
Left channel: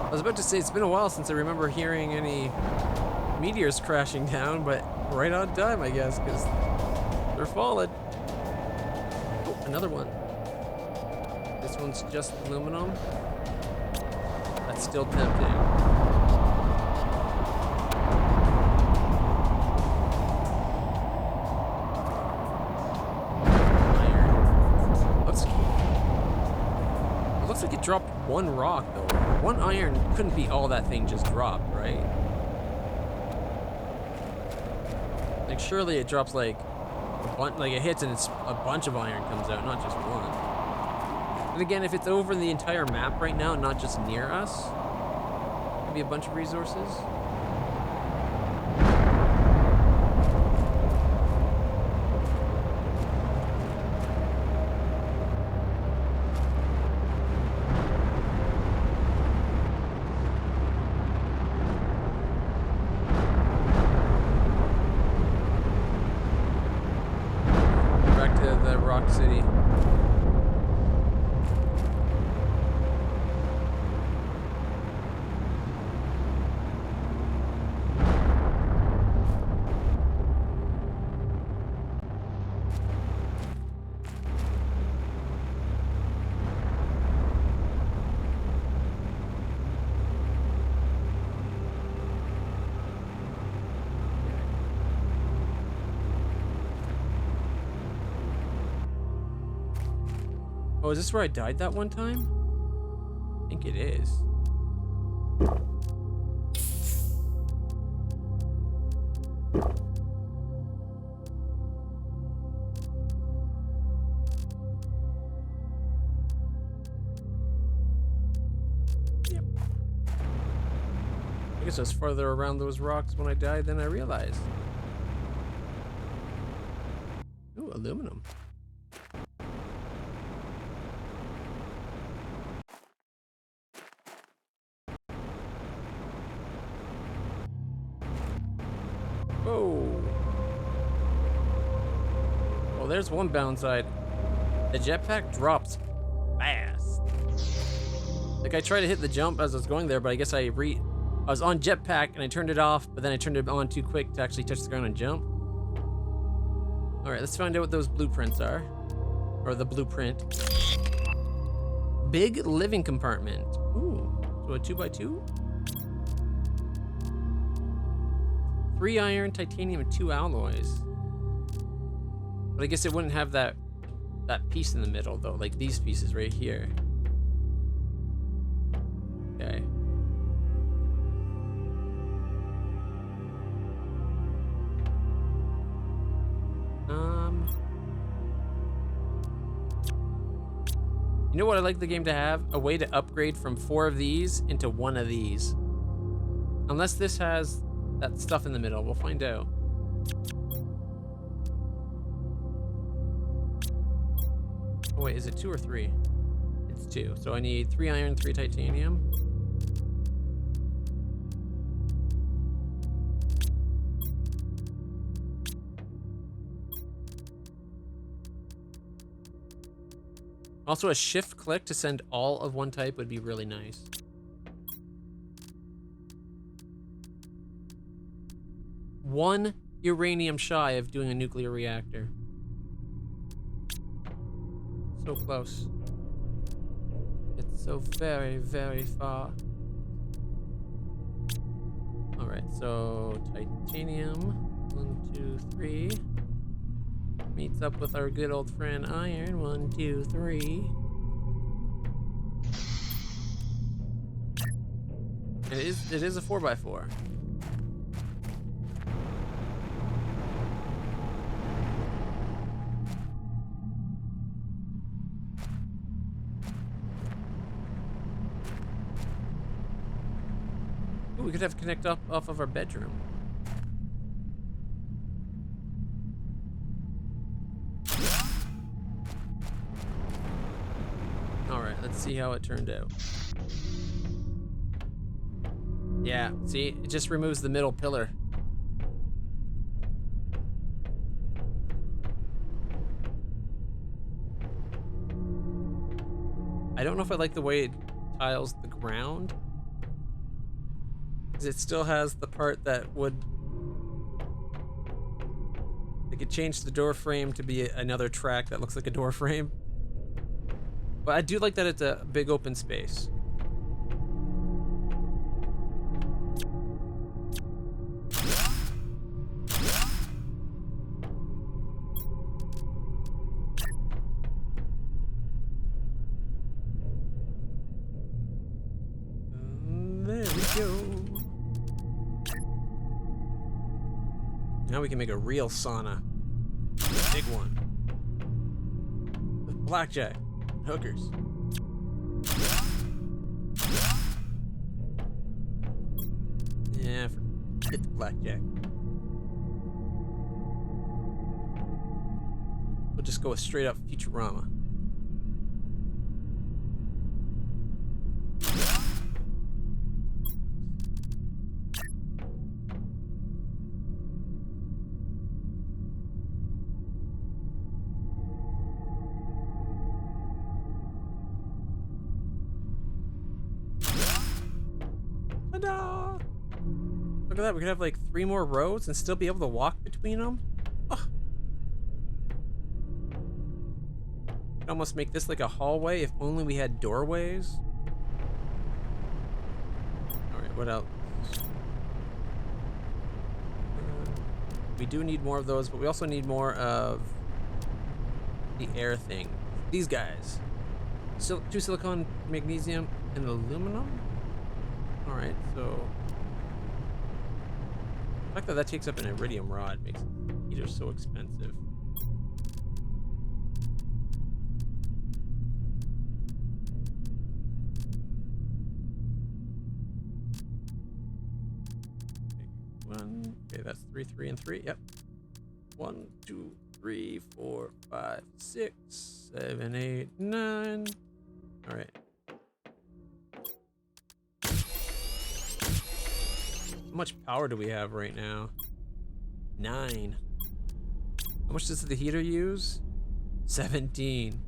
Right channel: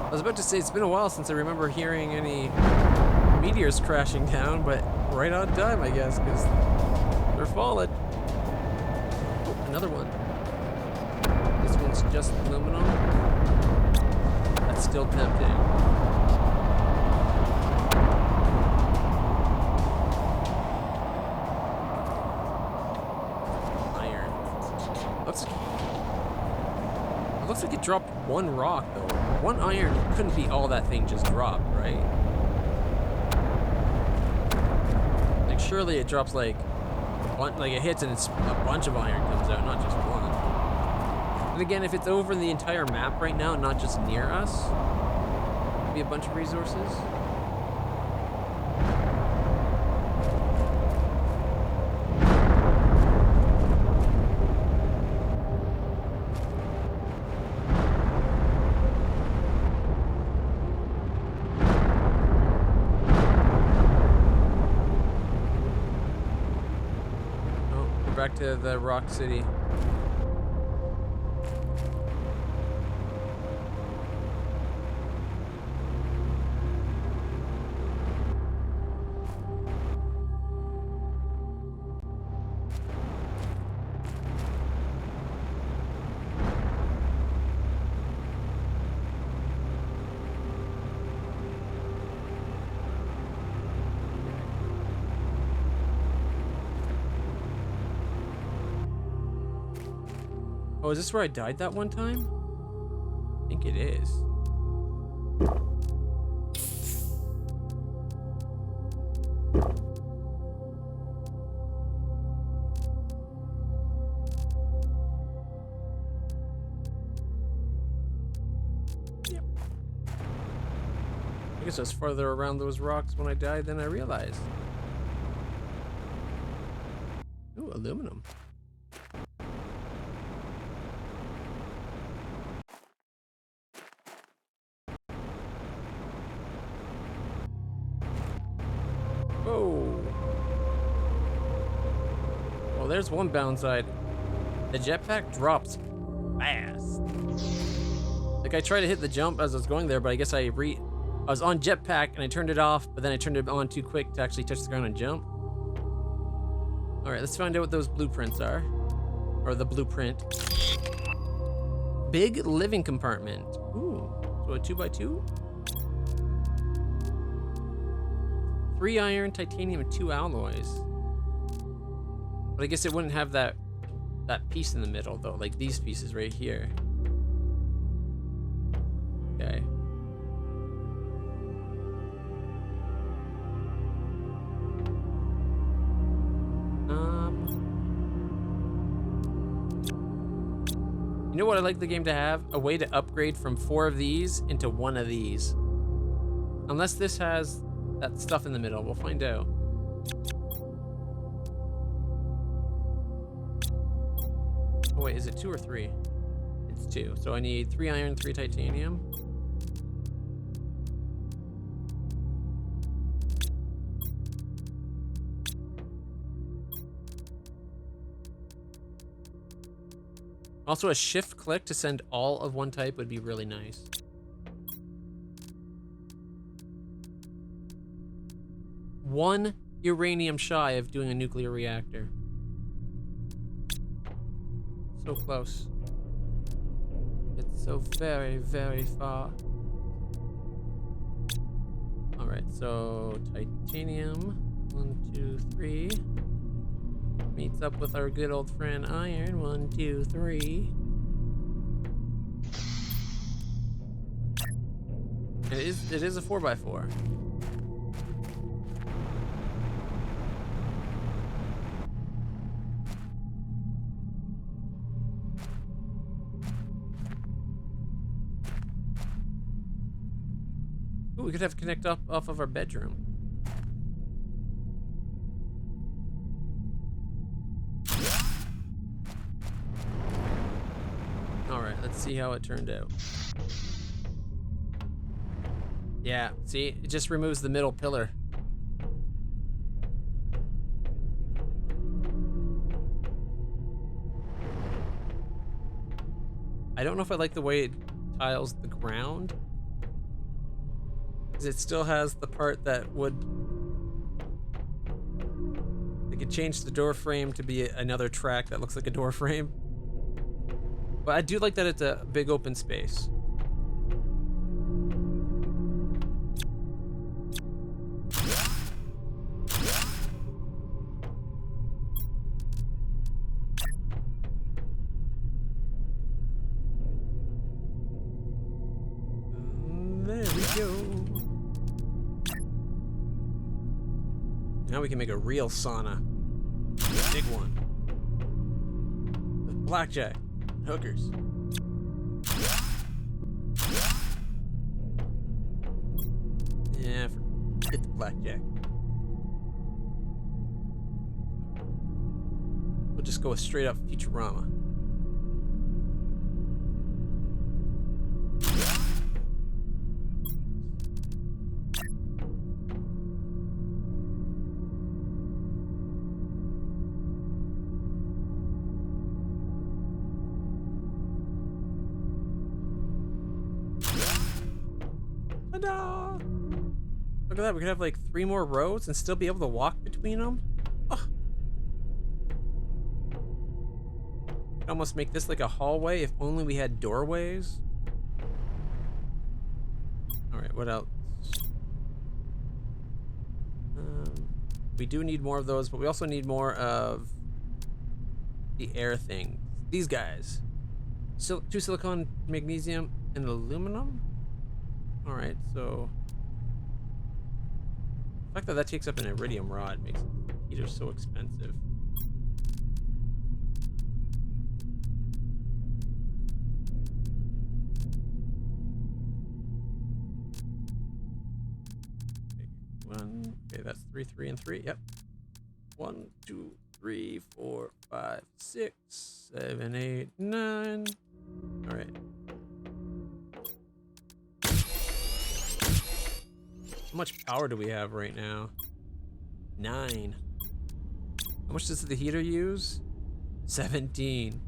I was about to say it's been a while since I remember hearing any meteors crashing down, but right on time, I guess, because they're falling. Oh, another one. This one's just aluminum. That's still tempting. Iron. It looks like it dropped 1 rock though. 1 iron couldn't be all that thing just dropped, right? Like surely it drops like a bunch, like it hits and it's a bunch of iron comes out, not just 1. And again, if it's over the entire map right now, not just near us, maybe a bunch of resources. Back to the Rock City. Oh, is this where I died that one time? I think it is. Yep. I guess I was farther around those rocks when I died than I realized. Ooh, aluminum. Whoa. Well, there's one downside. The jetpack drops fast. Like, I tried to hit the jump as I was going there, but I guess I was on jetpack and I turned it off, but then I turned it on too quick to actually touch the ground and jump. All right, let's find out what those blueprints are. Or the blueprint. Big living compartment. Ooh, so a 2x2? 3 iron, titanium, and 2 alloys. But I guess it wouldn't have that piece in the middle though, like these pieces right here. Okay. You know what I'd like the game to have? A way to upgrade from 4 of these into 1 of these. Unless this has that stuff in the middle, we'll find out. Oh wait, is it 2 or 3? It's 2. So I need 3 iron, 3 titanium. Also, a shift click to send all of one type would be really nice. One uranium shy of doing a nuclear reactor. So close. It's so very, very far. All right, so titanium, 1, 2, 3. Meets up with our good old friend iron, 1, 2, 3. And it is a 4x4. Ooh, we could have connect up off of our bedroom. Alright, let's see how it turned out. Yeah, see, it just removes the middle pillar. I don't know if I like the way it tiles the ground. Because it still has the part that would... They could change the door frame to be another track that looks like a door frame. But I do like that it's a big open space. There we go. Now we can make a real sauna. Big one. With blackjack. Hookers. Yeah, forget the blackjack. We'll just go with straight up Futurama. Ta-da! Look at that, we could have like 3 more rows and still be able to walk between them. Oh. Could almost make this like a hallway if only we had doorways. Alright, what else? We do need more of those, but we also need more of the air thing. These guys. 2 silicon, magnesium, and aluminum. All right, so the fact that that takes up an iridium rod makes heaters so expensive. Okay, that's 3, 3, and 3. Yep. 1, 2, 3, 4, 5, 6, 7, 8, 9. All right. How much power do we have right now? 9. How much does the heater use? 17.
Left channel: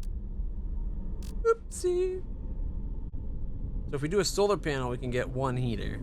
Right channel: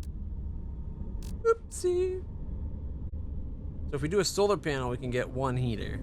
Oopsie. So if we do a solar panel, we can get 1 heater.